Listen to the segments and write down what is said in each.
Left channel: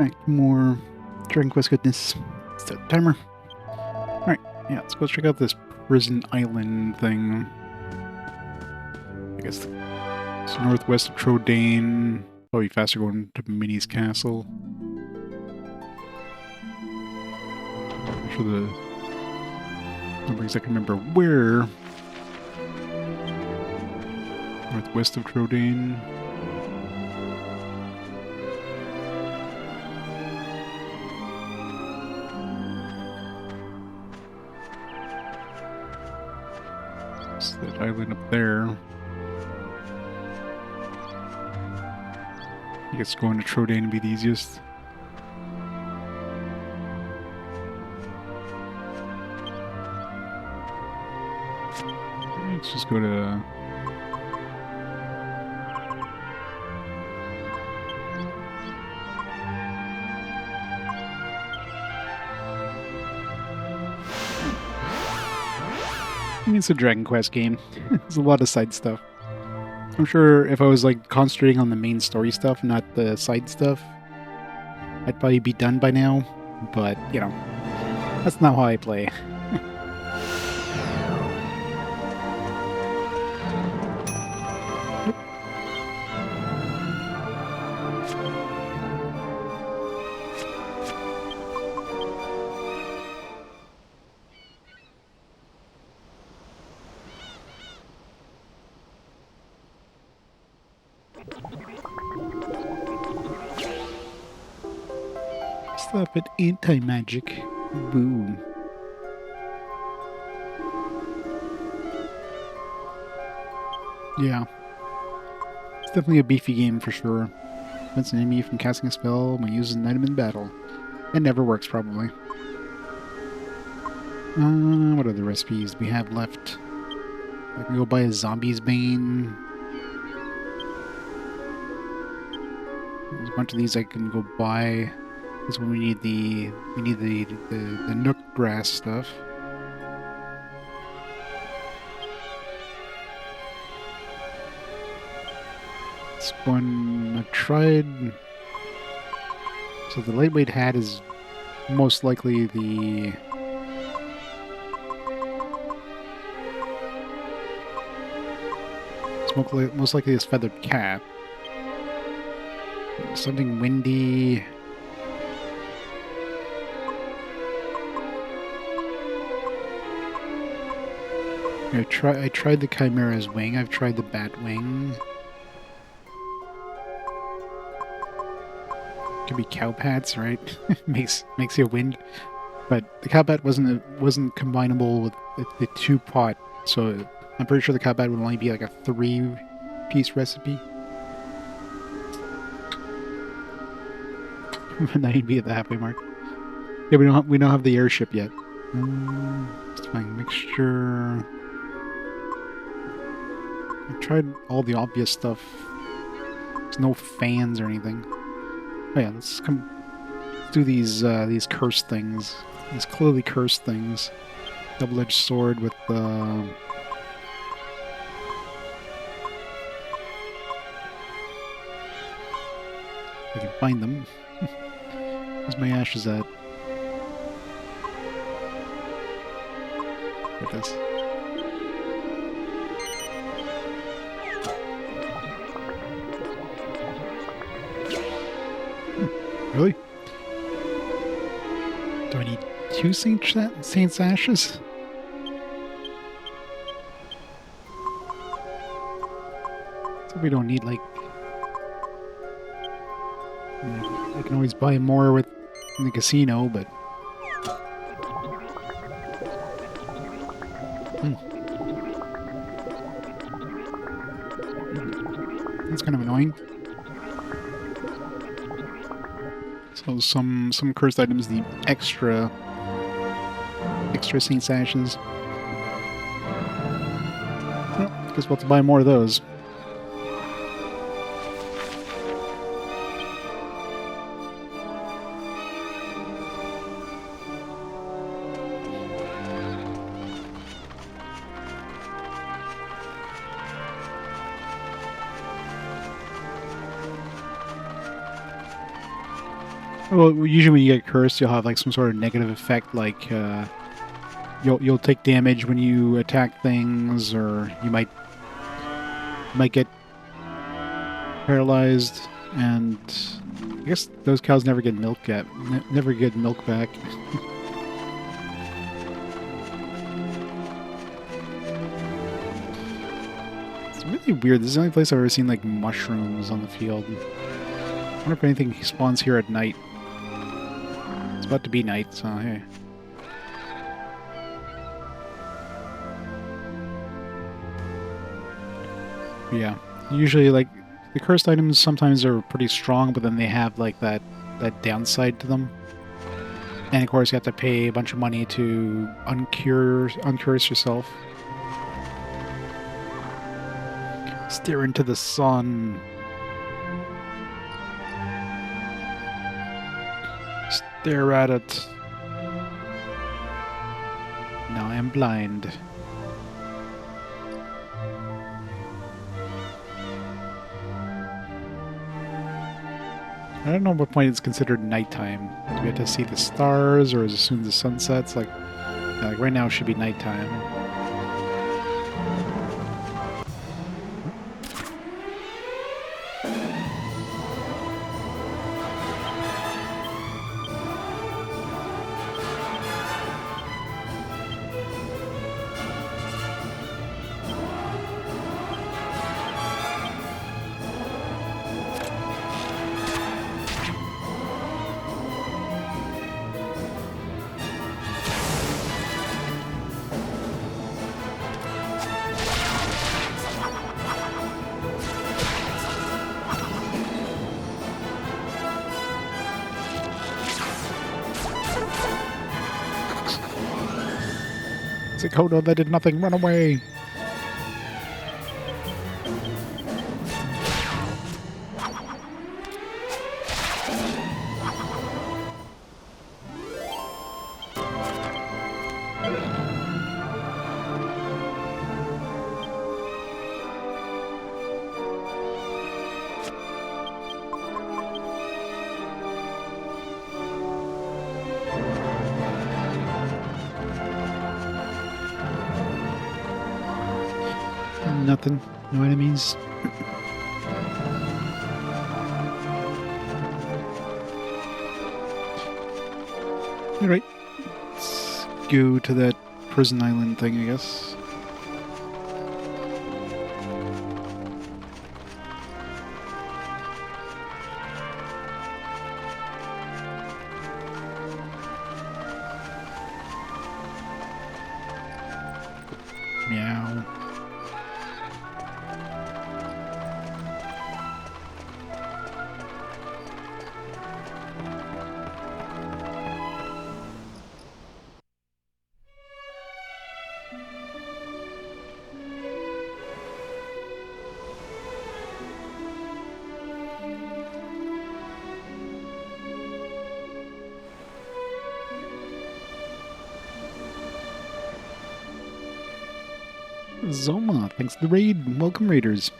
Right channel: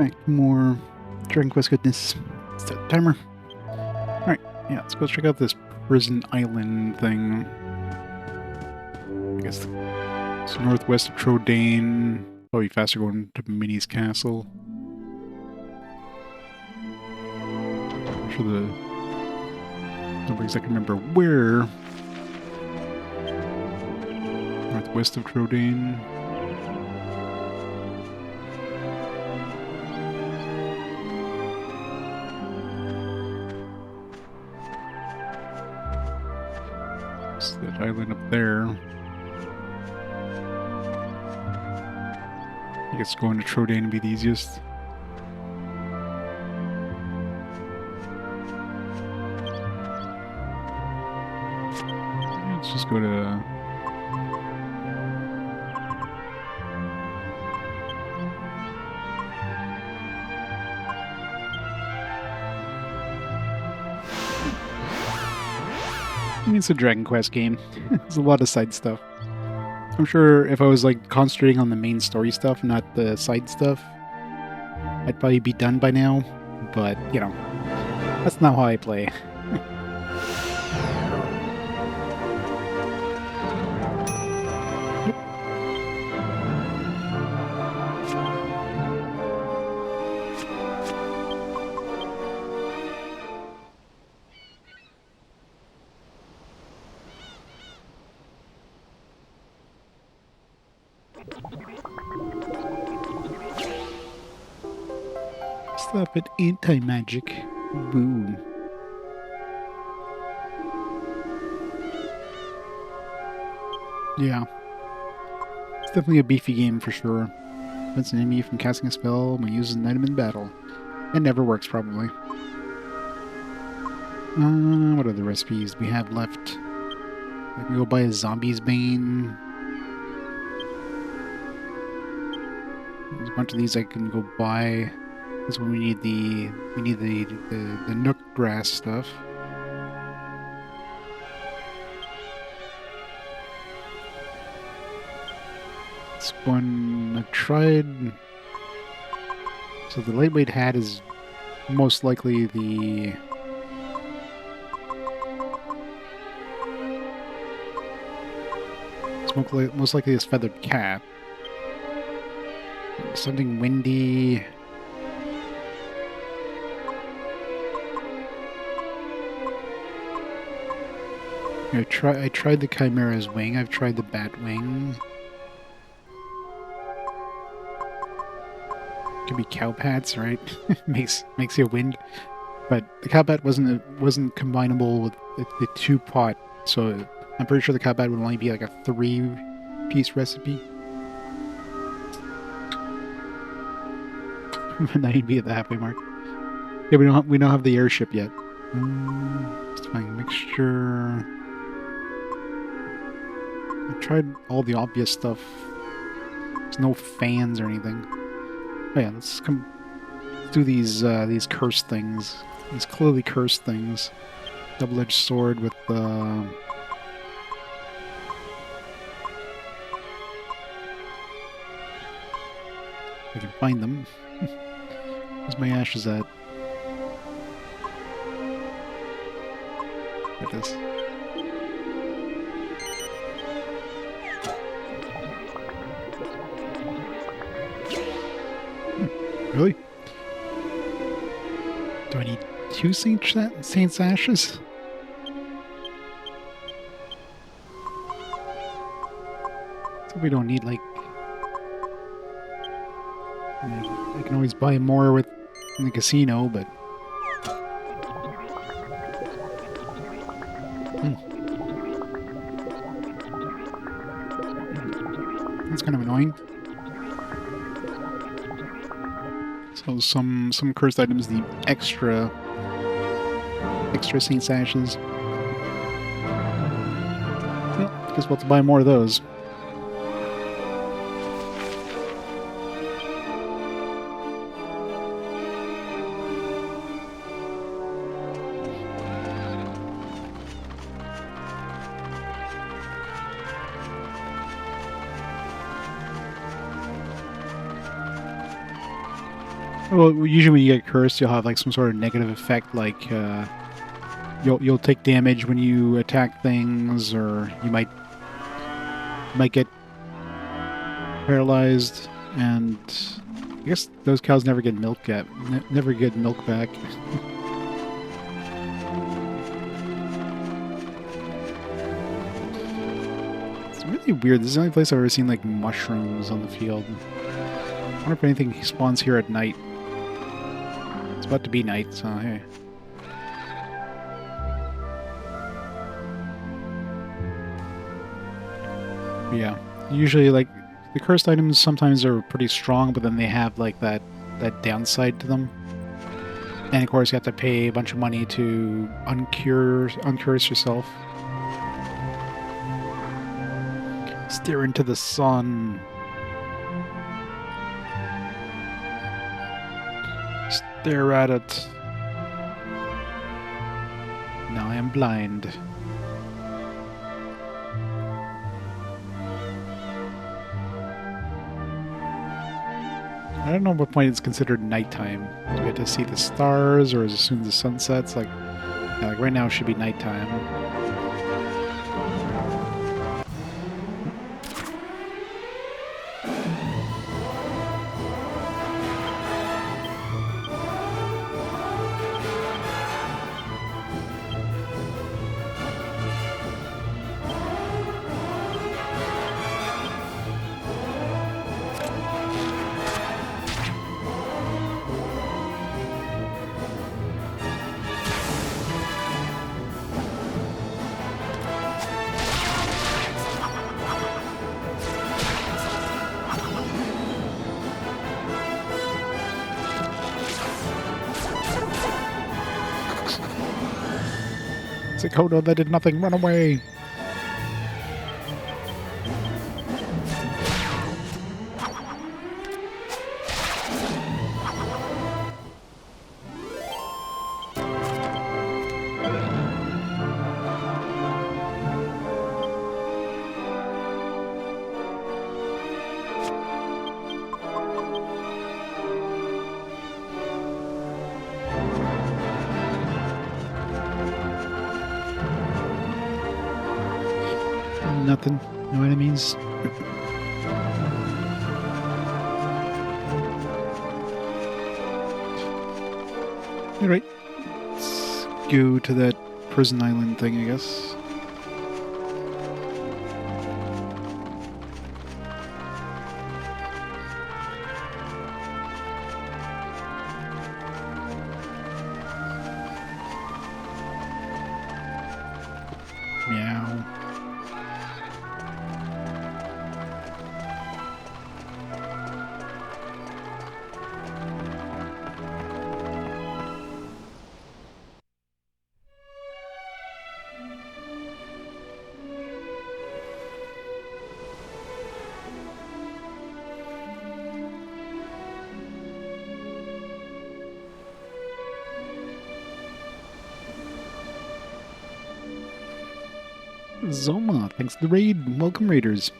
Alright, more Dragon Quest goodness. Set timer. Alright, yeah, let's go check out this prison island thing. I guess it's northwest of Trode. Probably faster going to Minnie's castle. I'm sure the number exactly remember where. Northwest of Trode. It's that island up there. I guess going to Trode would be the easiest. Let's just go to... I mean, it's a Dragon Quest game. There's a lot of side stuff. I'm sure if I was like concentrating on the main story stuff, not the side stuff, I'd probably be done by now. But, you know, that's not how I play. Stop it, anti-magic. Boo. Yeah. It's definitely a beefy game for sure. Prevents an enemy from casting a spell when using an item in battle. It never works, probably. What other recipes do we have left? I can go buy a zombie's bane. There's a bunch of these I can go buy. This is when we need the nook grass stuff. This one I tried. So the lightweight hat is most likely the most likely this feathered cap. Something windy. I tried the Chimera's wing. I've tried the bat wing. Could be cow pats, right? makes you wind. But the cow pat wasn't combinable with the 2-pot, so I'm pretty sure the cow pat would only be like a 3-piece recipe. Now you'd be at the halfway mark. Yeah, we don't have the airship yet. Let's find mixture. I tried all the obvious stuff. There's no fans or anything. Oh yeah, let's do these cursed things. These clearly cursed things. Double-edged sword with I can find them. Where's my ashes at? There it is. Really? Do I need 2 Saint's Ashes? So we don't need, like... I can always buy more in the casino, but... That's kind of annoying. So some cursed items need extra Saint's Ashes. Well, guess we'll have to buy more of those. Well, usually when you get cursed, you'll have like some sort of negative effect, like you'll take damage when you attack things, or you might get paralyzed, and I guess those cows never get milk yet, never get milk back. It's really weird. This is the only place I've ever seen like mushrooms on the field. I wonder if anything spawns here at night. It's about to be night, so hey. Yeah. Usually, like, the cursed items sometimes are pretty strong, but then they have, like, that downside to them. And, of course, you have to pay a bunch of money to uncurse yourself. Stare into the sun. Stare at it. Now I am blind. I don't know what point it's considered nighttime. Do we have to see the stars, or as soon as the sun sets? Like, yeah, like right now it should be nighttime. It's like, oh no, that did nothing. Run away. Nothing. No enemies. Alright. Let's go to that prison island thing, I guess. Meow. Zoma, thanks to the raid. Welcome, raiders.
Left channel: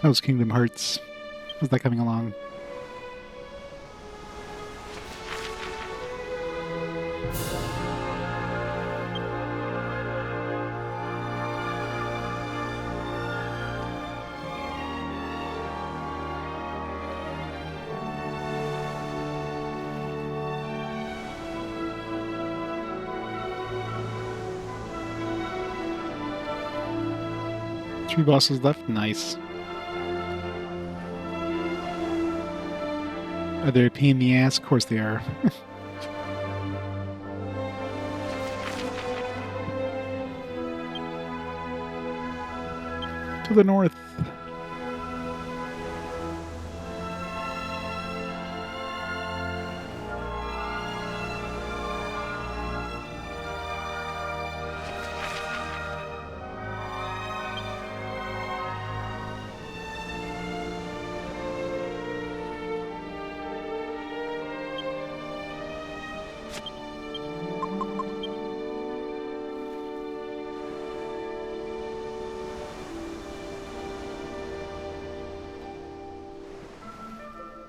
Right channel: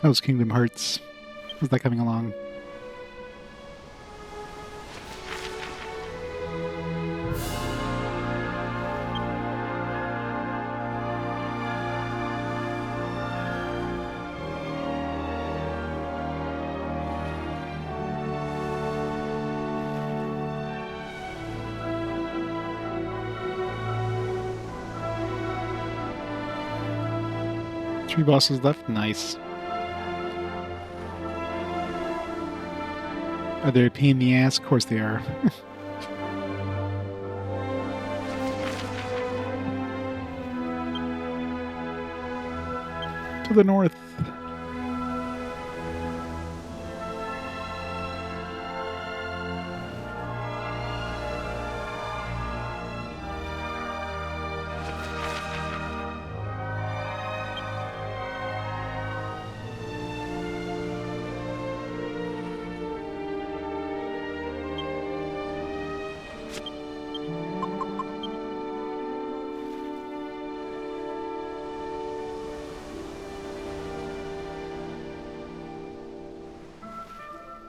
How's Kingdom Hearts? How's that coming along? Three bosses left? Nice. Are they a pain in the ass? Of course they are. To the north.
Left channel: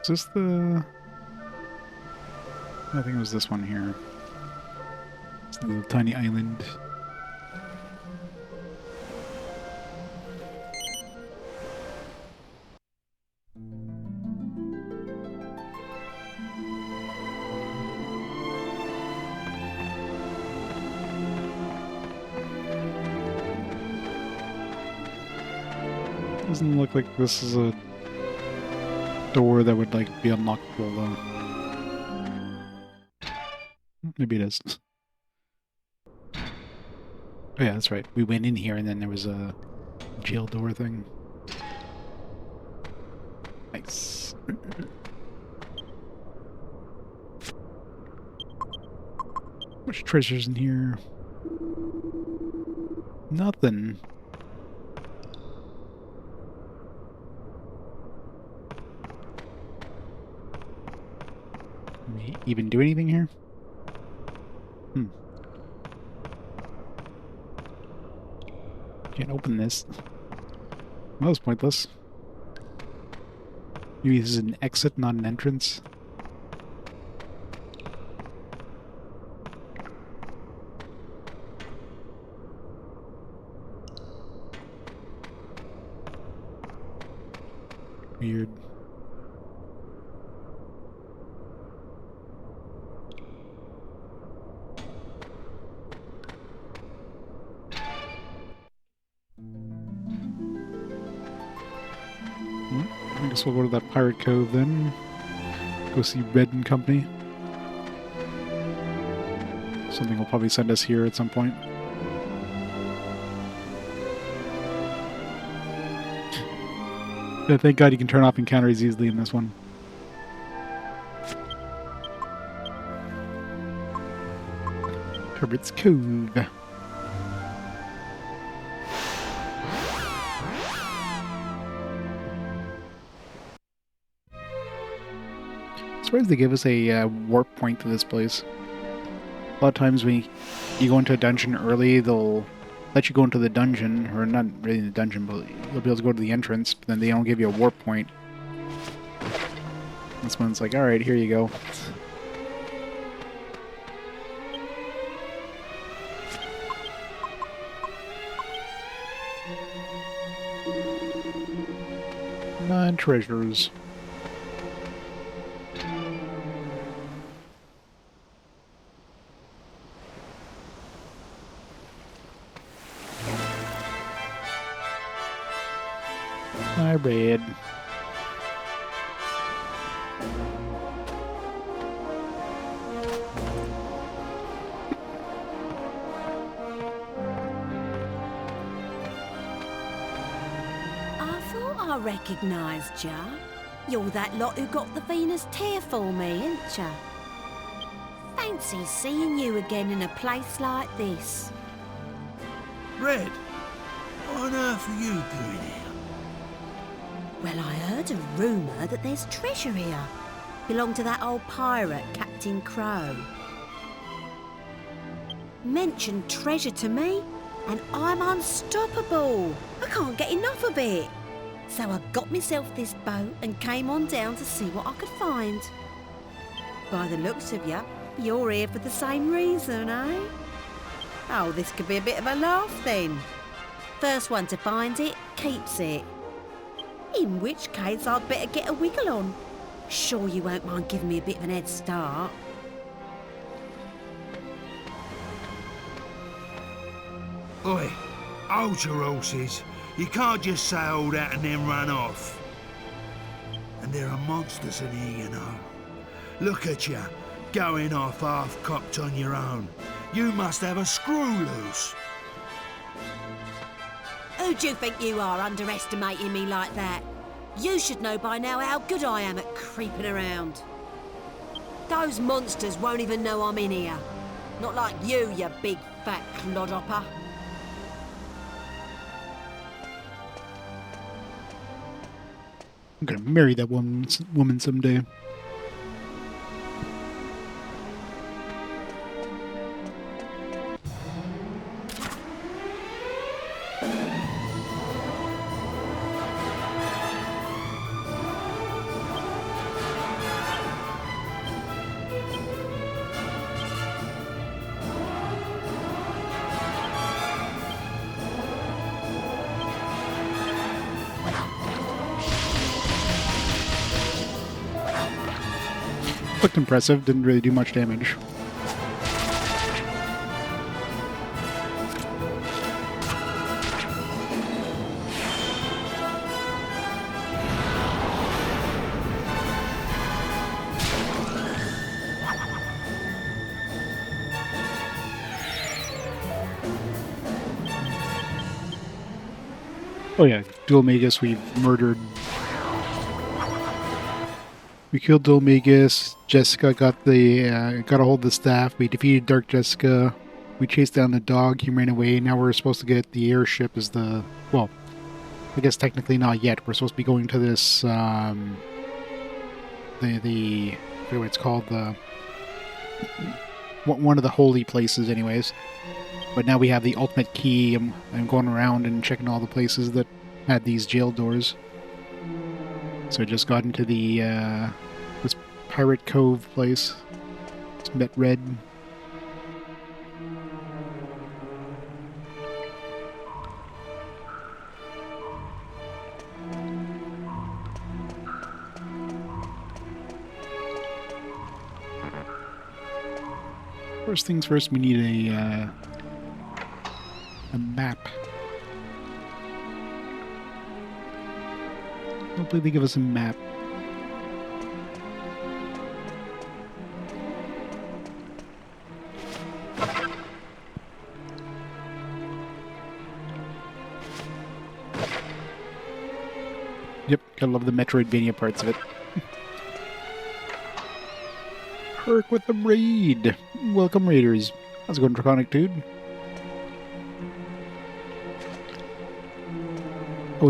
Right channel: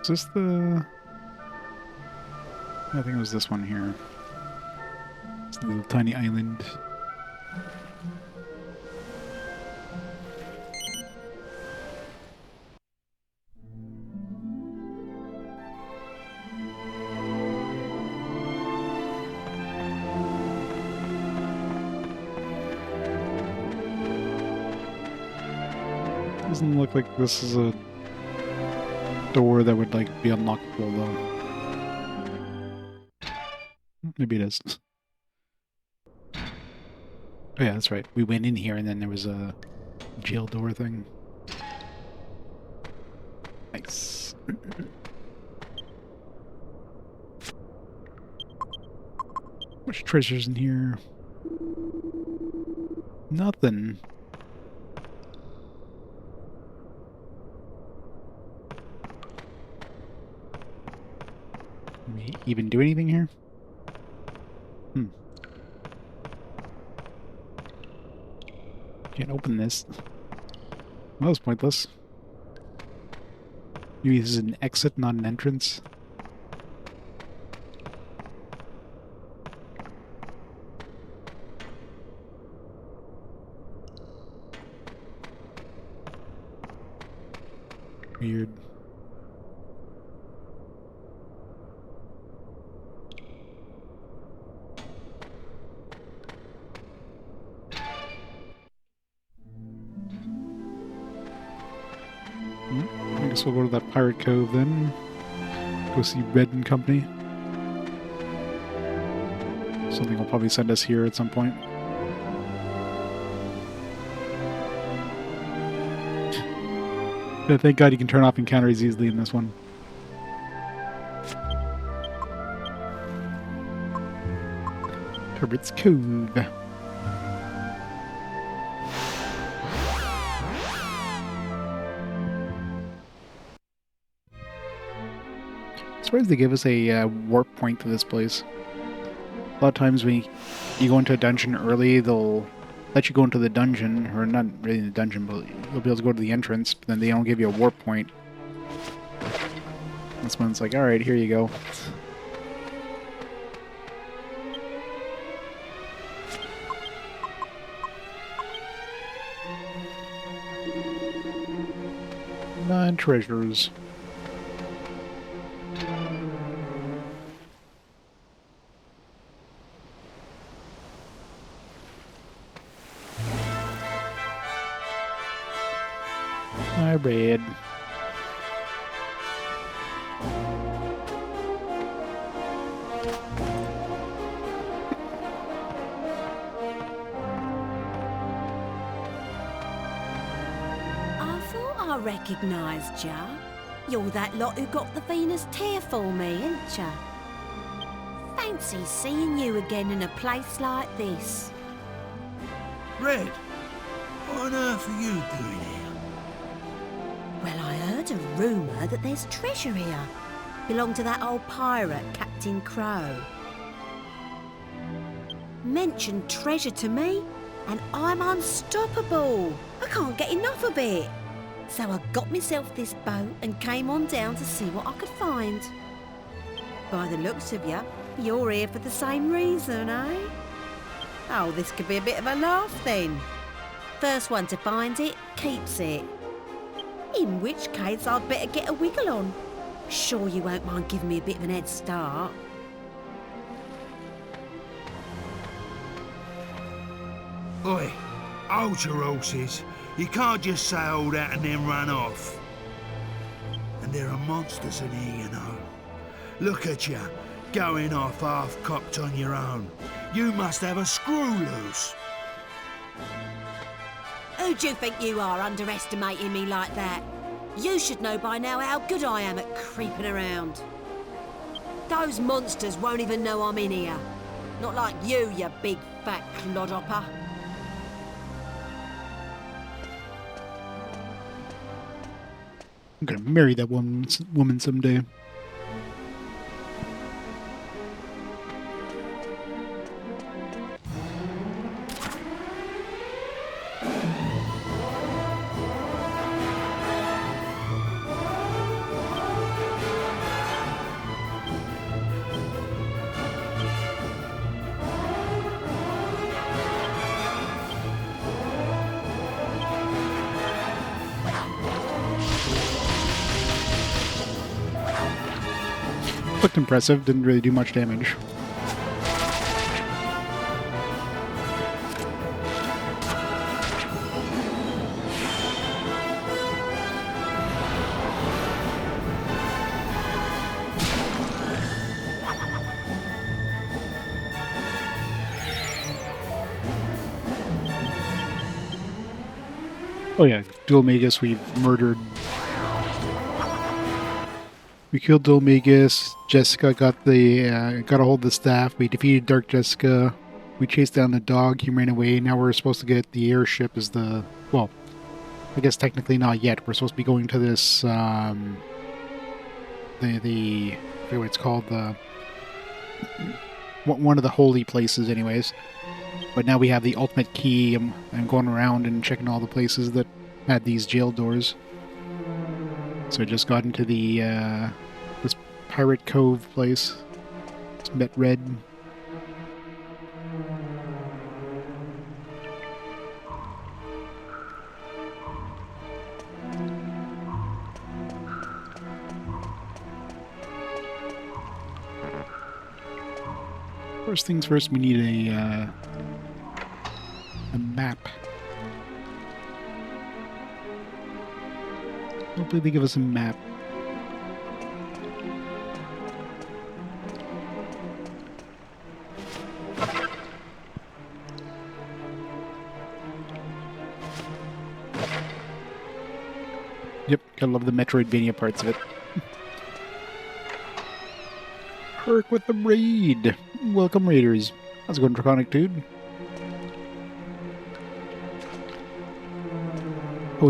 Is this the... I think it was this one here. It's the little tiny island. Doesn't look like this is a door that would like be unlockable though. Maybe it is. Oh yeah, that's right. We went in here and then there was a jail door thing. Nice. Much treasures in here. Nothing. Can we even do anything here? Can't open this. Well, that was pointless. Maybe this is an exit, not an entrance. Weird. I guess we'll go to that pirate cove then. Go see Red and Company. Something will probably send us here at some point. Yeah, thank God you can turn off encounters easily in this one. Pirate's Cove. Surprised they give us a warp point to this place. A lot of times when you go into a dungeon early, they'll let you go into the dungeon, or not really in the dungeon, but you'll be able to go to the entrance, but then they don't give you a warp point. This one's like, alright, here you go. Nine treasures. I read. I thought I recognised ya. You're that lot who got the Venus tear for me, ain't ya? Fancy seeing you again in a place like this. Red, what on earth are you doing here? Well, I heard a rumour that there's treasure here. Belonged to that old pirate, Captain Crow. Mention treasure to me, and I'm unstoppable. I can't get enough of it. So I got myself this boat and came on down to see what I could find. By the looks of you, you're here for the same reason, eh? Oh, this could be a bit of a laugh then. First one to find it, keeps it. In which case, I'd better get a wiggle on. Sure you won't mind giving me a bit of an head start. Oi, hold your horses. You can't just say all that and then run off. And there are monsters in here, you know. Look at you, going off half-cocked on your own. You must have a screw loose. Who do you think you are, underestimating me like that? You should know by now how good I am at creeping around. Those monsters won't even know I'm in here. Not like you, you big fat clodhopper. I'm gonna marry that woman someday. Looked impressive, didn't really do much damage. Oh yeah, Dhoulmagus we've murdered. We killed Dhoulmagus. Jessica got a hold of the staff. We defeated Dark Jessica. We chased down the dog. He ran away. Now we're supposed to get the airship as the... Well, I guess technically not yet. We're supposed to be going to this, I forget what it's called, one of the holy places anyways. But now we have the ultimate key. I'm going around and checking all the places that had these jail doors. So I just got into the, this Pirate Cove place. Just met Red. First things first, we need a map. Hopefully they give us a map. Yep, gotta love the Metroidvania parts of it. Herc with the raid! Welcome, Raiders. How's it going, Draconic Dude? I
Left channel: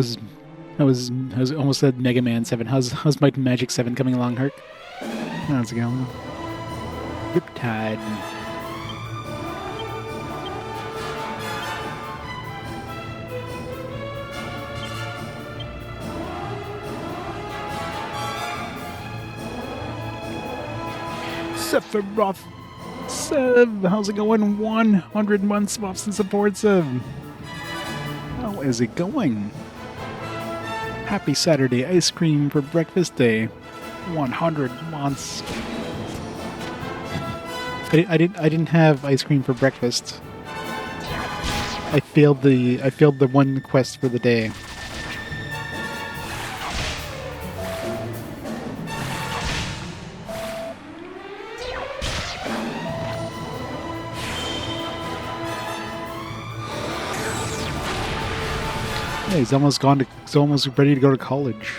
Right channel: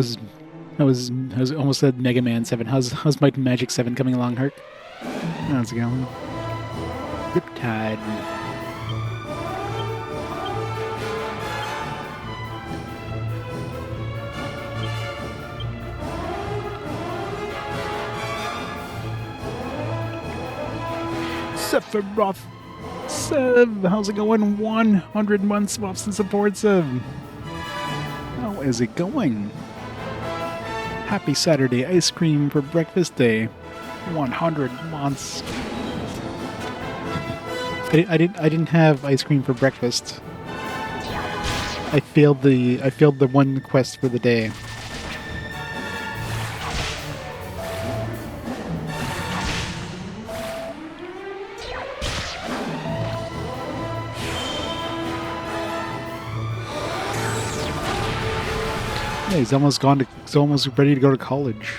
was almost said Mega Man 7. How's Might and Magic 7 coming along, Herc? How's it going? Riptide. Sephiroth. Sev, how's it going? 100 months off and support, Sev. How is it going? Happy Saturday ice cream for breakfast day. 100 months. I didn't have ice cream for breakfast. I failed the one quest for the day. Yeah, he's almost ready to go to college.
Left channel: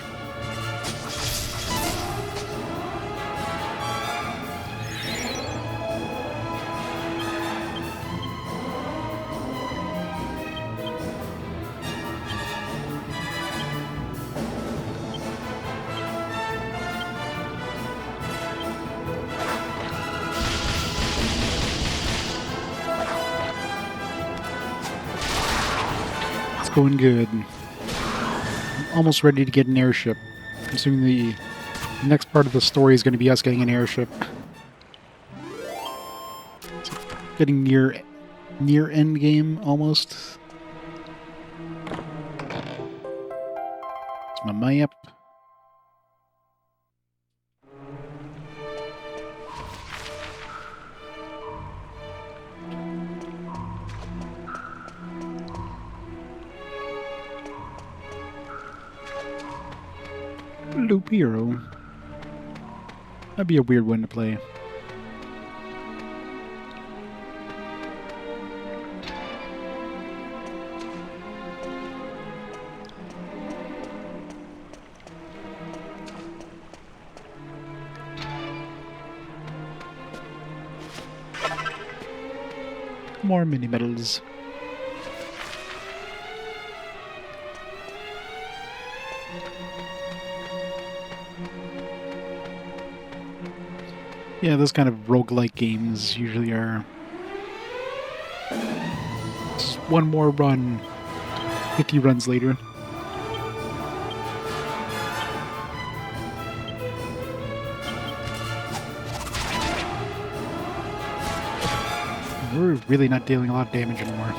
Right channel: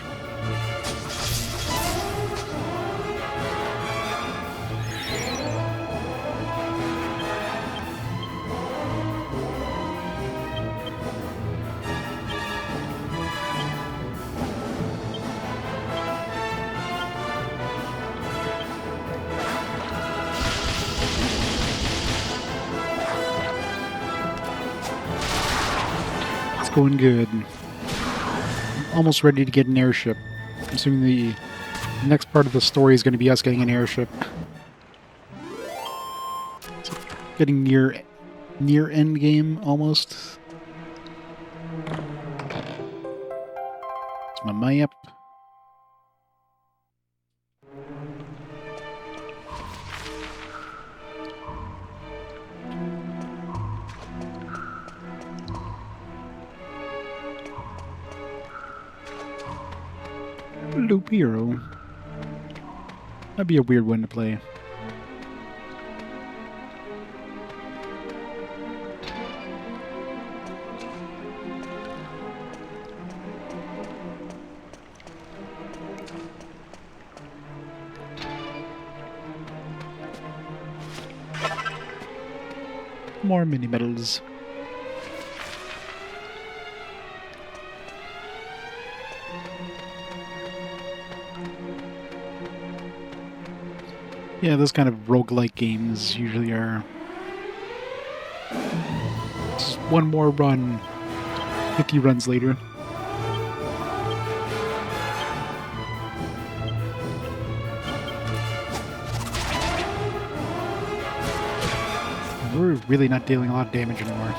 Going good. I'm almost ready to get an airship. I'm assuming the next part of the story is going to be us getting an airship. So getting near end game almost. It's my map. Loop Hero. That'd be a weird one to play. More mini medals. Yeah, those kind of roguelike games usually are just one more run, 50 runs later. We're really not dealing a lot of damage anymore.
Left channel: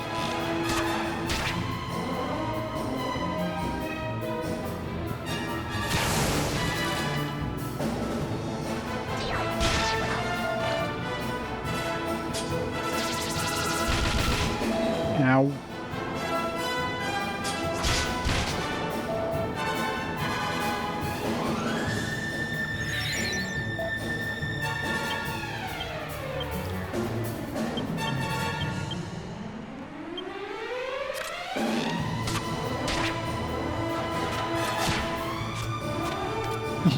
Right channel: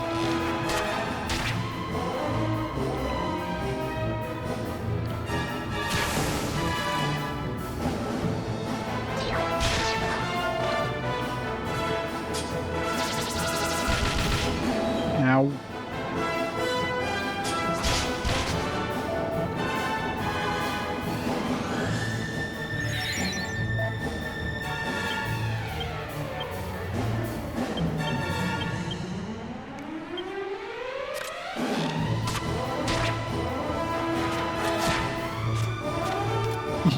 Ow.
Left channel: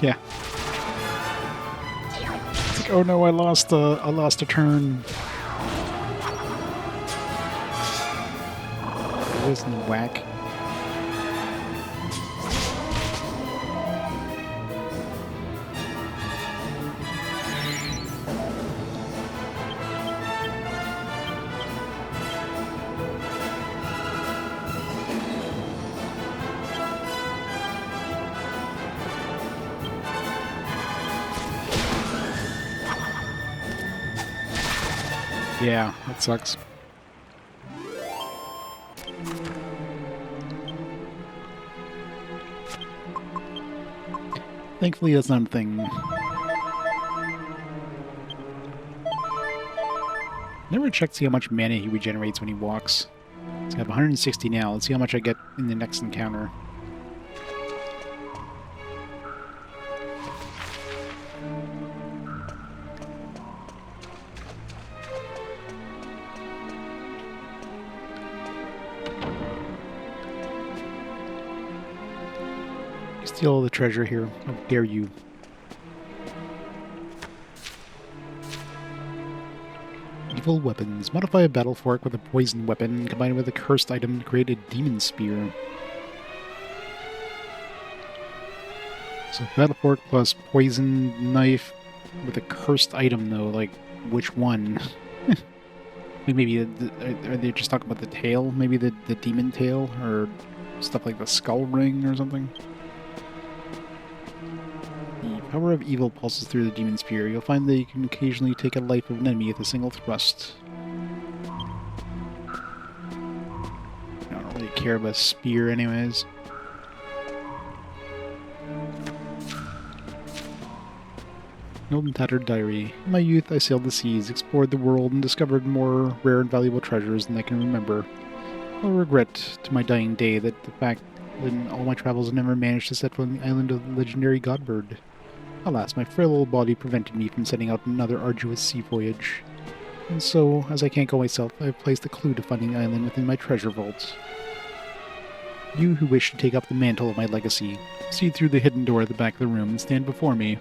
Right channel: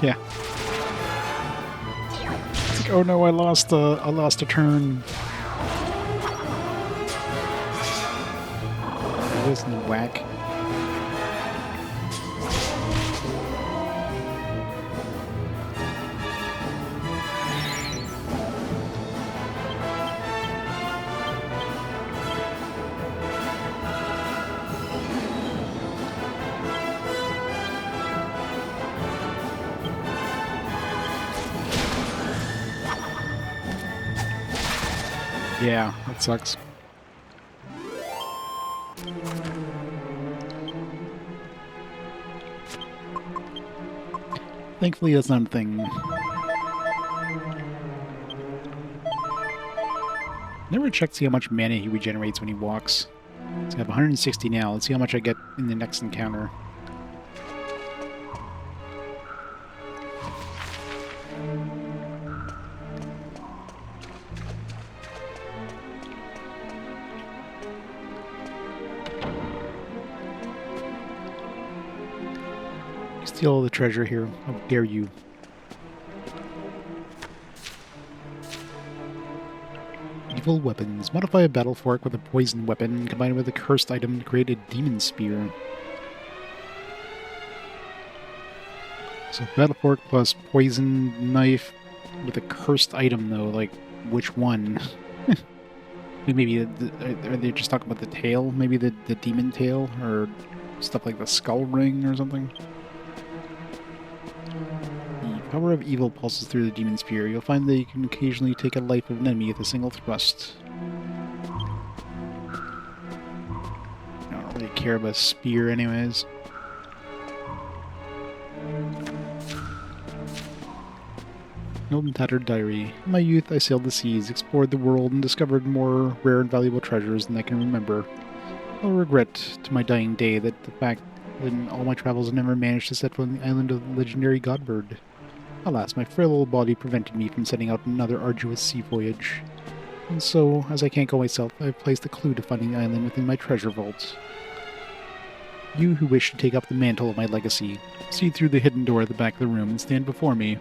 Yeah. It's like, oh no, I lost a turn. This and whack. Yeah, that sucks. Thankfully, that's not a thing. Never checked to see how much mana he regenerates when he walks. So I have 160 now. Let's see how much I get in the next encounter. Steal all the treasure here. How dare you. Evil weapons. Modify a battle fork with a poison weapon, combine it with a cursed item to create a demon spear. So battle fork plus poison knife with a cursed item though, like which one? Maybe are they just talking about the tail? Maybe the demon tail or stuff like the skull ring or something? The power of evil pulses through the demon spear. You'll find that you can occasionally take a life of an enemy with a single thrust. I don't really care about spear anyways. An old and tattered diary. In my youth, I sailed the seas, explored the world, and discovered more rare and valuable treasures than I can remember. I'll regret to my dying day that the fact that in all my travels I never managed to set foot on the island of the legendary Godbird. Alas, my frail old body prevented me from setting out on another arduous sea voyage. And so, as I can't go myself, I have placed a clue to finding the island within my treasure vault. You who wish to take up the mantle of my legacy, see through the hidden door at the back of the room and stand before me.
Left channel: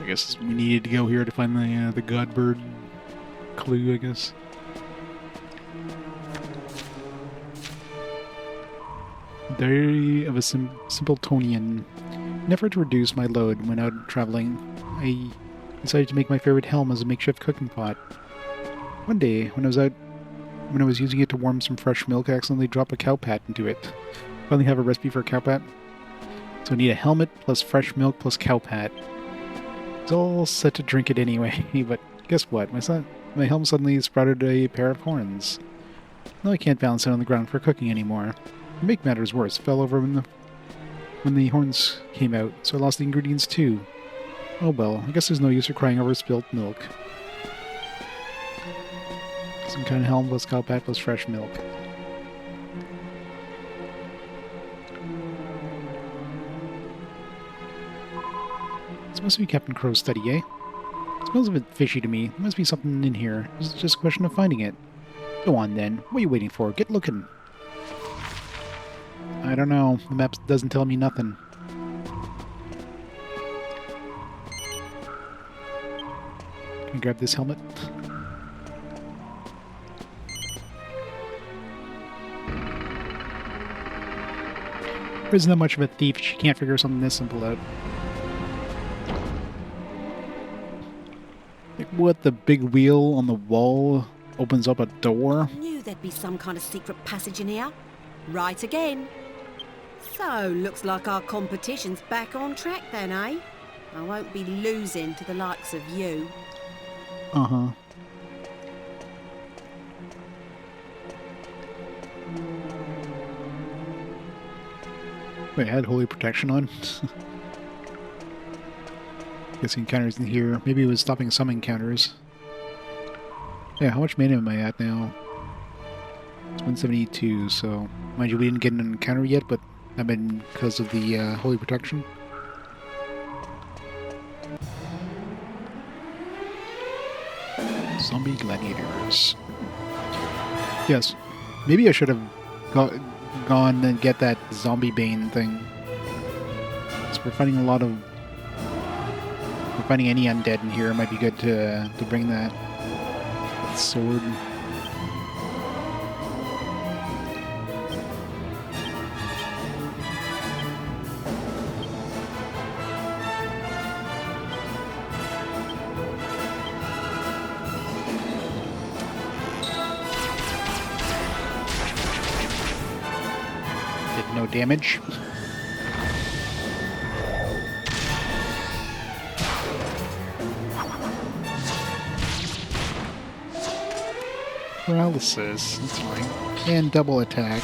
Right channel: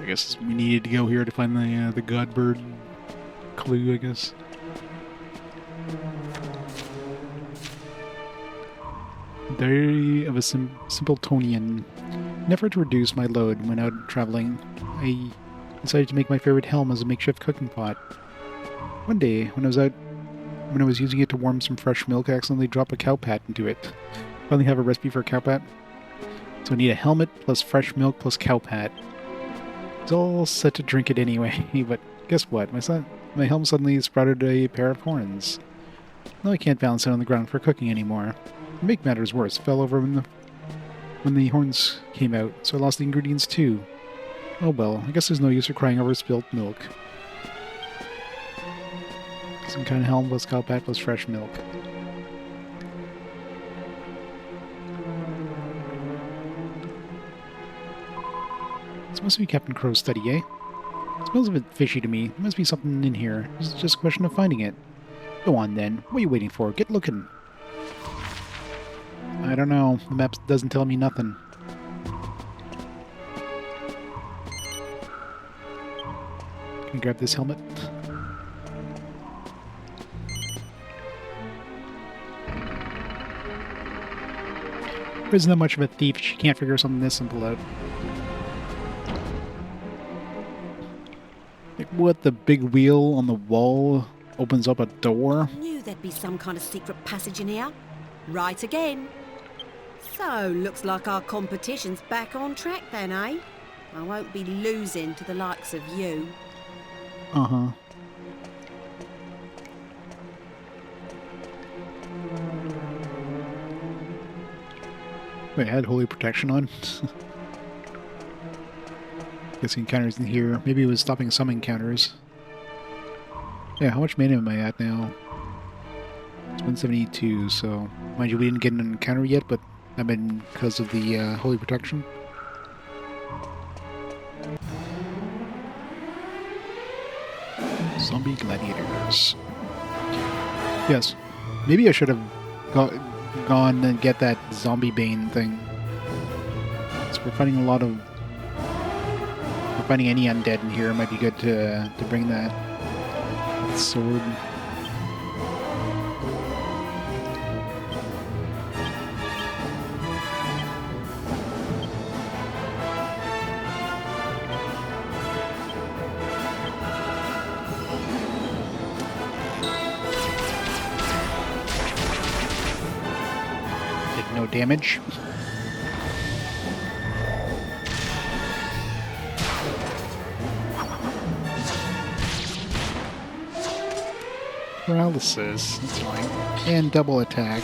I guess we needed to go here to find the Godbird clue, I guess. Diary of a Simpletonian. In an effort to reduce my load when out traveling, I decided to make my favorite helm as a makeshift cooking pot. One day, when I was using it to warm some fresh milk, I accidentally dropped a cow pat into it. Finally have a recipe for a cow pat. So I need a helmet plus fresh milk plus cow pat. It's all set to drink it anyway, but guess what? My helm suddenly sprouted a pair of horns. Now I can't balance it on the ground for cooking anymore. To make matters worse, it fell over when the horns came out, so I lost the ingredients too. Oh well, I guess there's no use for crying over spilt milk. Some kind of helm plus cow pat plus fresh milk. This must be Captain Crow's study, eh? It smells a bit fishy to me. There must be something in here. It's just a question of finding it. Go on then. What are you waiting for? Get looking. I don't know. The map doesn't tell me nothing. Can I grab this helmet? Isn't that much of a thief. She can't figure something this simple out. Like what, the big wheel on the wall opens up a door? Knew there'd be some kind of secret passage in here. Right again. So, looks like our competition's back on track then, eh? I won't be losing to the likes of you. Uh-huh. Wait, I had holy protection on? Guess encounters in here. Maybe it was stopping some encounters. Yeah, how much mana am I at now? It's 172, so... Mind you, we didn't get an encounter yet, but I've been because of the Holy Protection. Zombie gladiators. Yes, maybe I should have gone and get that zombie bane thing. So we're fighting a lot of... If we're fighting any undead in here, it might be good to bring that sword. Did no damage. Paralysis, that's fine. And double attack.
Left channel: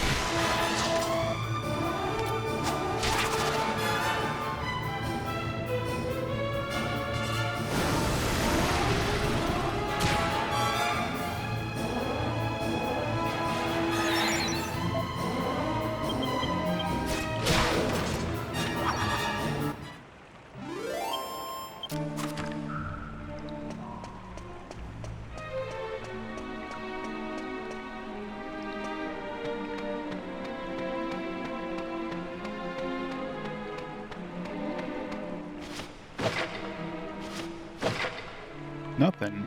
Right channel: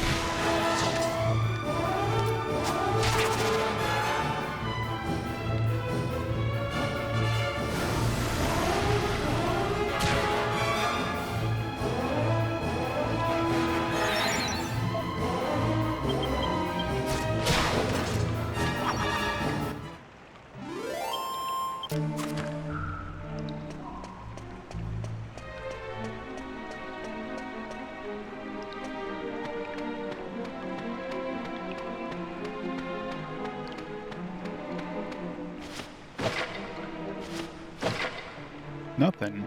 Nothing.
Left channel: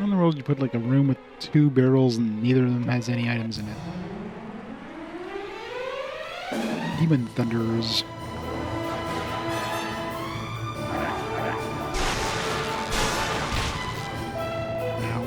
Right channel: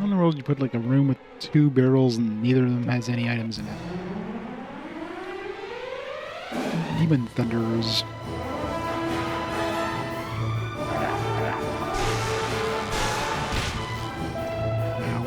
On the road, you put like a room with 2 barrels and neither of them has any items in it. Demon Thunders. Ow.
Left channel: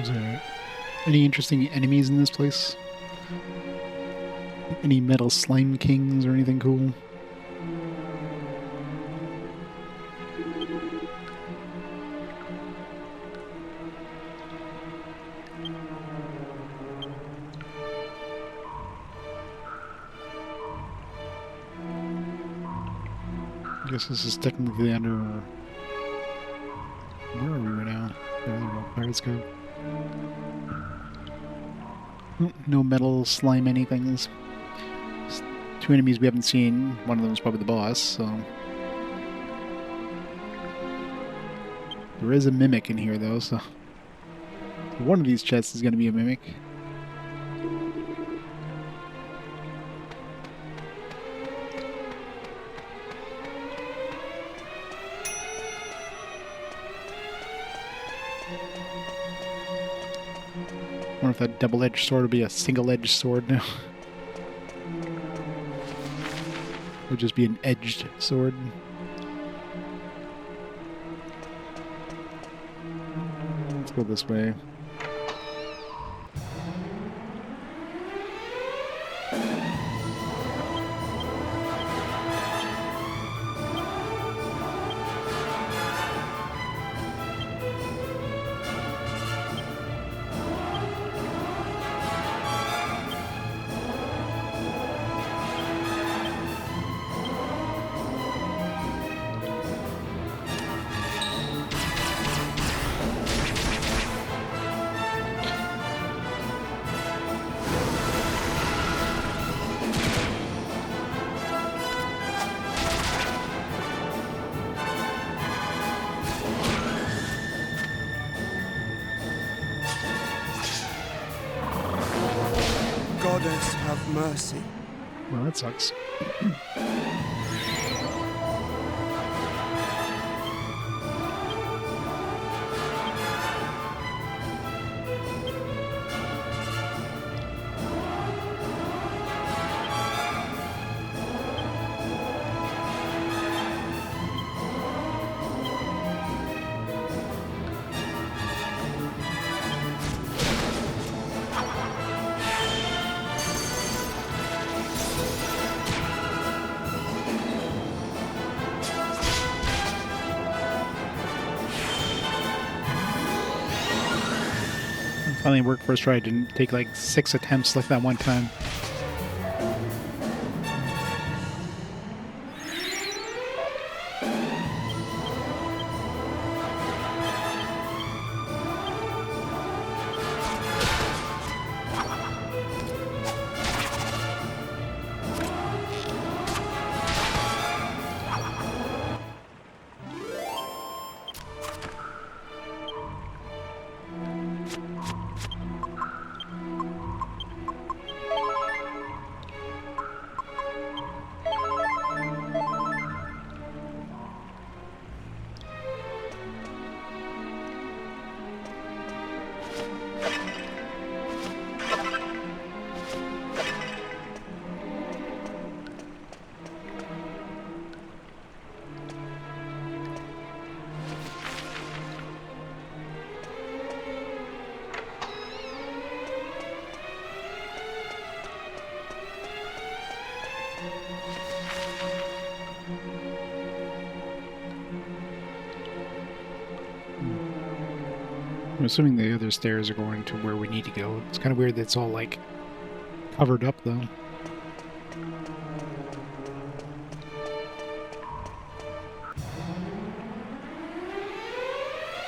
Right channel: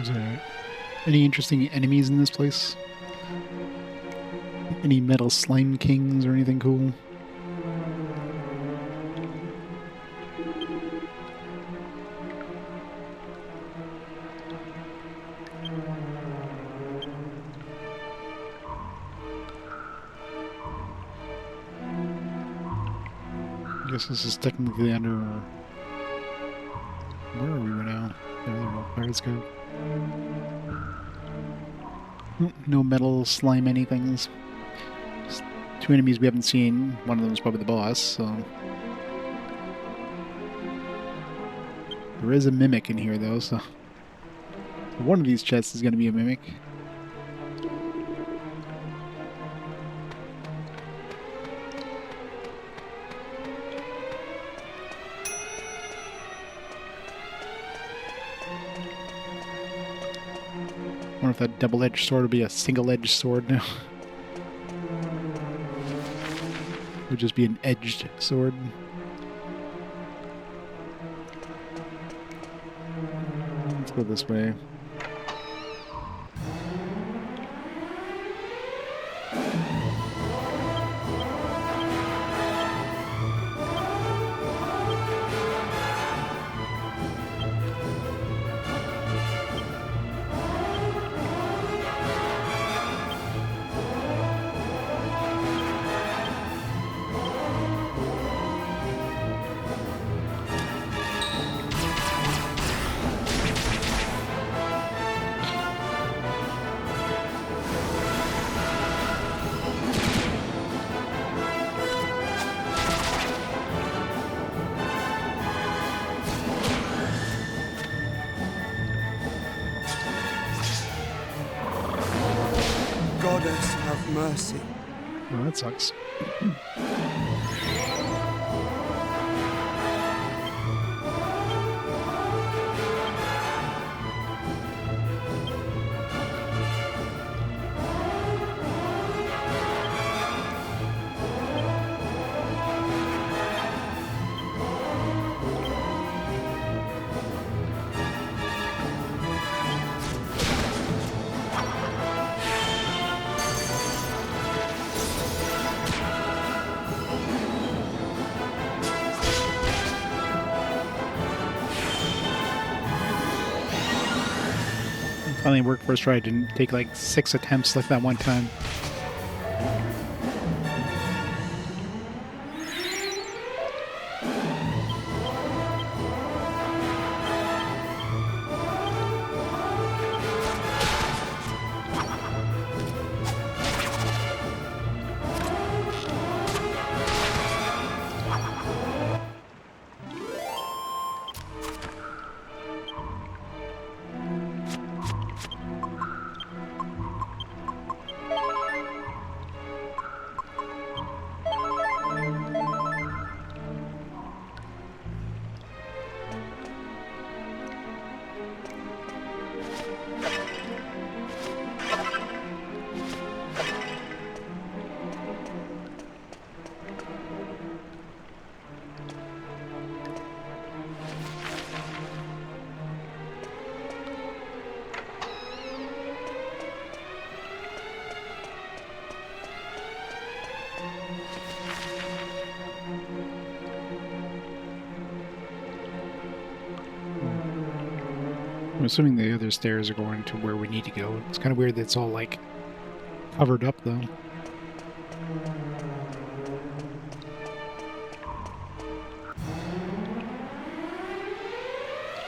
Is there any interesting enemies in this place? Any metal slime kings or anything cool? I guess this is technically under... Where are we right now? There we go. Pirates Cove. No metal slime anythings. Just 2 enemies we haven't seen. One of them is probably the boss, so... There is a mimic in here, though, so... One of these chests is going to be a mimic. I wonder if that double-edged sword will be a single-edged sword now. It would just be an edged sword. Let's go this way. Goddess have mercy. Well, that sucks. Finally worked first try. I didn't take like 6 attempts like that one time. I'm assuming the other stairs are going to where we need to go. It's kind of weird that it's all, like, covered up, though.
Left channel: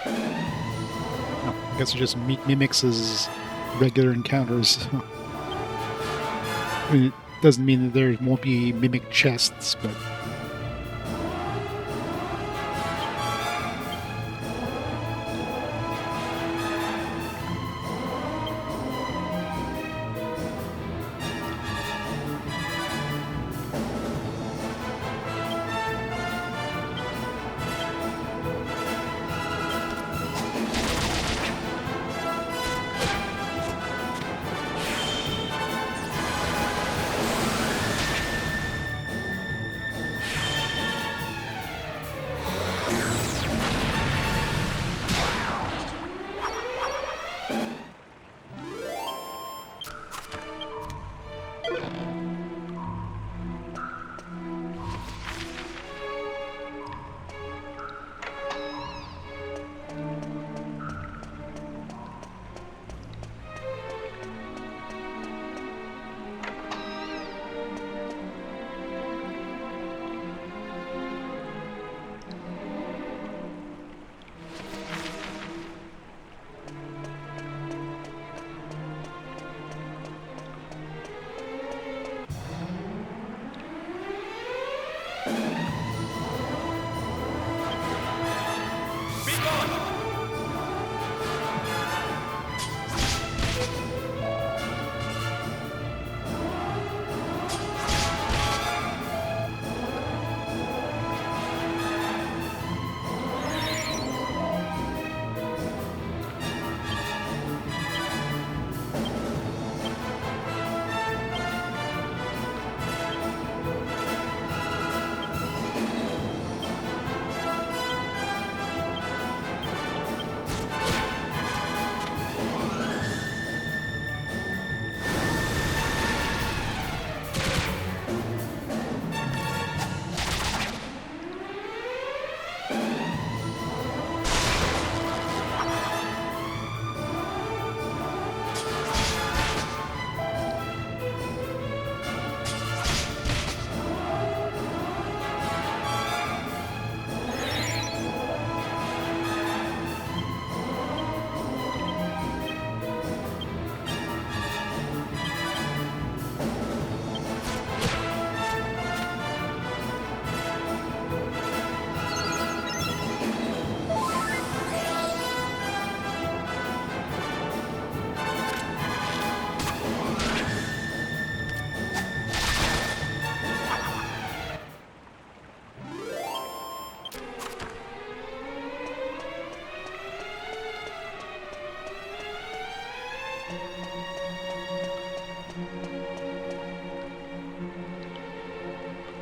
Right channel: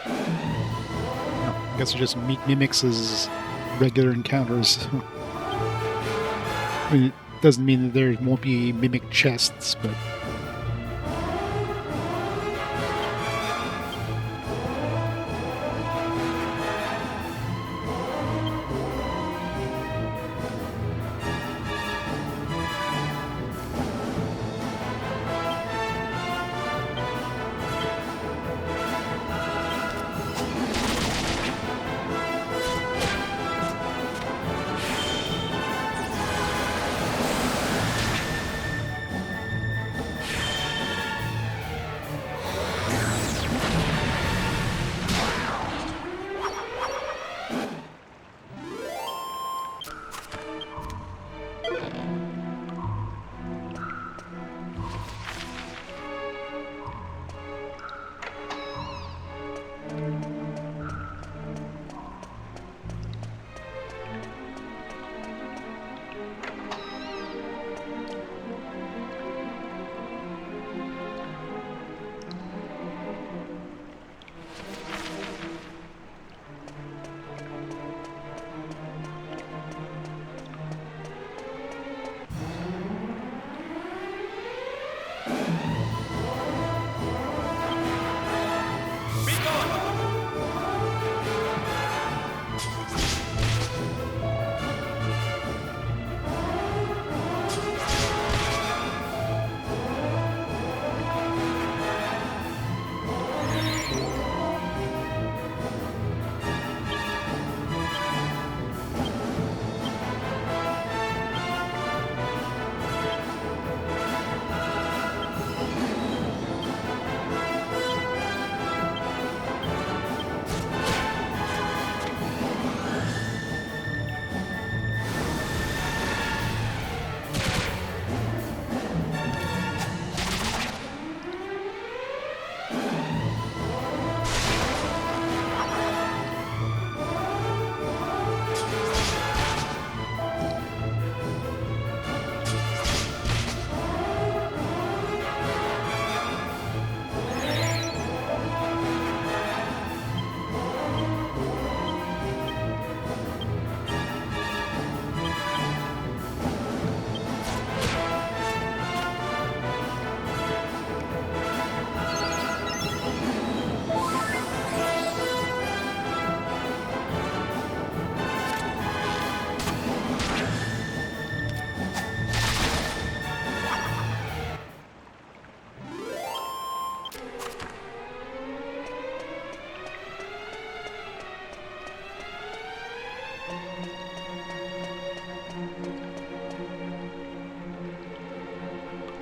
Oh, I guess it just mimics as regular encounters. I mean, it doesn't mean that there won't be mimic chests, but...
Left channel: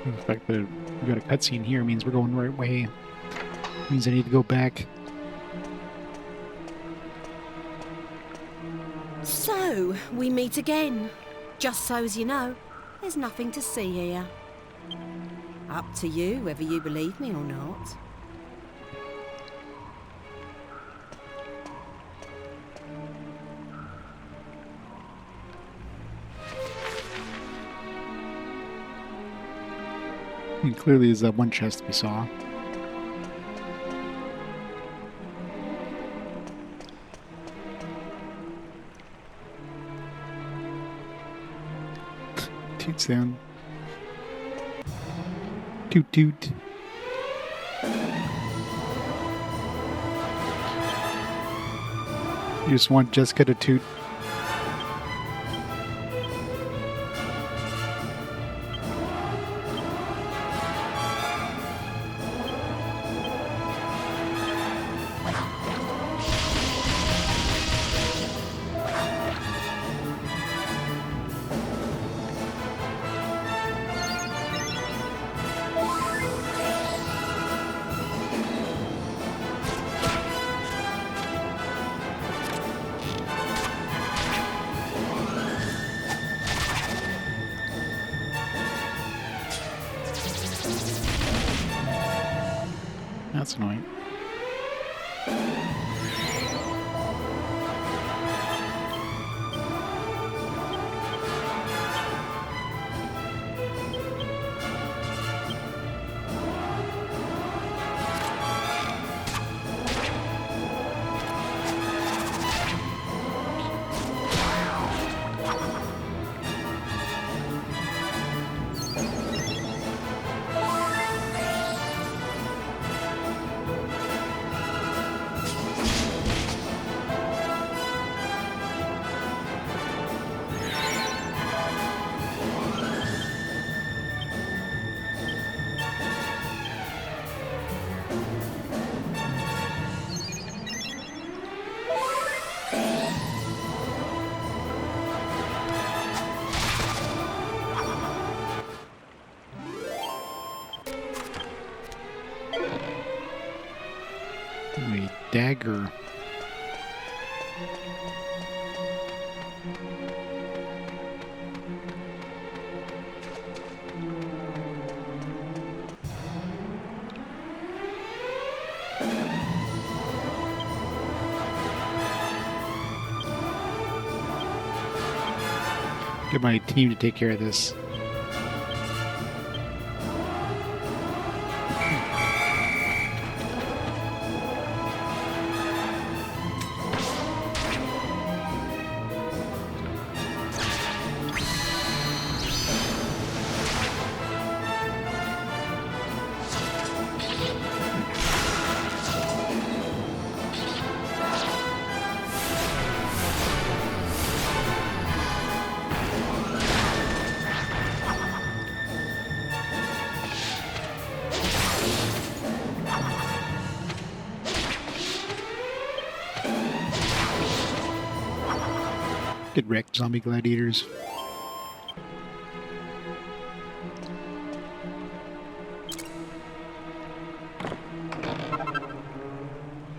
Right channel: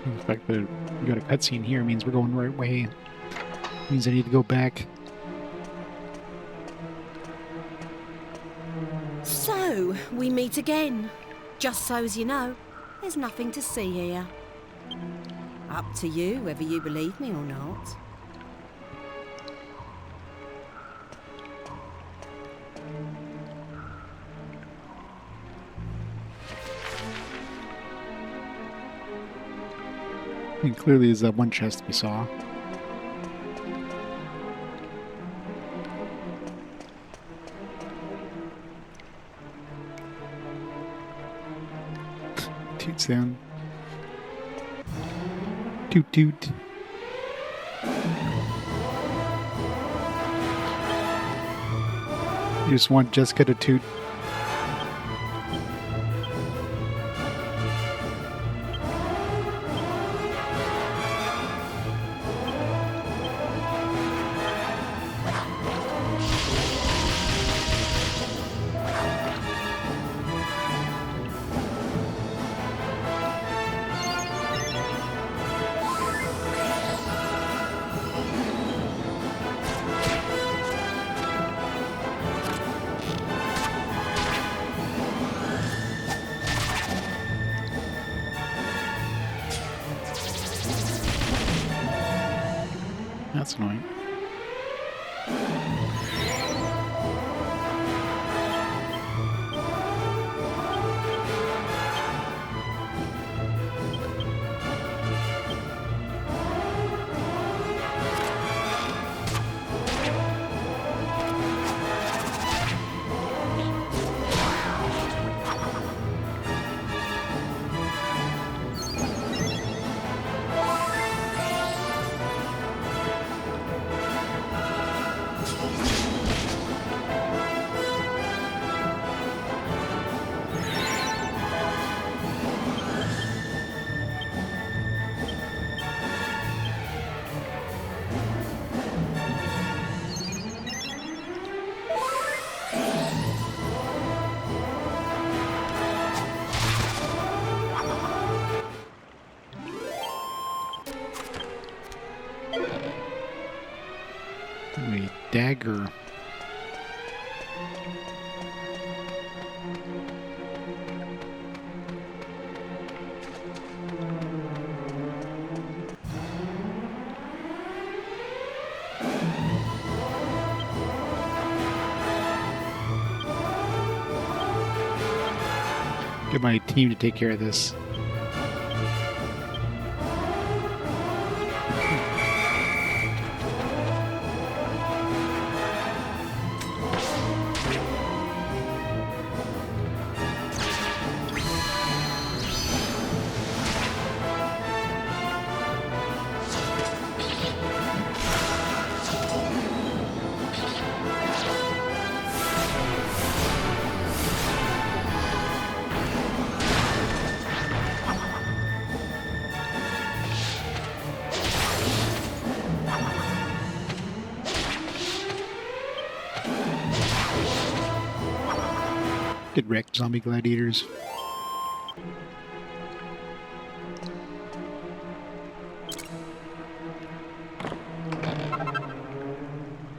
The fact that we got a cutscene here means we're going the right way. Means I need to go back. So, we meet again. Just so's you know, there's nothing to see here. Up to you whether you believe me or not. And clearly is that one chest we saw. Toot sound. Toot toot. You just want Jessica to toot. That's annoying. A dagger. Get my team to take care of this. Get wrecked, zombie gladiators.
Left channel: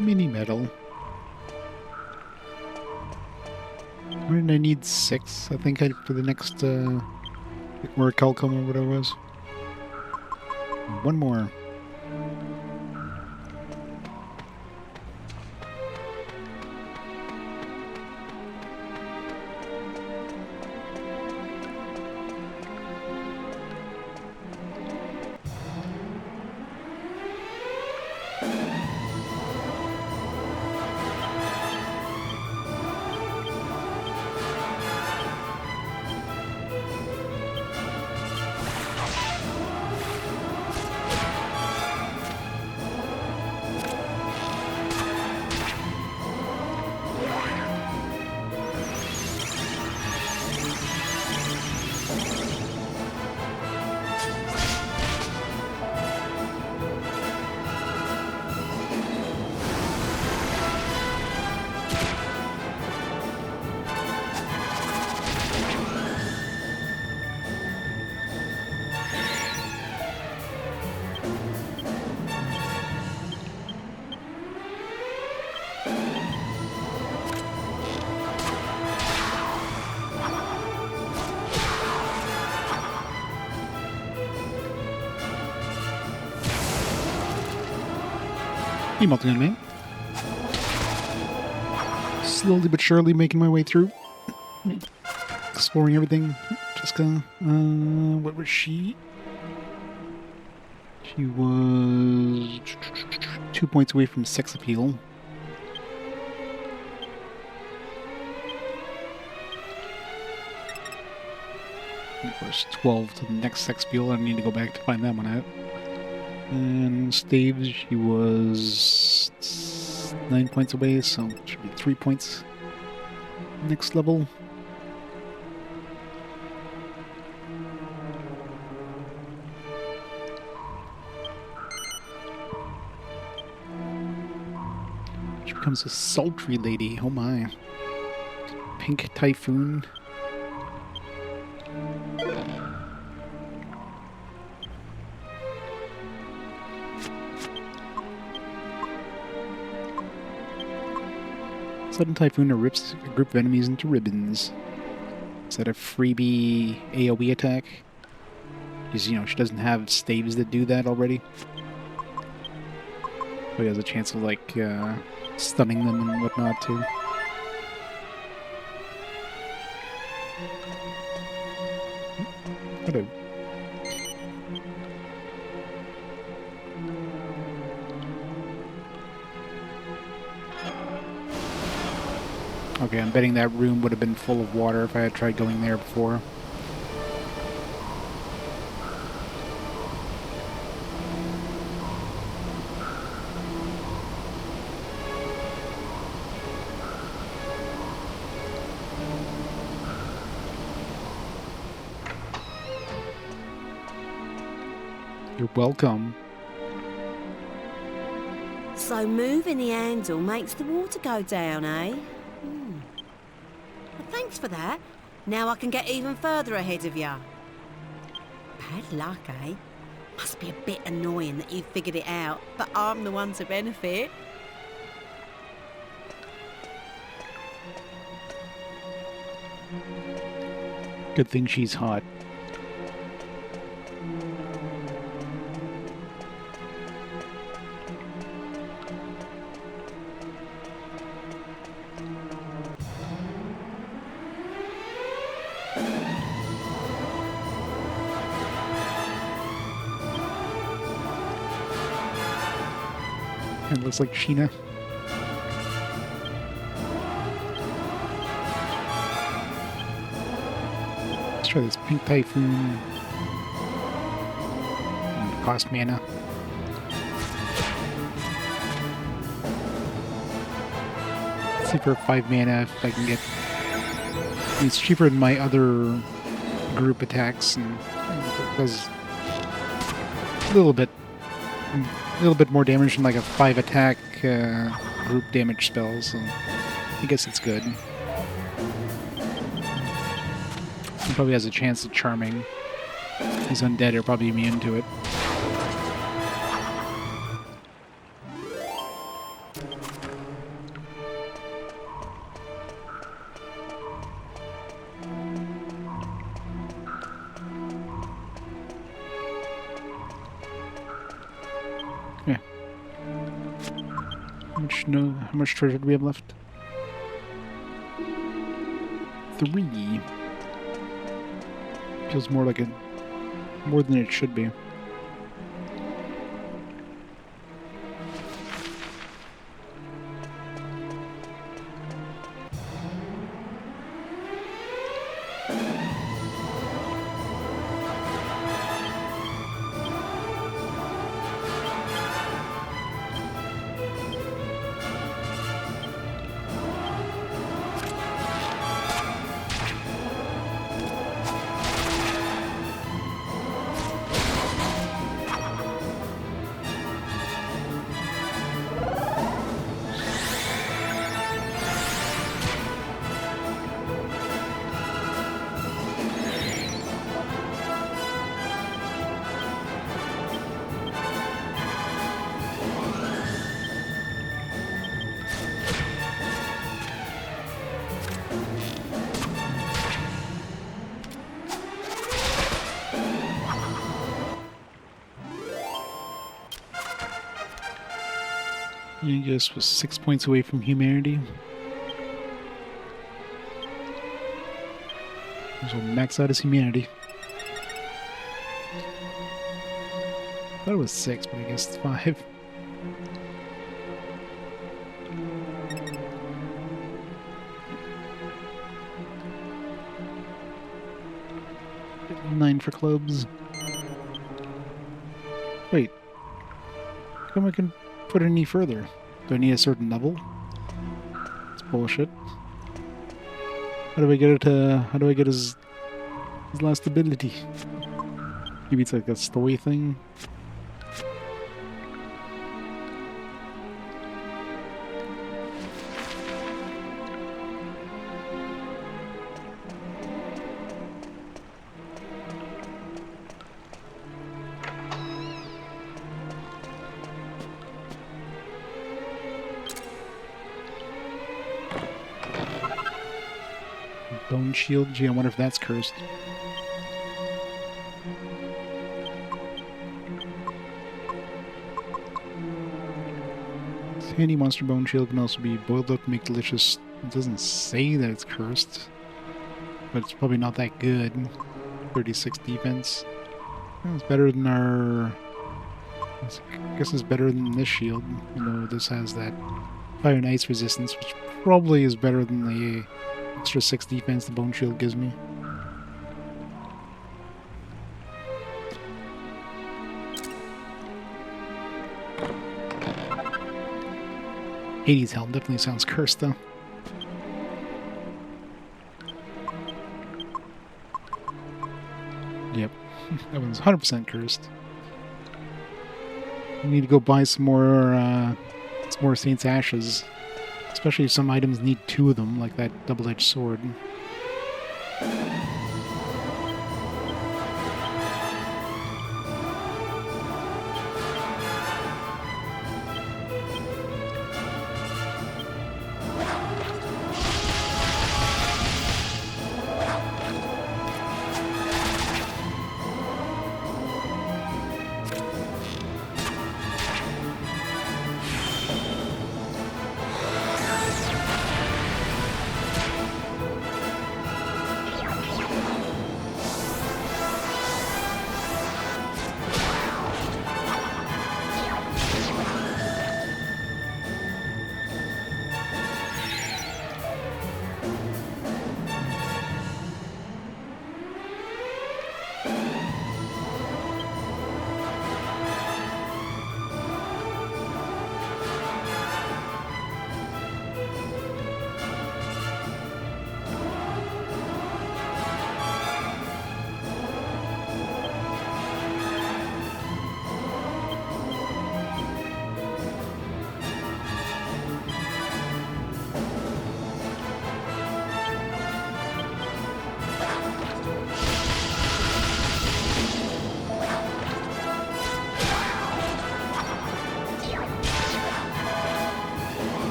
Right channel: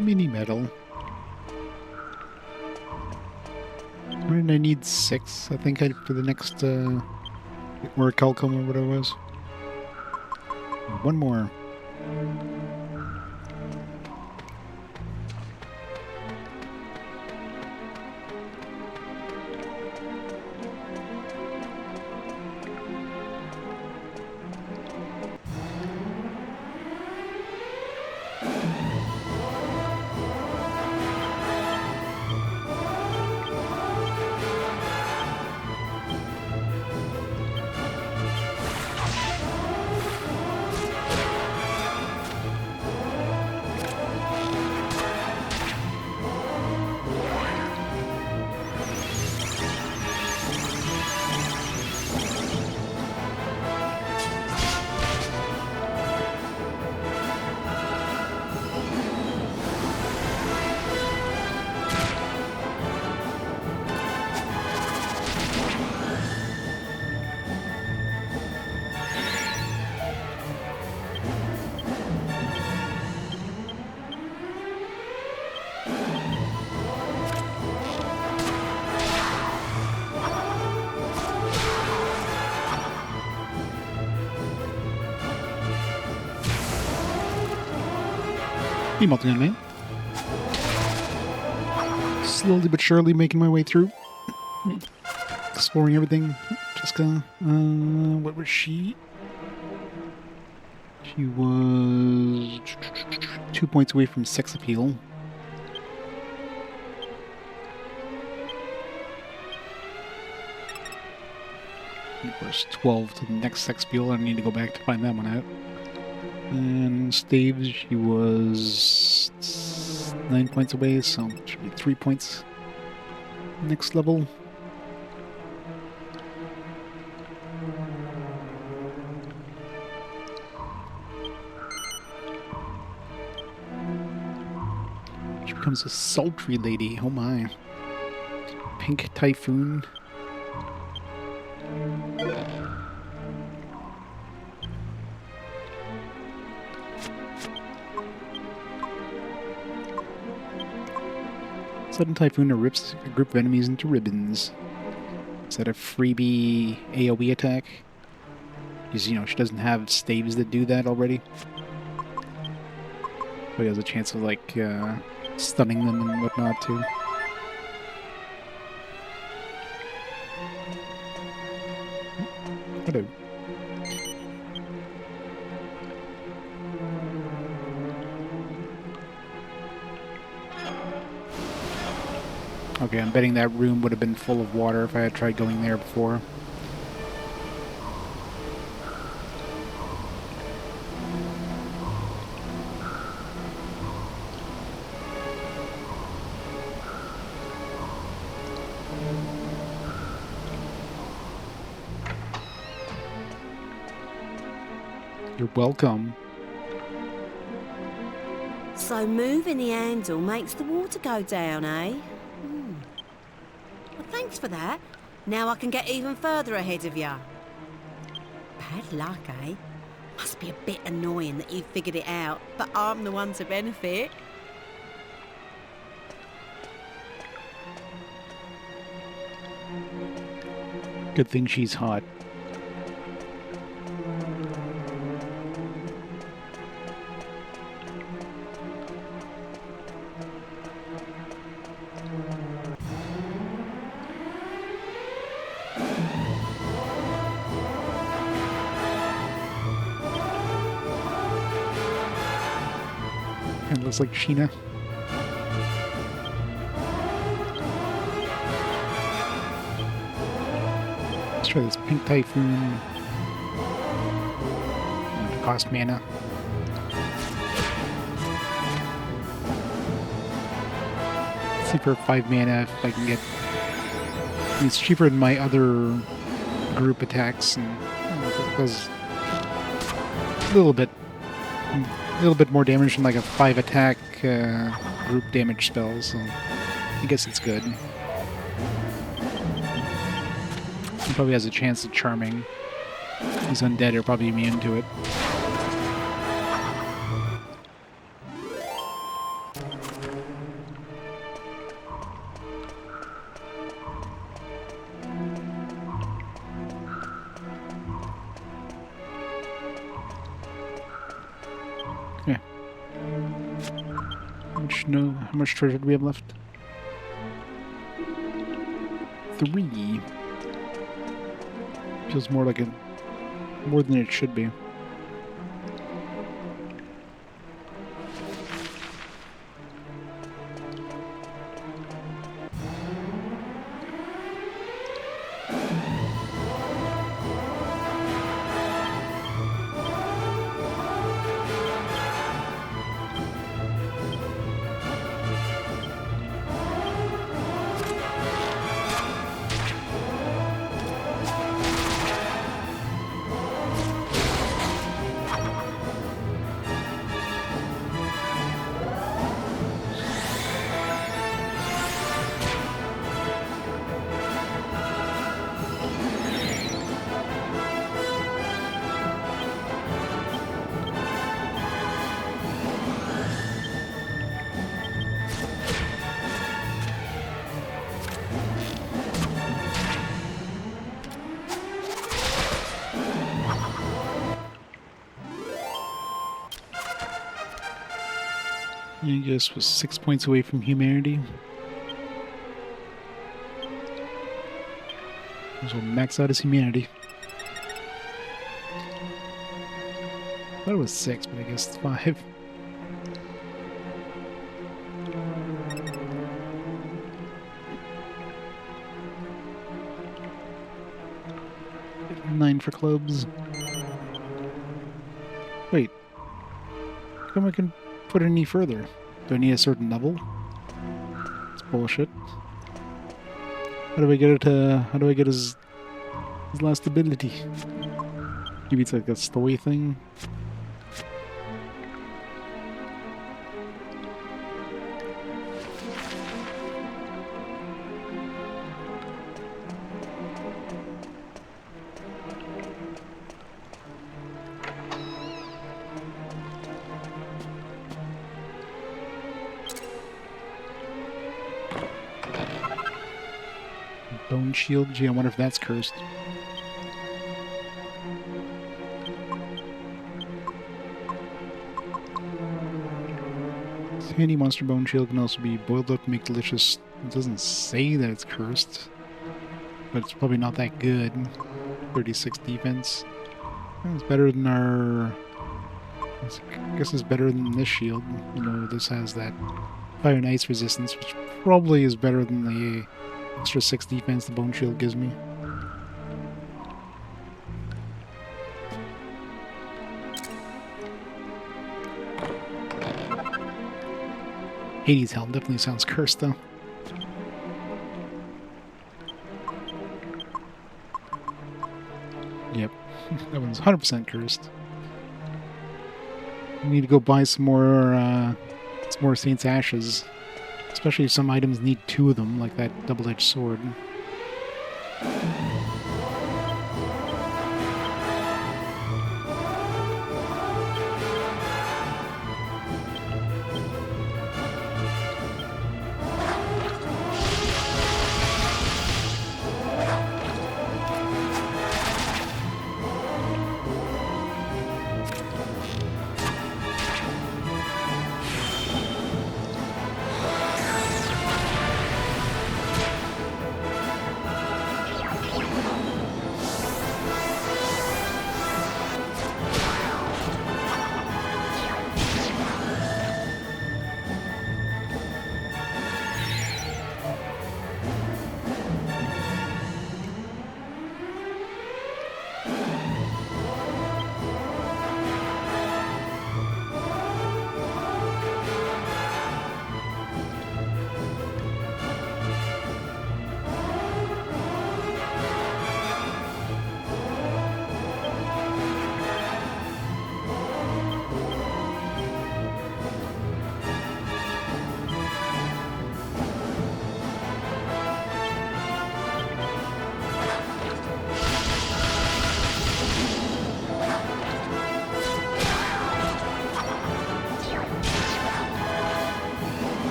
Mini metal. Where did I need 6? I think for the next orichalcum or whatever it was. One more. Hey, Multigun Man. Slowly but surely making my way through. Exploring everything. Jessica, what was she? She was 2 points away from sex appeal. And of course, 12 to the next sex appeal. I need to go back to find that one out. And staves, she was 9 points away, so it should be 3 points. Next level. She becomes a sultry lady. Oh my. Pink Typhoon. Sudden Typhoon rips a group of enemies into ribbons. Is that a freebie AoE attack? Because, you know, she doesn't have staves that do that already. So he has a chance of, like, stunning them and whatnot, too. Hello. Okay, I'm betting that room would have been full of water if I had tried going there before. You're welcome. So moving the handle makes the water go down, eh? Well, thanks for that. Now I can get even further ahead of ya. Bad luck, eh? Must be a bit annoying that you've figured it out, but I'm the one to benefit. Good thing she's hot. Kind of looks like Sheena. Let's try this Pink Typhoon. And cost mana. Let's see for 5 mana if I can get. It's cheaper than my other group attacks, and it does a little bit more damage than like a 5 attack group damage spell, so I guess it's good. He probably has a chance of charming. He's undead, are probably immune to it. Yeah. How much treasure do we have left? 3. Feels more like more than it should be. Yangus was 6 points away from humanity. So max out his humanity. Thought it was 6, but I guess it's 5. Nine for clubs. Wait. How come I can put it any further? Do I need a certain level? It's bullshit. How do I get it to... How do I get his last ability? Maybe it's like a story thing? Bone shield? Gee, I wonder if that's cursed. Handy monster bone shield can also be boiled up to make delicious. It doesn't say that it's cursed, but it's probably not that good. 36 defense. Well, it's better than our... I guess it's better than this shield. You know, this has that fire and ice resistance, which probably is better than the extra 6 defense the bone shield gives me. Hades' helm definitely sounds cursed, though. Yep, that one's 100% cursed. We need to go buy some more Saint's Ashes. Especially if some items need 2 of them, like that double-edged sword.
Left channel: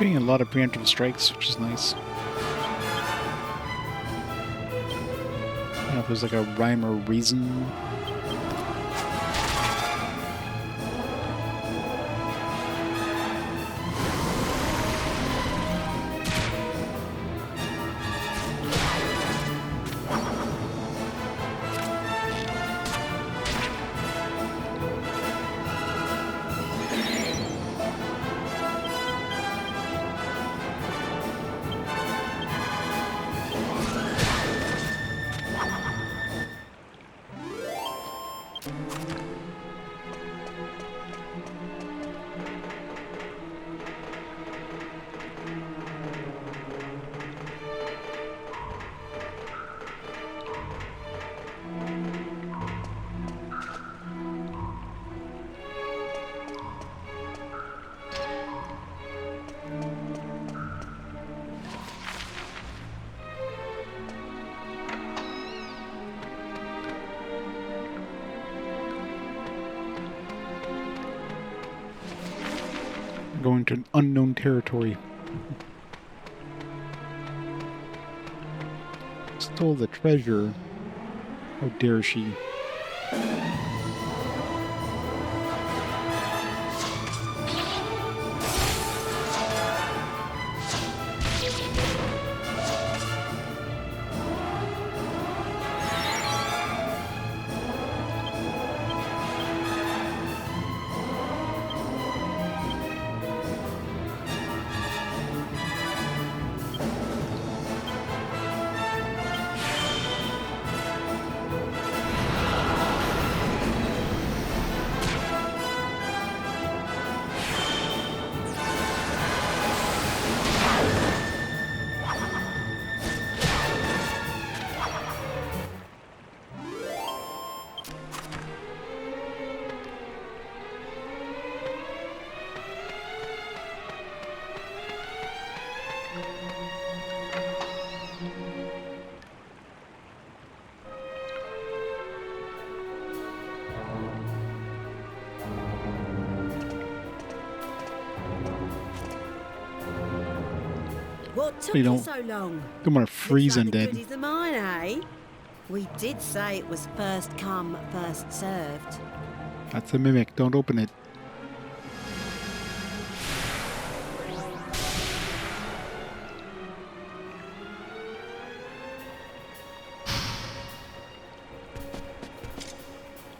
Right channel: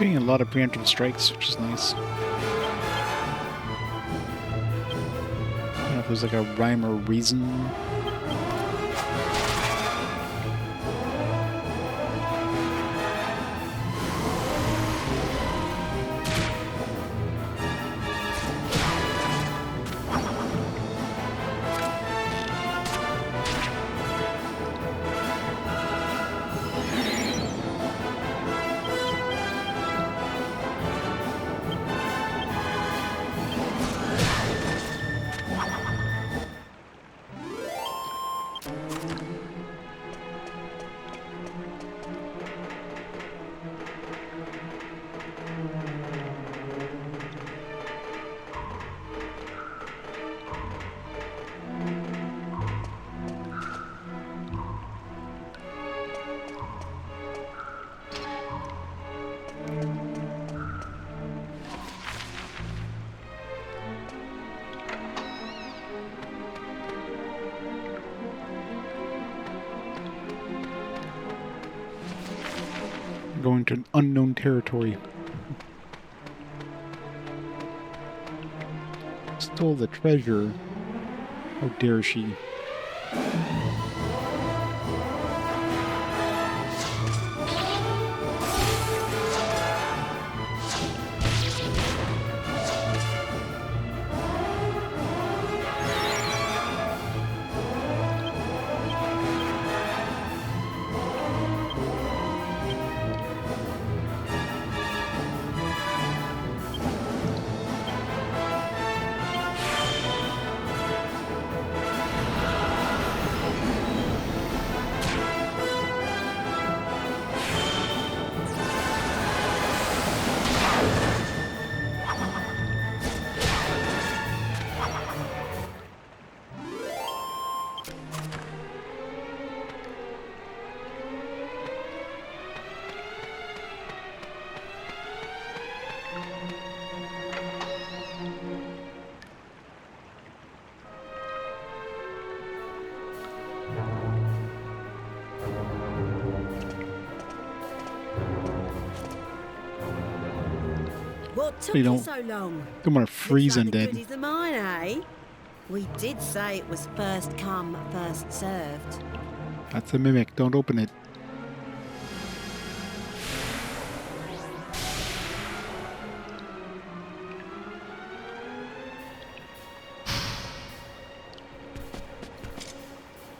Getting a lot of preemptive strikes, which is nice. I don't know if there's like a rhyme or reason. Going to an unknown territory. Stole the treasure. How dare she? What took You you don't- so long? Don't want to freeze Looks like the undead. goodies are mine, eh? We did say it was first come, first served. That's a mimic. Don't open it.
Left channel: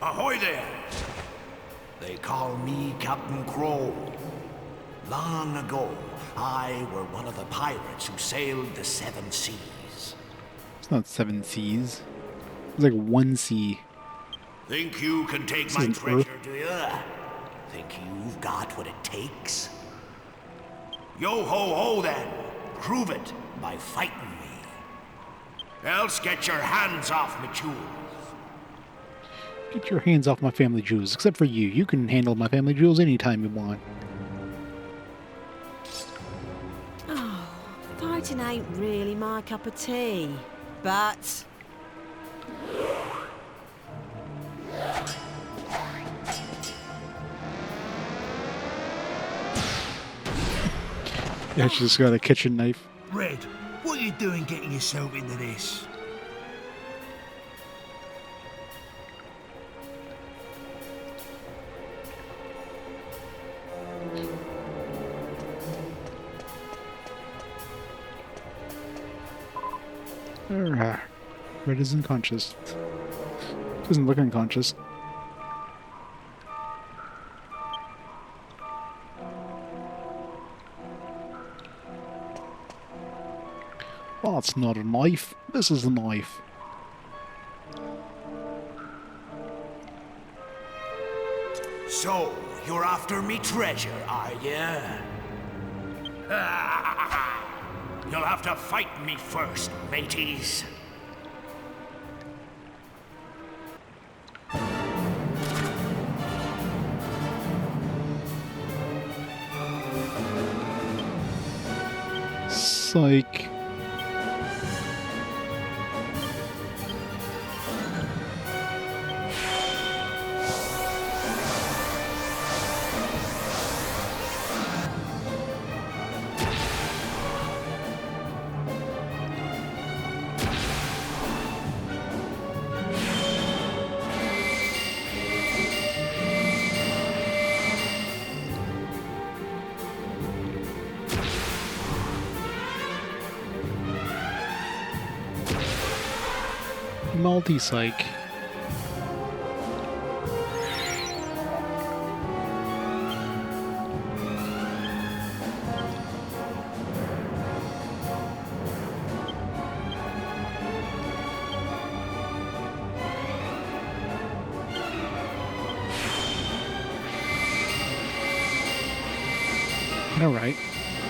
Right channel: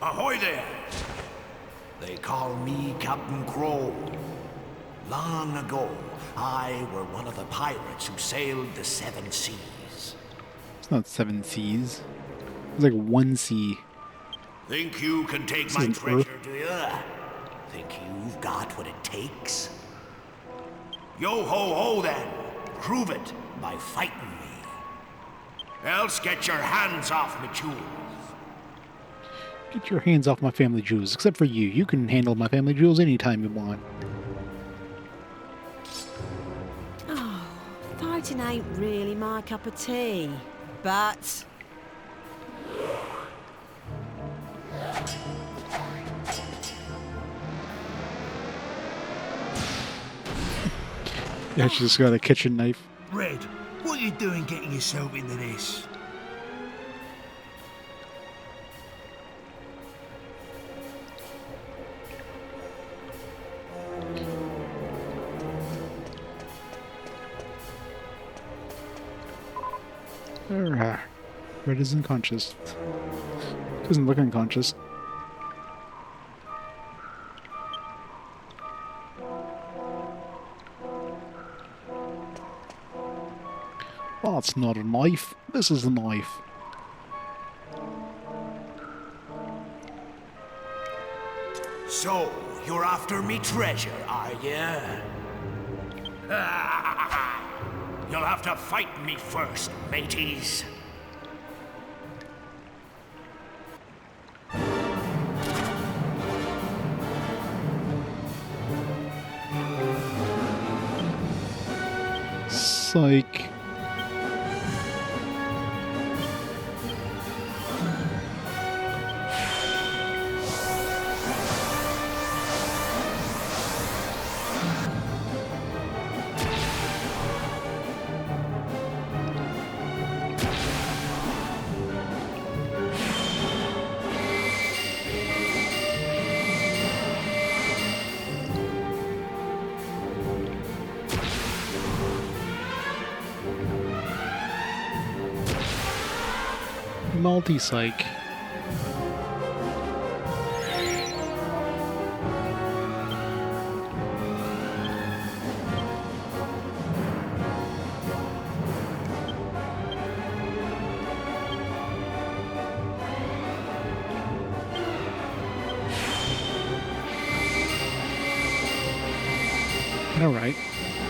Ahoy there! They call me Captain Crow. Long ago, I were one of the pirates who sailed the seven seas. It's not 7 seas. It's like 1 sea. Think you can take This my isn't treasure, do you? Think you've got what it takes? Yo ho ho then! Prove it by fighting me. Else get your hands off me jewels. Get your hands off my family jewels. Except for you. You can handle my family jewels anytime you want. Oh, fighting ain't really my cup of tea. But Yeah, she just got a kitchen knife. Red, what are you doing getting yourself into this? Red is unconscious. Doesn't look unconscious. Well, that's not a knife. This is a knife. So, you're after me treasure, are ya? You'll have to fight me first, mateys. Psych. multi-psych. All right,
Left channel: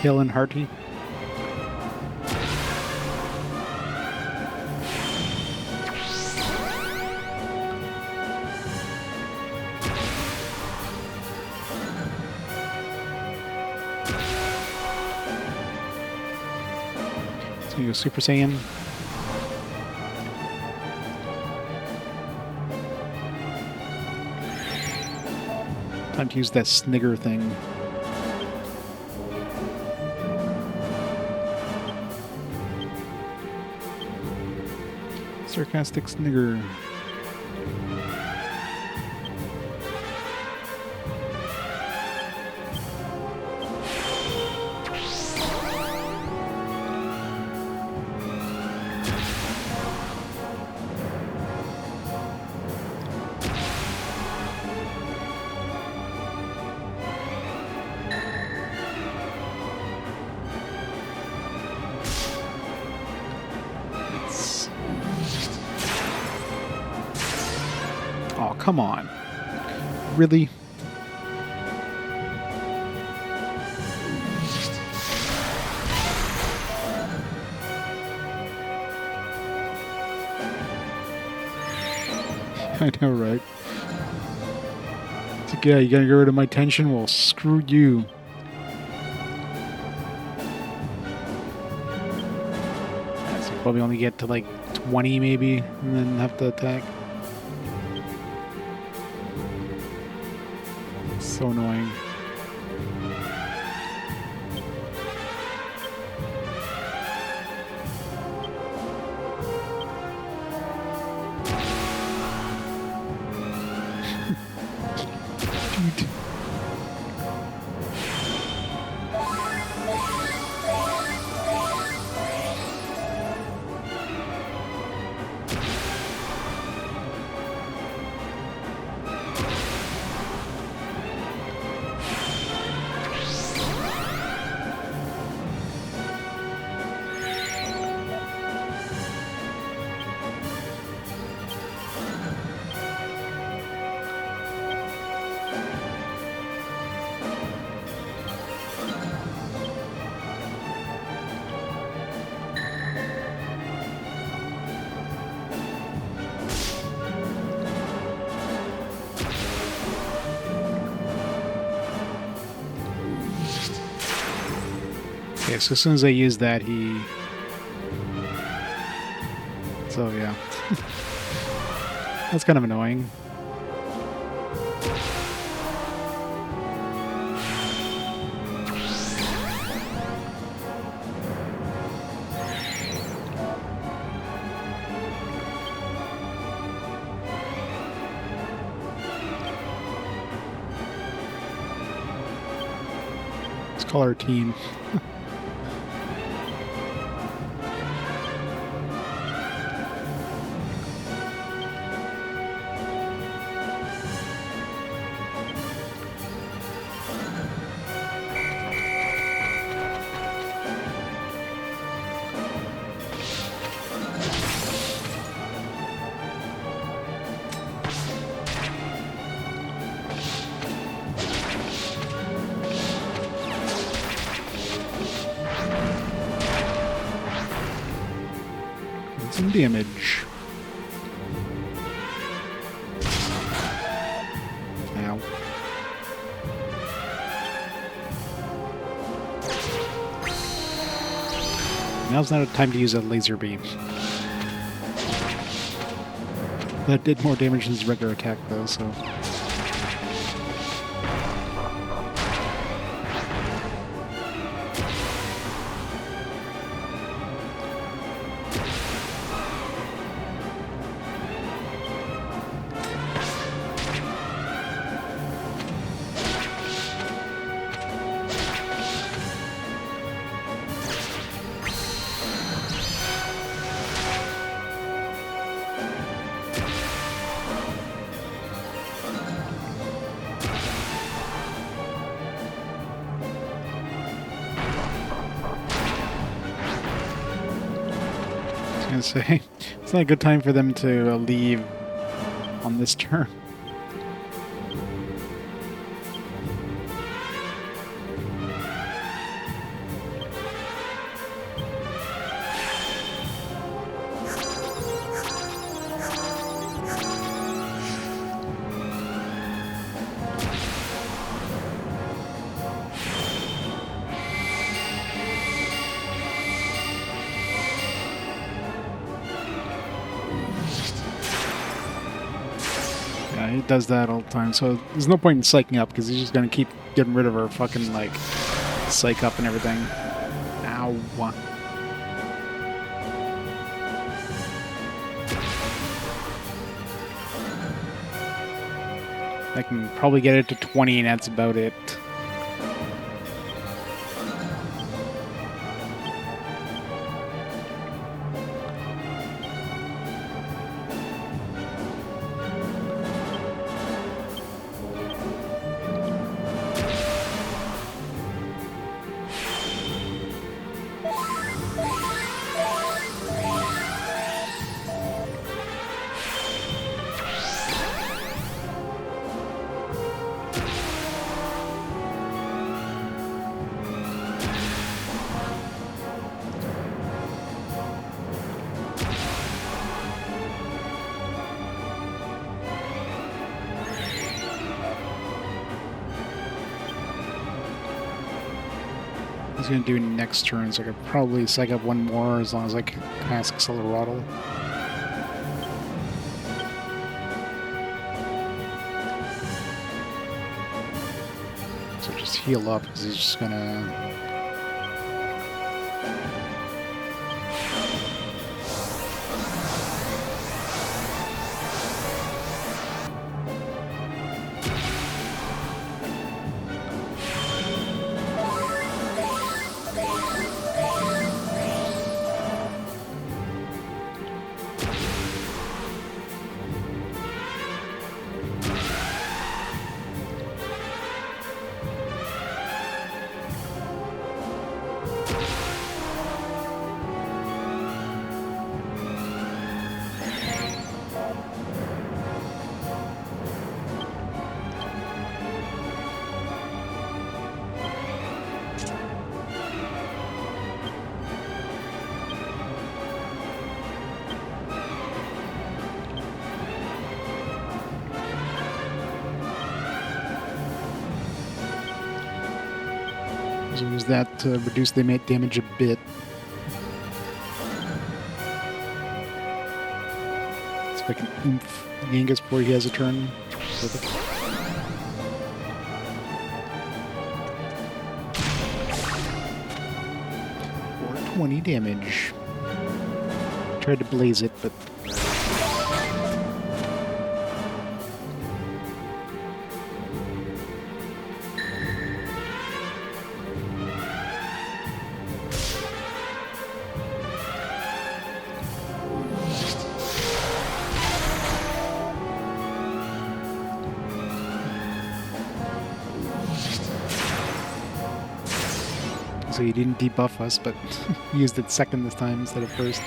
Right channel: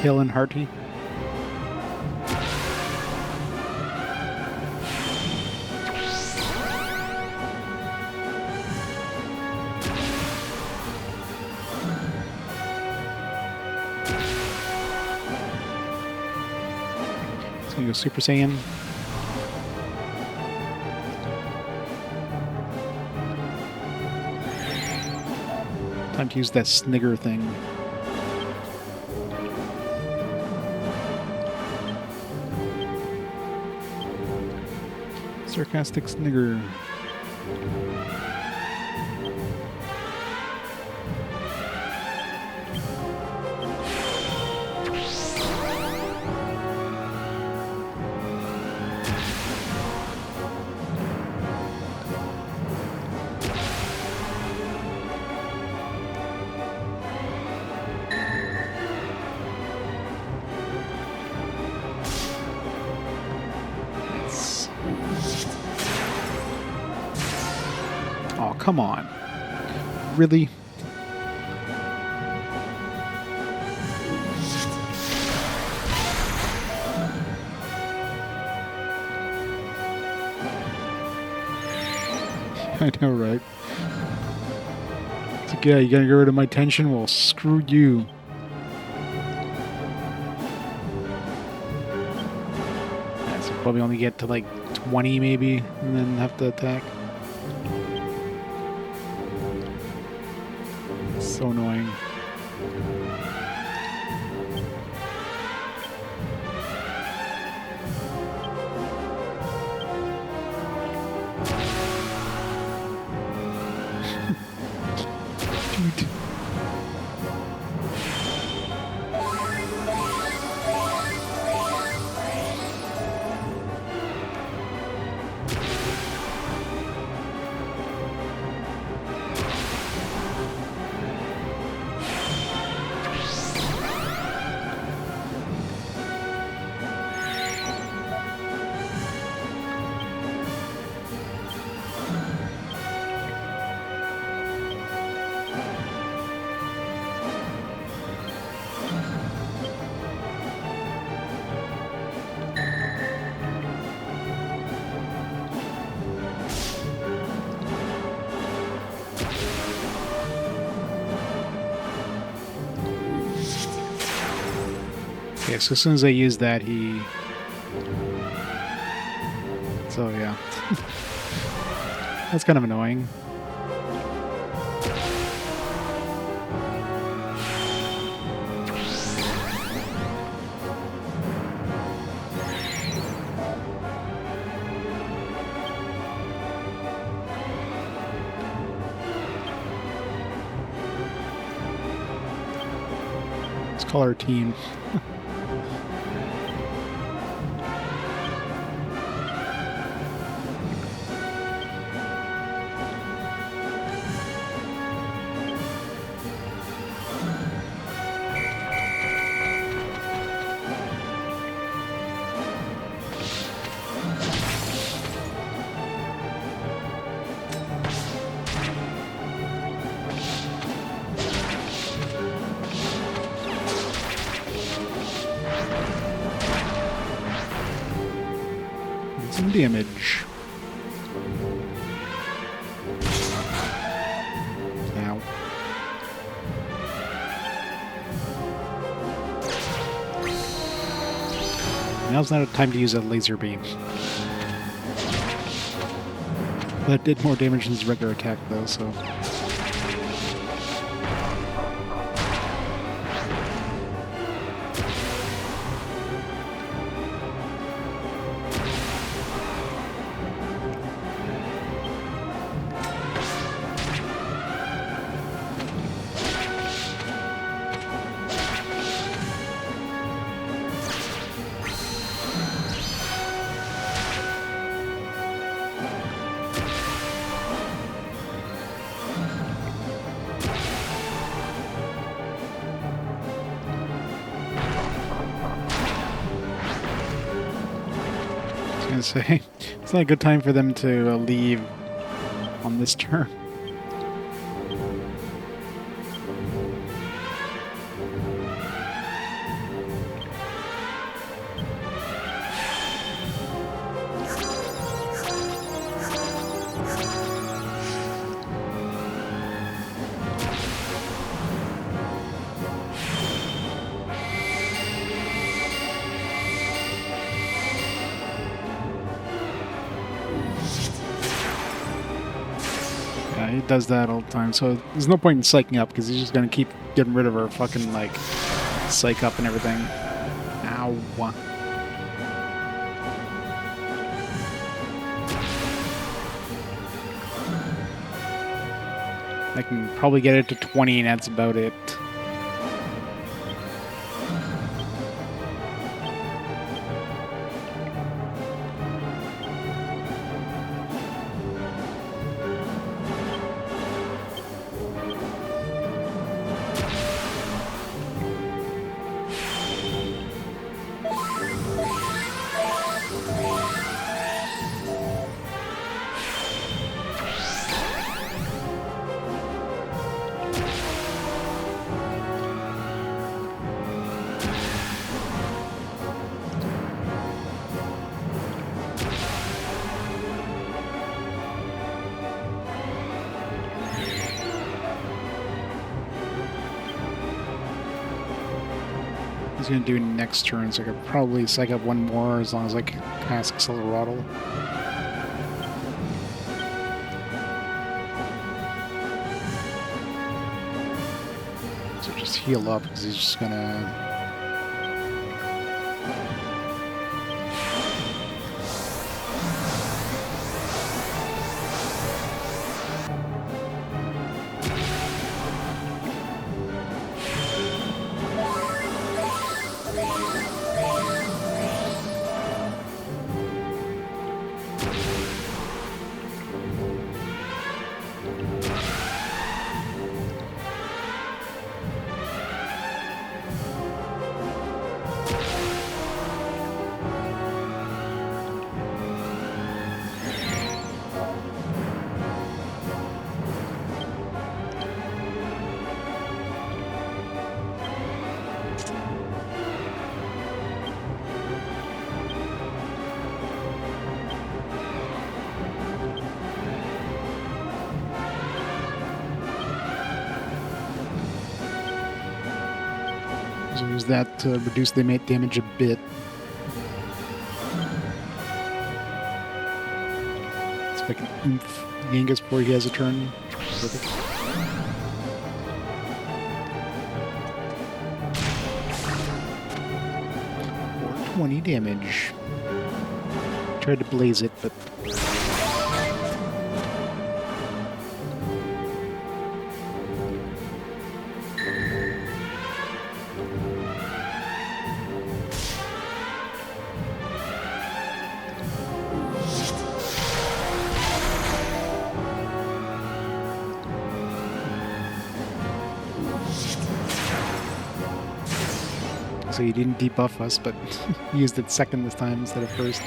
Hill and Hearty. So you go Super Saiyan. Time to use that snigger thing. Sarcastic snigger. Oh, come on. Really? I know, right? It's like, yeah, you gotta get rid of my tension? Well, screw you. Yeah, so you probably only get to like 20 maybe, and then have to attack. So annoying. Dude. Okay, so as soon as I use that, he... So, yeah. That's kind of annoying. Let's call our team. Some damage. Ow. Now's not a time to use a laser beam. That did more damage than his regular attack, though, so... gonna say, it's not a good time for them to leave on this turn. Yeah, he does that all the time, so there's no point in psyching up, because he's just gonna keep getting rid of her fucking, like, psych up and everything. Ow. I can probably get it to 20, and that's about it. He's gonna do next turn, so I could probably psych up one more as long as I cast Acceleratl. So just heal up, because he's just gonna... So use that to reduce the damage a bit. See if I can oomph Yangus before he has a turn. Perfect. 420 damage. Tried to blaze it, but... So he didn't debuff us, but used it second this time instead of first.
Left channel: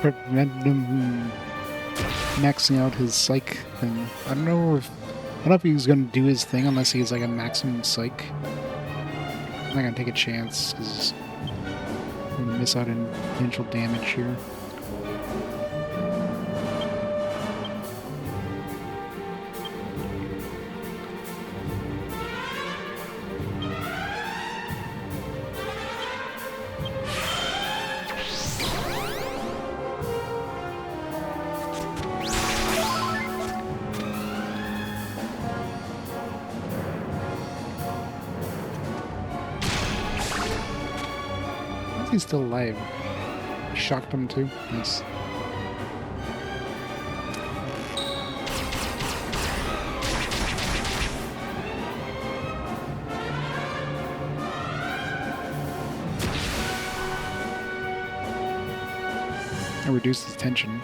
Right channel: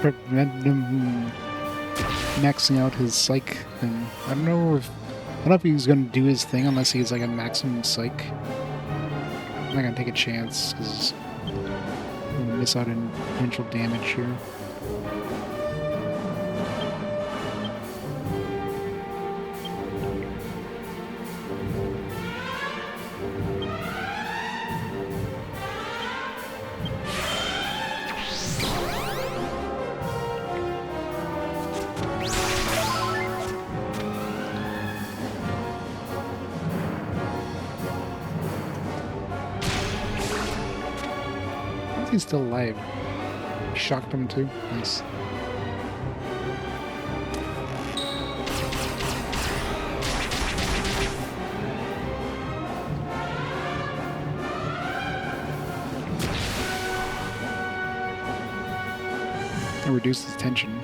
prevent him maxing out his psych thing. I don't know if he's gonna do his thing unless he's like a maximum psych. I'm not gonna take a chance because I'm gonna miss out on potential damage here. He's still alive. Shocked him too. Nice. I reduced his tension.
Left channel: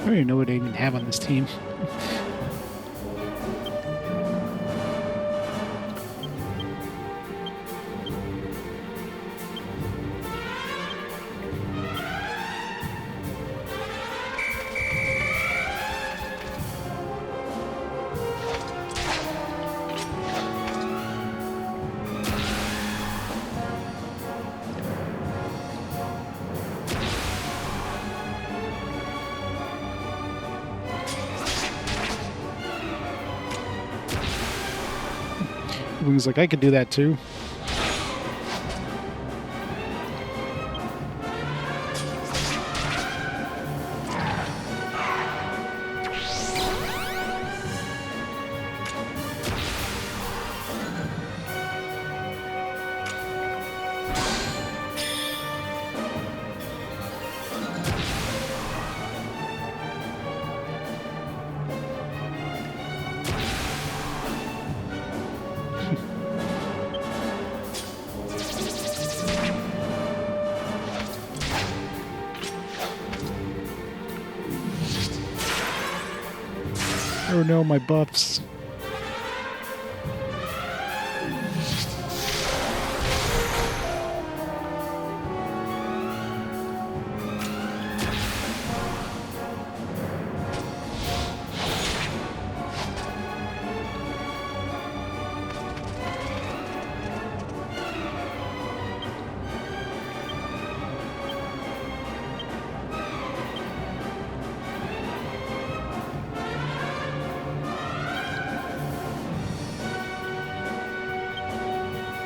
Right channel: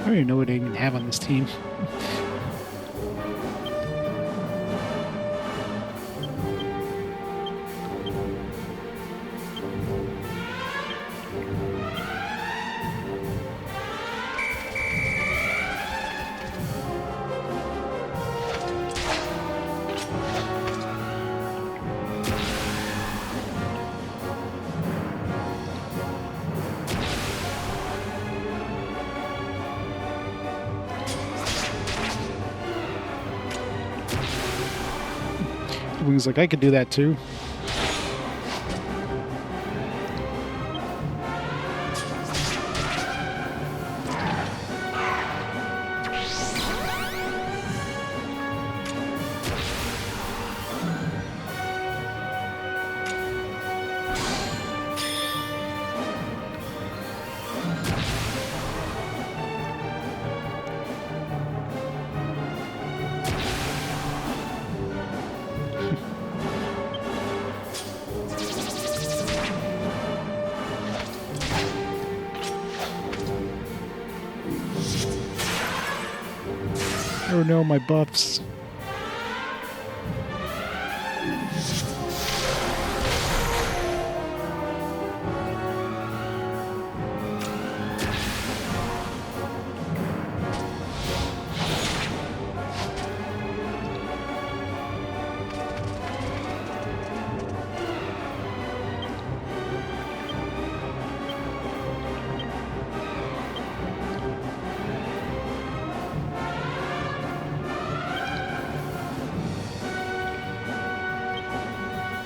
I don't even know what I even have on this team. Wings like, I could do that too. Oh no, my buffs.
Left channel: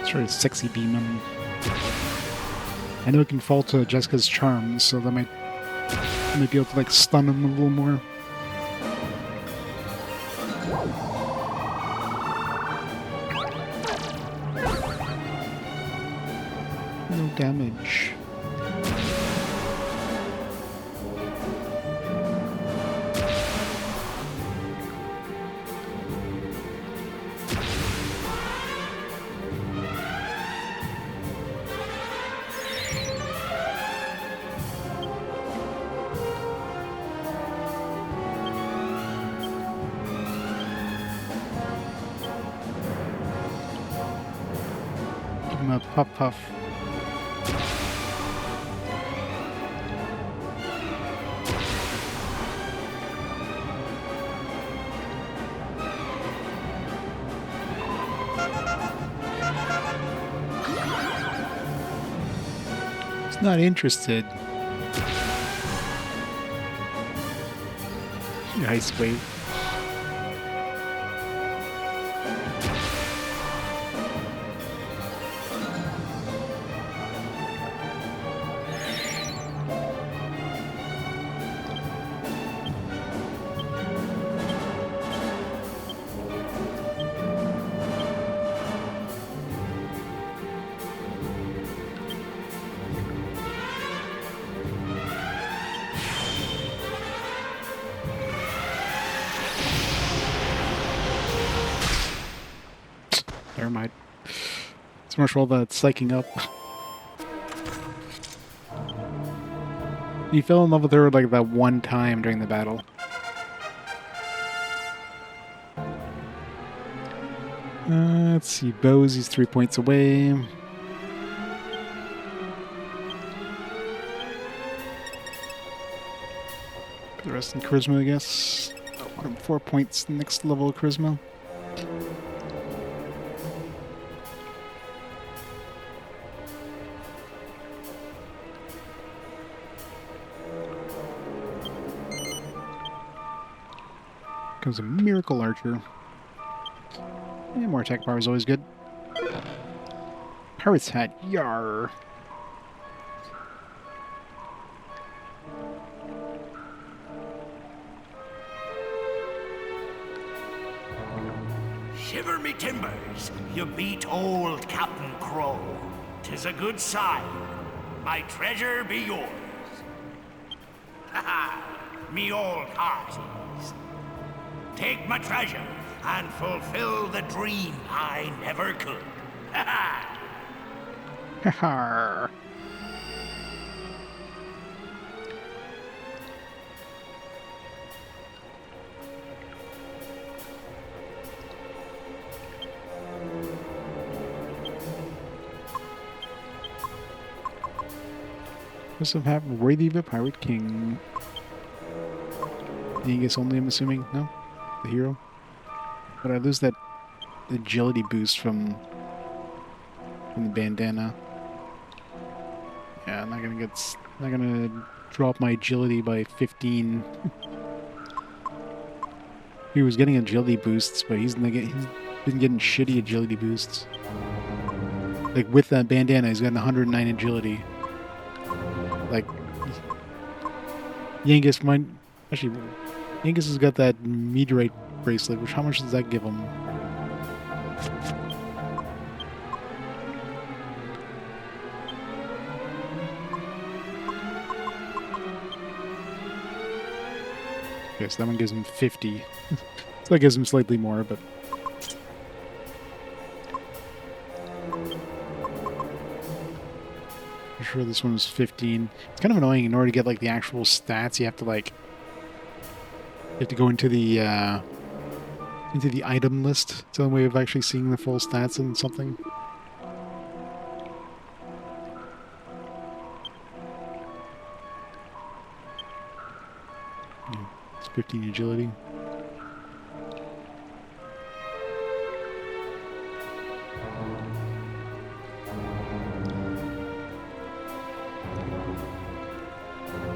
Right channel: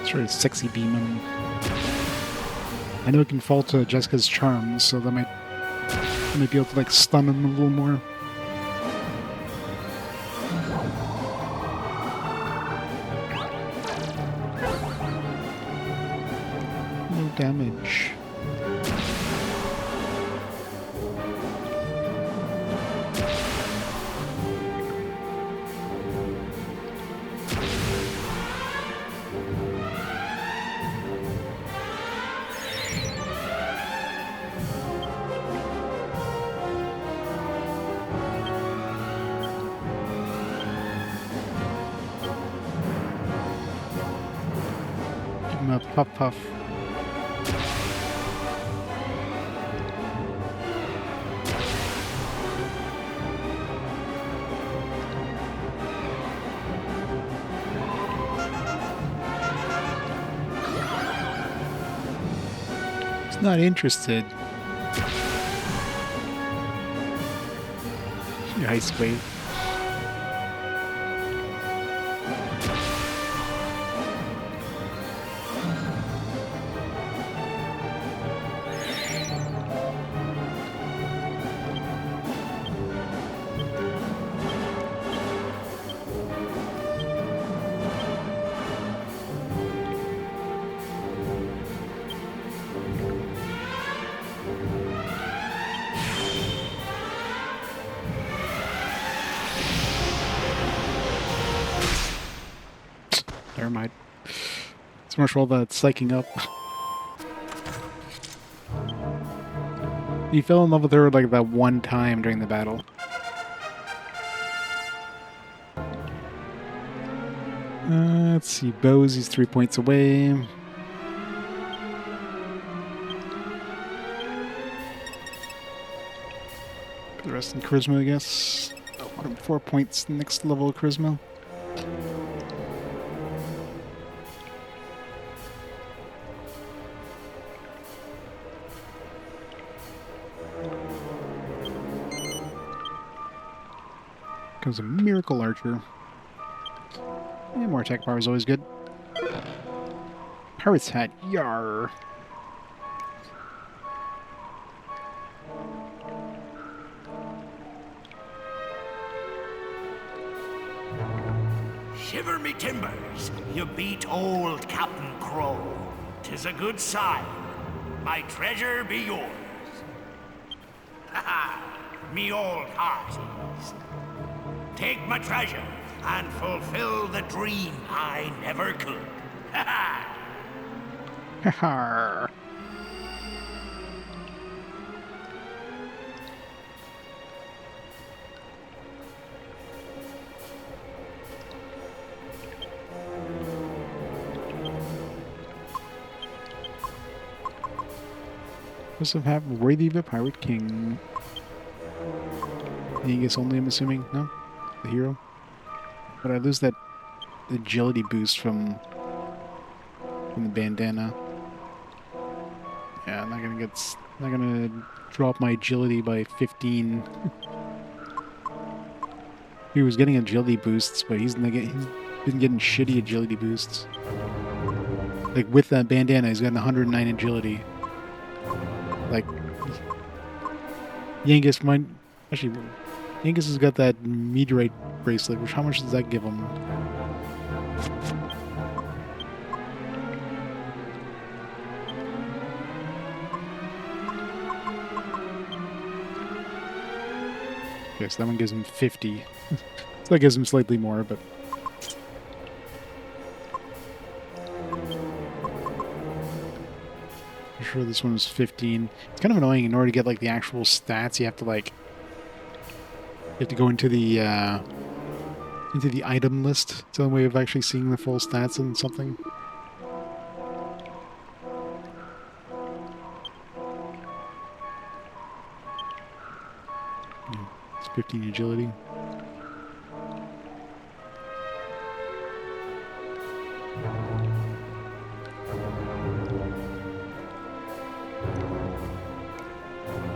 Sort of sexy beam him. I know it can fall to Jessica's charms, so that might be able to like stun him a little more. No damage. A puff puff. He's not interested. Ice wave. Never mind. So much for all that psyching up. He fell in love with her like that one time during the battle. Let's see, bows, he's 3 points away. Put the rest in charisma, I guess. Oh, 4 points next level of charisma. Comes a miracle archer. Yeah, more attack power is always good. Pirate's hat, yar. Shiver me timbers, you beat old Captain Crow. 'Tis a good sign. My treasure be yours. Ha ha, me old hearties. Take my treasure and fulfill the dream I never could. Ha ha! Haha. Must have worthy of a pirate king. Yangus only, I'm assuming? No? The hero? But I lose that agility boost from the bandana. Yeah, I'm not gonna drop my agility by 15. He was getting agility boosts, but he's been getting shitty agility boosts. Like with that bandana, he's got 109 agility. Like Yangus might actually. Yangus has got that meteorite bracelet, which how much does that give him? Okay, so that one gives him 50. So that gives him slightly more, but... I'm sure this one was 15. It's kind of annoying. In order to get, like, the actual stats, you have to, like... You have to go into the item list. It's the only way of actually seeing the full stats on something. Yeah, it's 15 agility.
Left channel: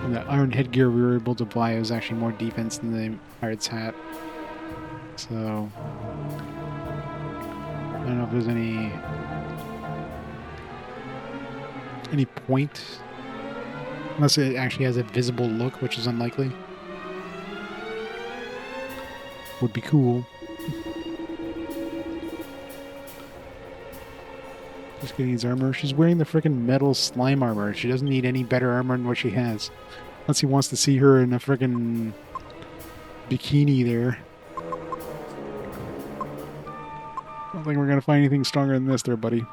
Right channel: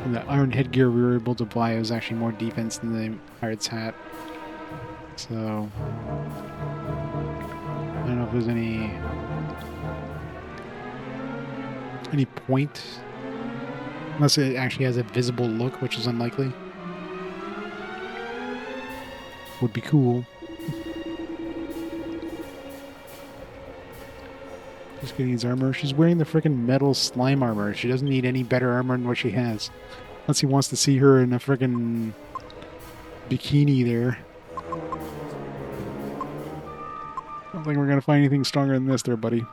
And the iron headgear we were able to buy was actually more defense than the pirate's hat. So I don't know if there's any point, unless it actually has a visible look, which is unlikely. Would be cool. Just getting his armor. She's wearing the freaking metal slime armor. She doesn't need any better armor than what she has. Unless he wants to see her in a freaking bikini there. I don't think we're gonna find anything stronger than this there, buddy.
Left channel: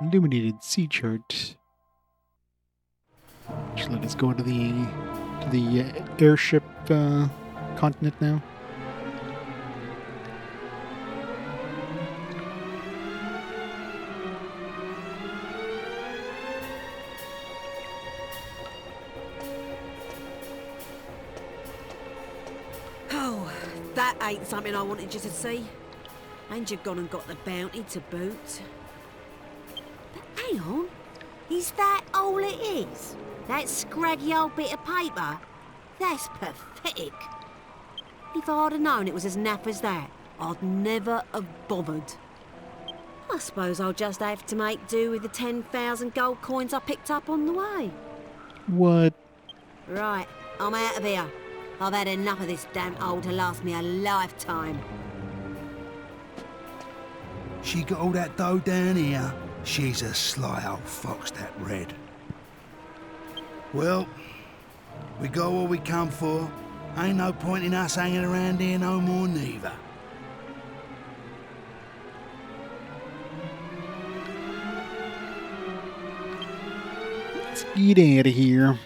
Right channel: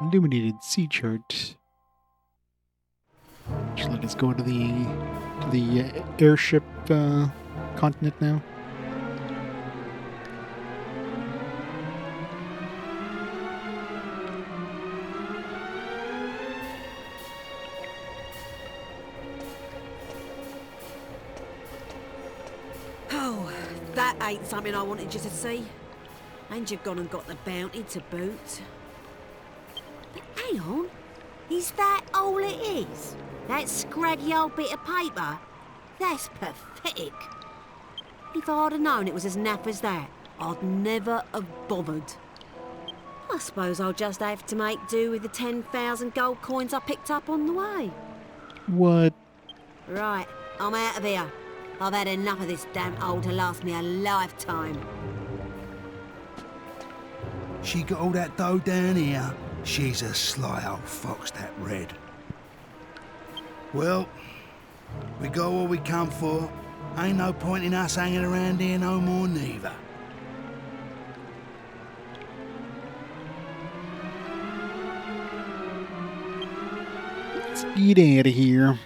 Illuminated sea chart. Just let us go to the airship continent now. Oh, that ain't something I wanted you to see. And you've gone and got the bounty to boot. But hang on, is that all it is? That scraggy old bit of paper? That's pathetic. If I'd have known it was as naff as that, I'd never have bothered. I suppose I'll just have to make do with the 10,000 gold coins I picked up on the way. What? Right, I'm out of here. I've had enough of this damn hole to last me a lifetime. She got all that dough down here. She's a sly old fox, that Red. Well, we got what we come for. Ain't no point in us hanging around here no more neither. Let's get out of here.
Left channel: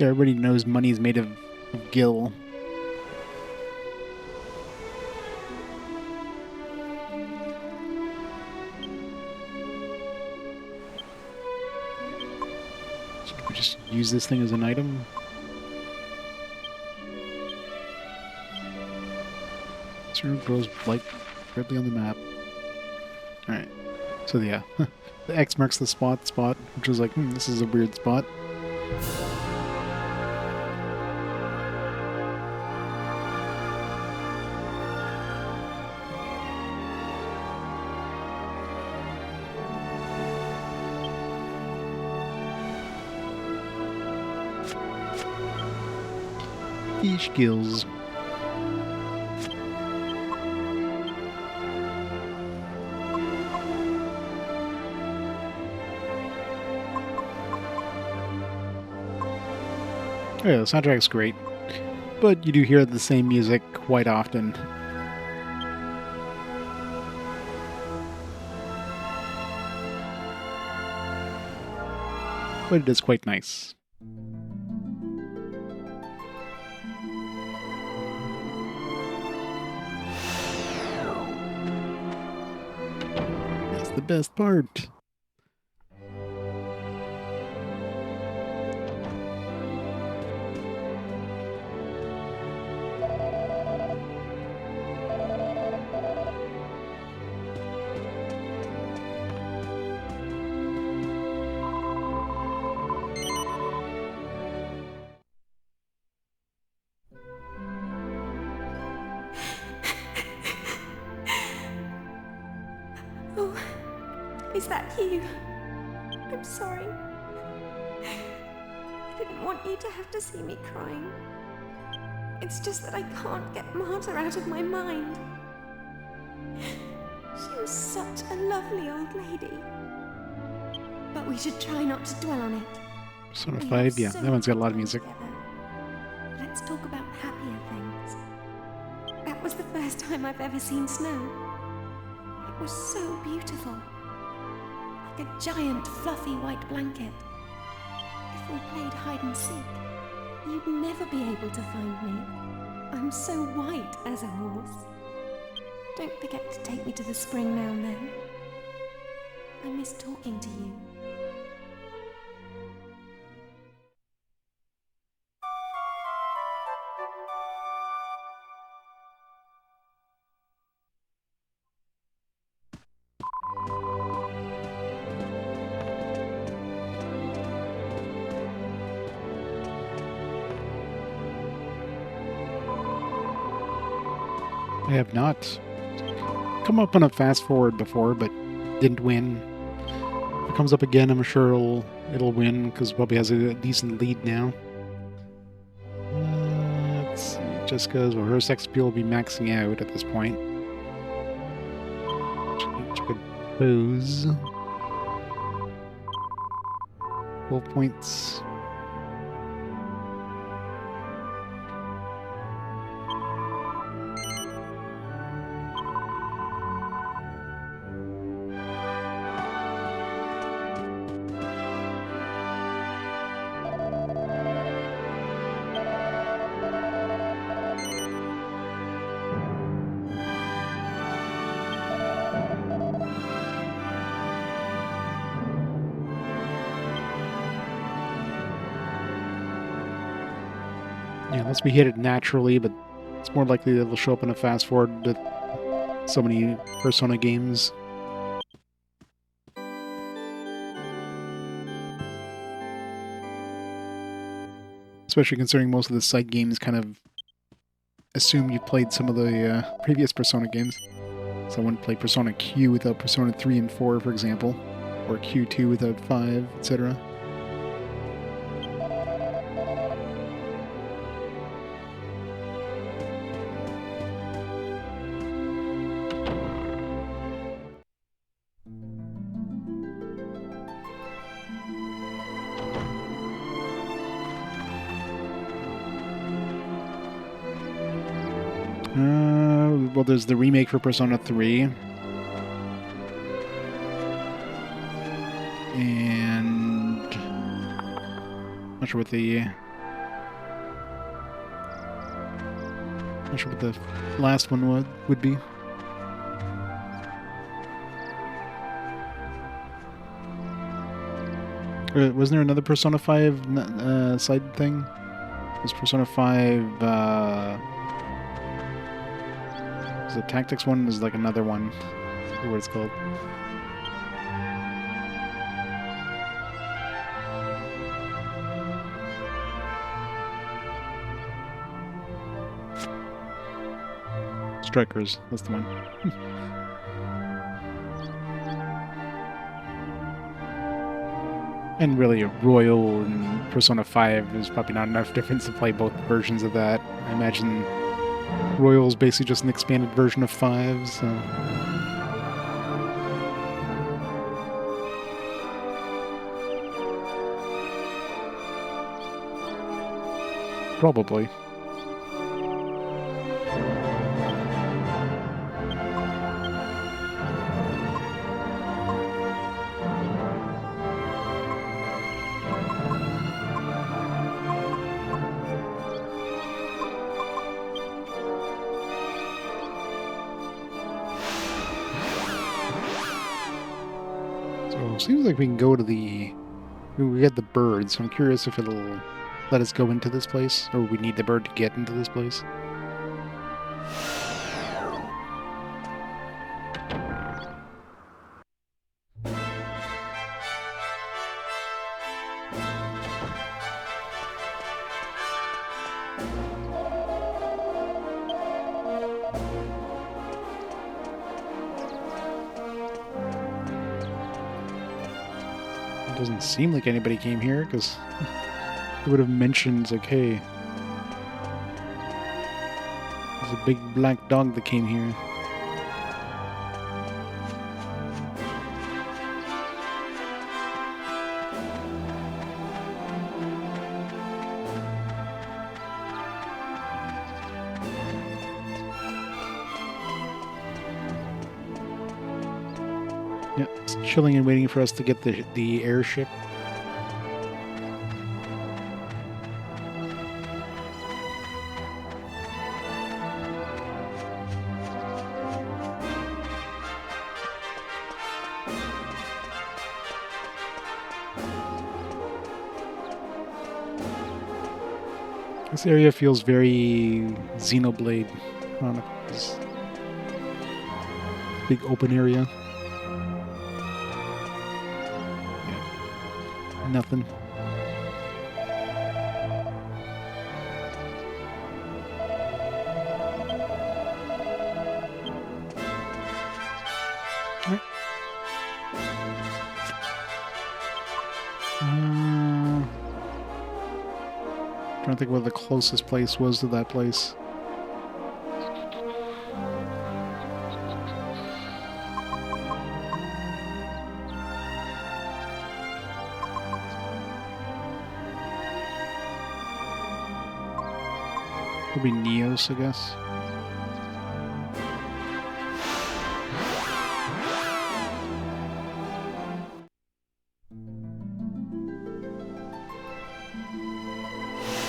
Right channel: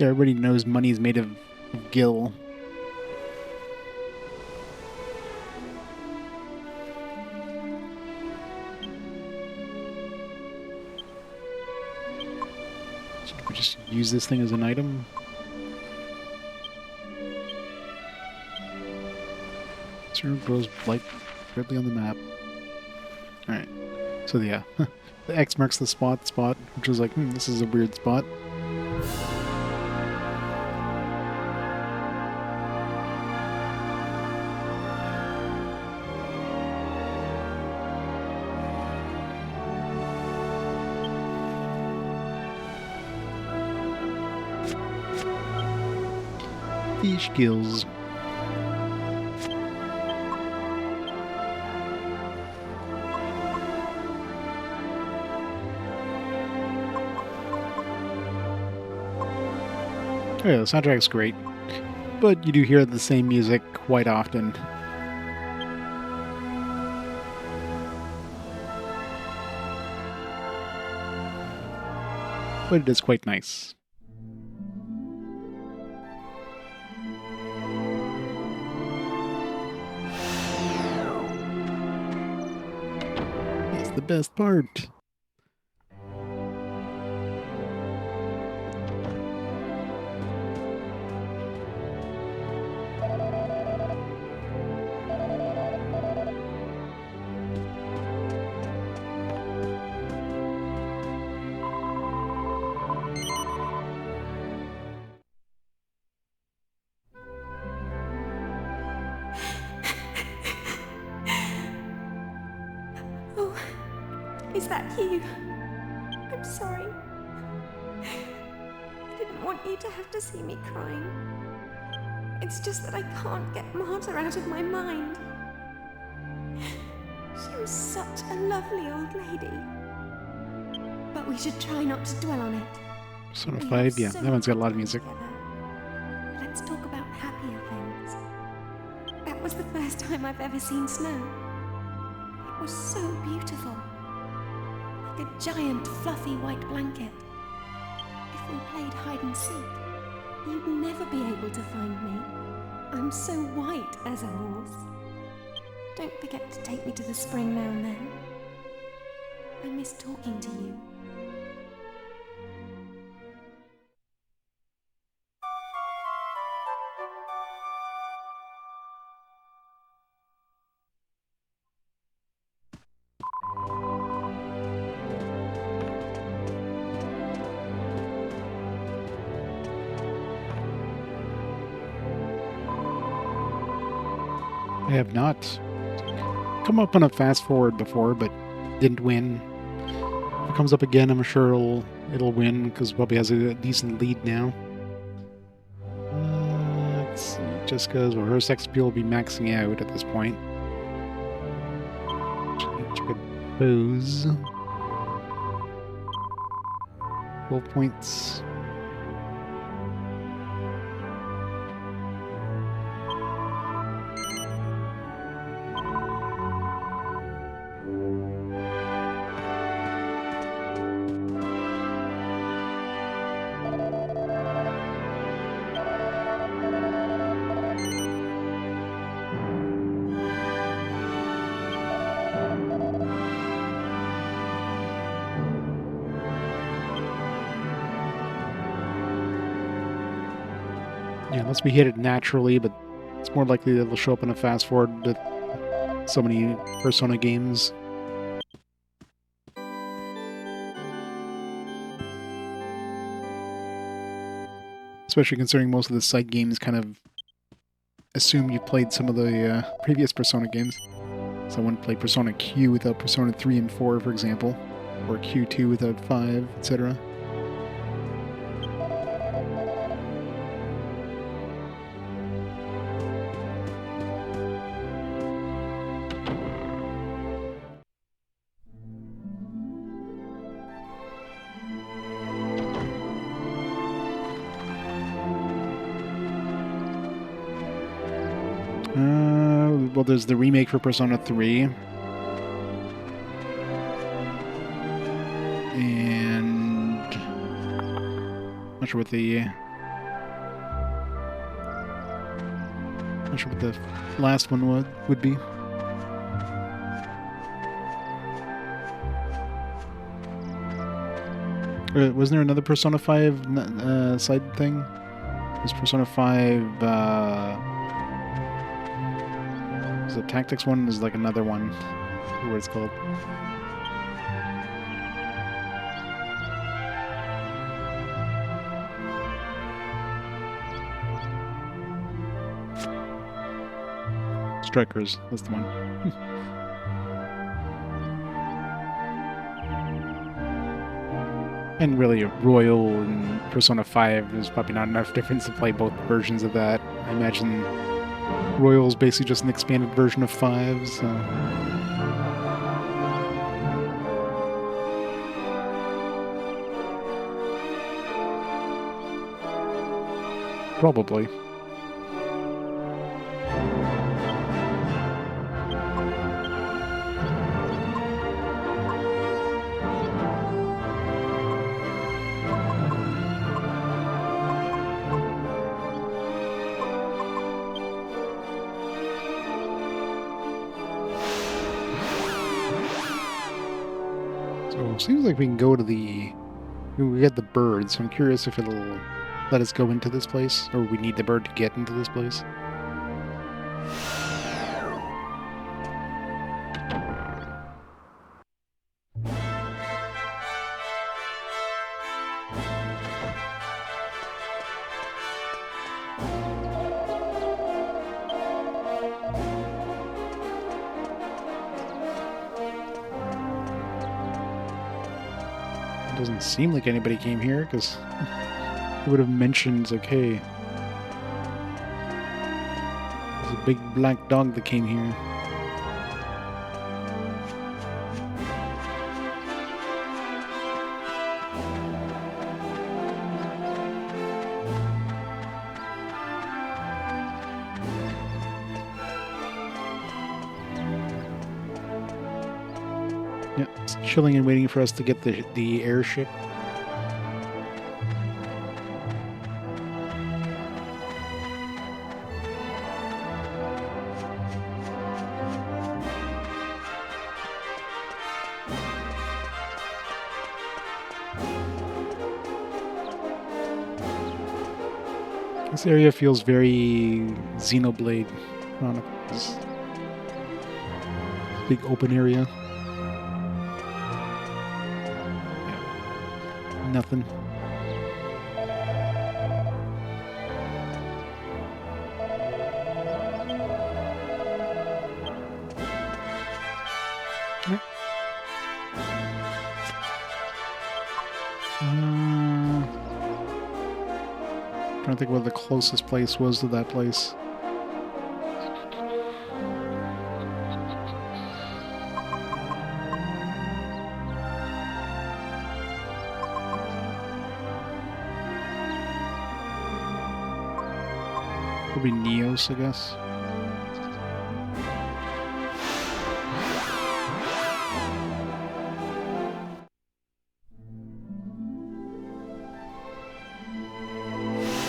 Everybody knows money is made of gil. Should we just use this thing as an item? Sort of grows like directly on the map. Alright. So yeah. The X marks the spot, which was like, this is a weird spot. Fish gills. Oh yeah, the soundtrack's great, but you do hear the same music quite often. But it is quite nice. That's the best part. Is that you? I'm sorry. I didn't want you to have to see me crying. It's just that I can't get Marta out of my mind. She was such a lovely old lady. But we should try not to dwell on it. Persona 5, yeah, that one's got a lot of music. Together. Let's talk about happier things. That was the first time I've ever seen snow. It was so beautiful. Like a giant fluffy white blanket. If we played hide and seek, you'd never be able to find me. I'm so white as a horse. Don't forget to take me to the spring now and then. I miss talking to you. I have not come up on a fast forward before, but didn't win. If it comes up again, I'm sure it'll win because Bubby has a decent lead now. Let's see, Jessica's or her sex appeal will be maxing out at this point. Check a pose. 12 points. Yeah, unless we hit it naturally, but it's more likely that it'll show up in a fast forward with so many Persona games. Especially considering most of the side games kind of assume you've played some of the previous Persona games. So I wouldn't play Persona Q without Persona 3 and 4, for example. Or Q2 without 5, etc. Well, there's the remake for Persona 3. And not sure what the last one would be. Wasn't there another Persona 5 side thing? Was Persona 5 the Tactics one is like another one. I forget what it's called. Strikers, that's the one. And really, Royal and Persona 5, there's probably not enough difference to play both versions of that. I imagine Royal is basically just an expanded version of 5, so... Probably. So, seems like we can go to the... We get the bird, so I'm curious if it'll let us go into this place, or we need the bird to get into this place. Doesn't seem like anybody came here, because it would have mentioned, like, hey, there's a big black dog that came here. Yeah, it's chilling and waiting for us to get the airship. This area feels very Xenoblade Chronicles. Big open area. Nothing. Right. Trying to think what the closest place was to that place. Probably Neos, I guess.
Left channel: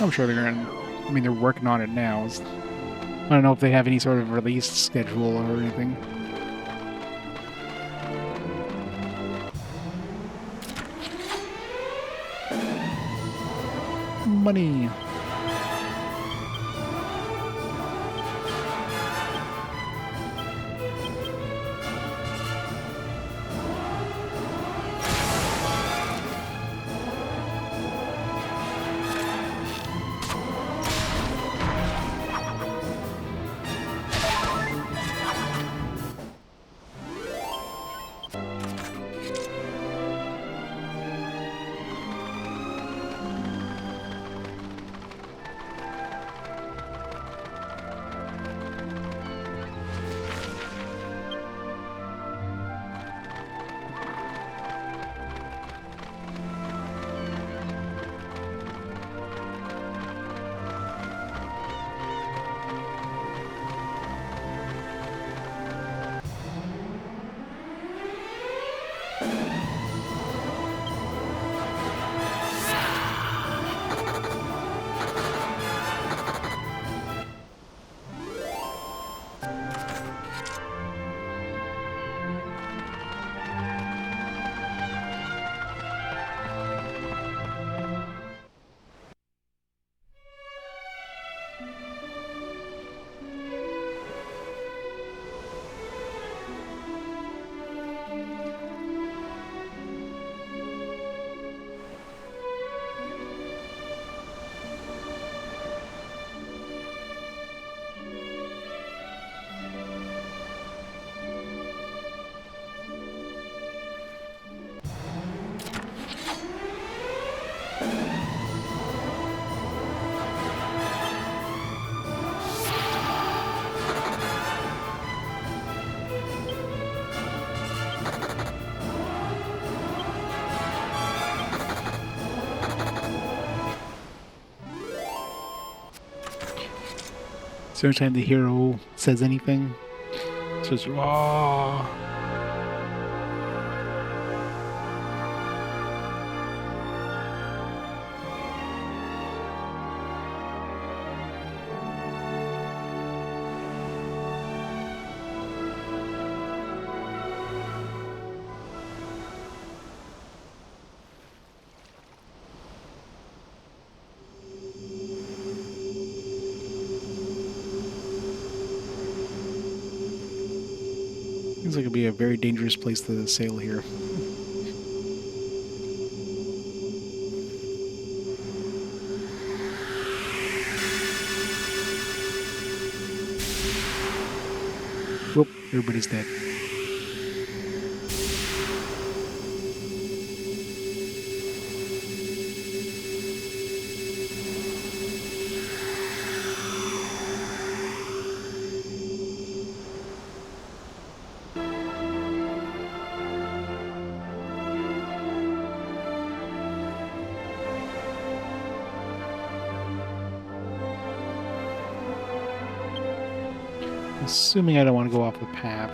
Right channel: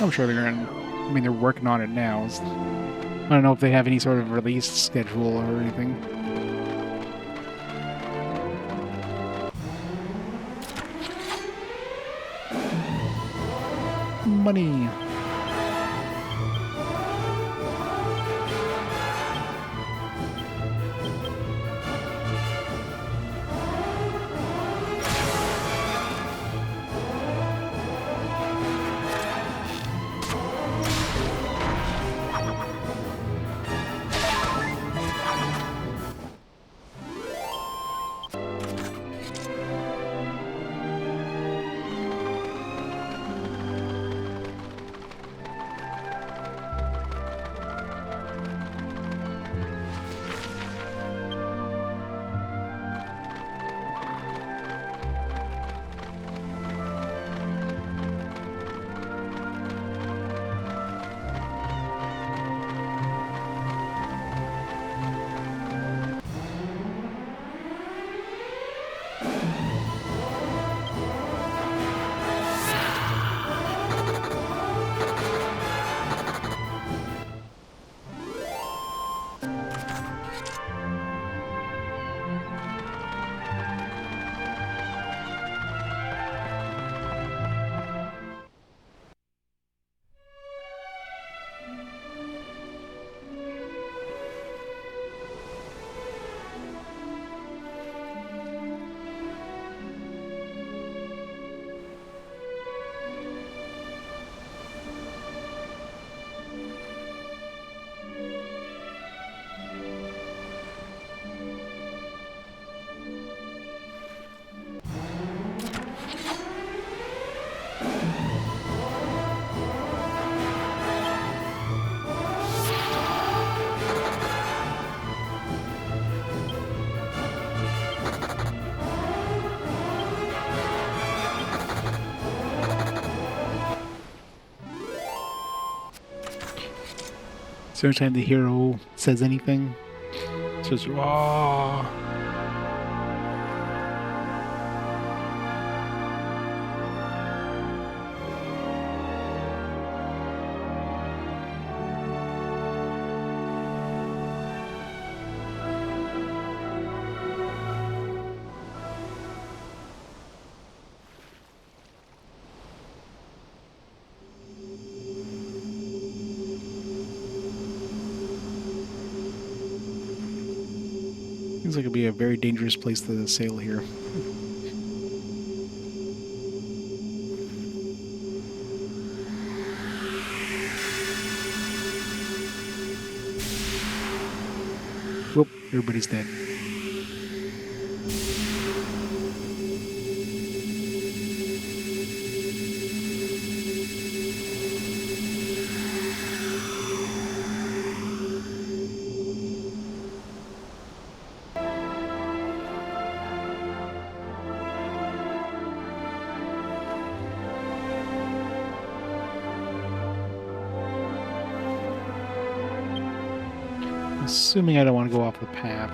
I'm sure they're gonna... I mean, they're working on it now. I don't know if they have any sort of release schedule or anything. Money! So every time the hero says anything, it says, "Raw." Seems like it'd be a very dangerous place to sail here. Whoop, everybody's dead. Assuming I don't want to go off the path.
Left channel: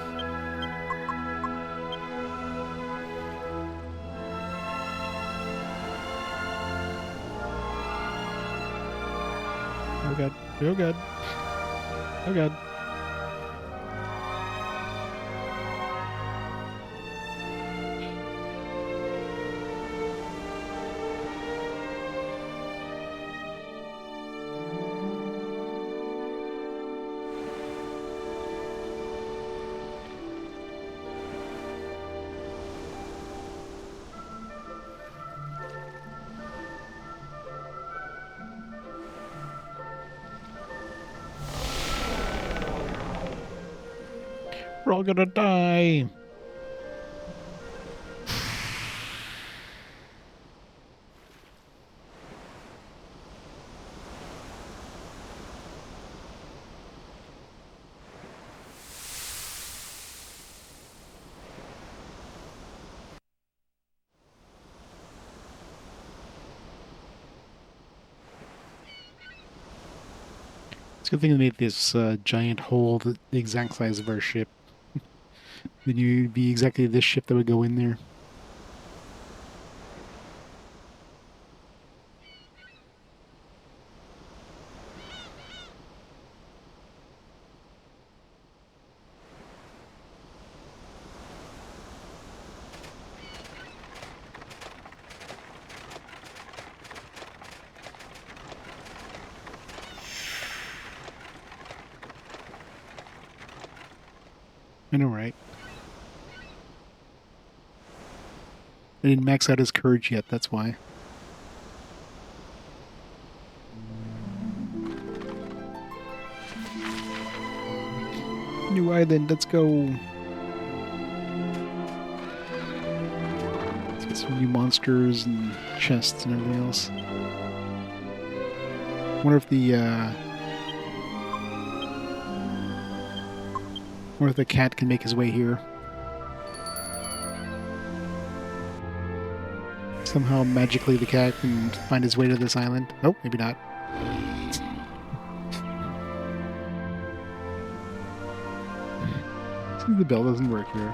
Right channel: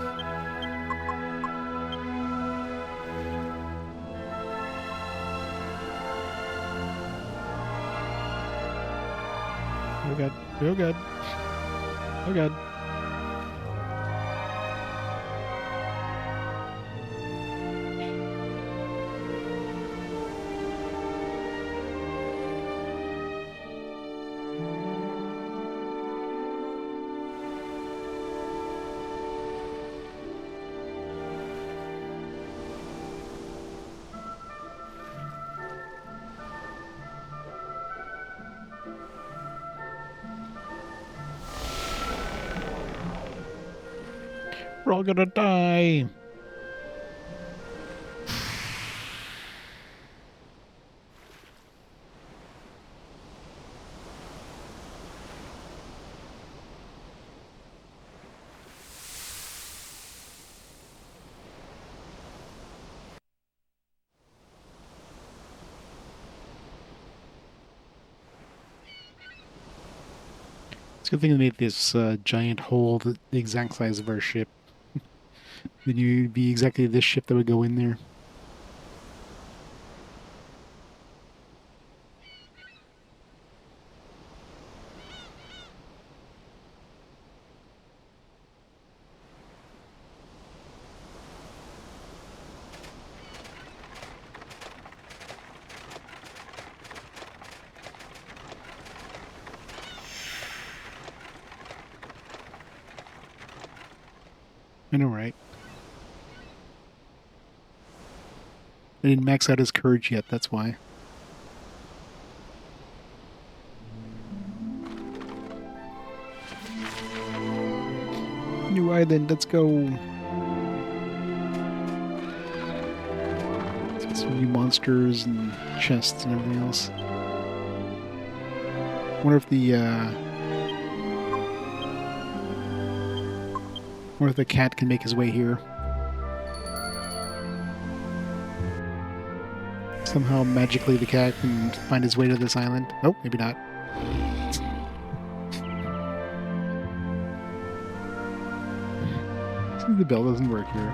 Oh god. Oh god. Oh god. We're all gonna die. It's a good thing they made this giant hole the exact size of our ship. Then you'd be exactly this ship that would go in there. I know, right? I didn't max out his courage yet, that's why. New island, let's go. Let's get some new monsters and chests and everything else. Wonder if the cat can make his way here. Somehow, magically, the cat can find his way to this island. Oh, maybe not. The bell doesn't work here.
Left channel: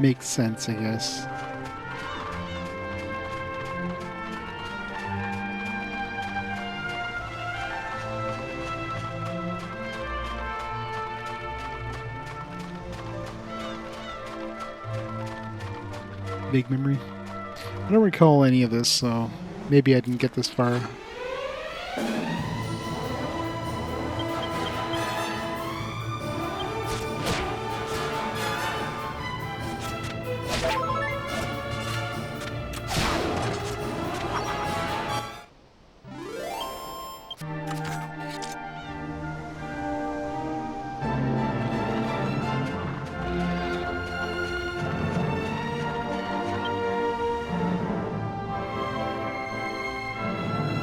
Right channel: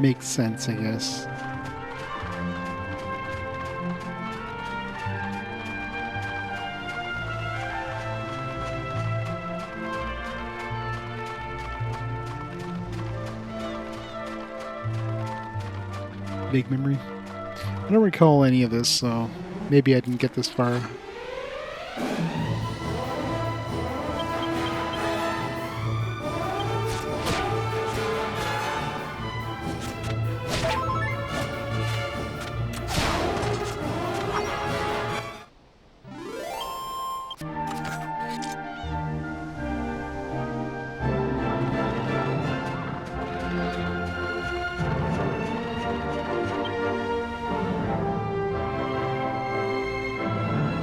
Makes sense, I guess. Vague memory. I don't recall any of this, so maybe I didn't get this far.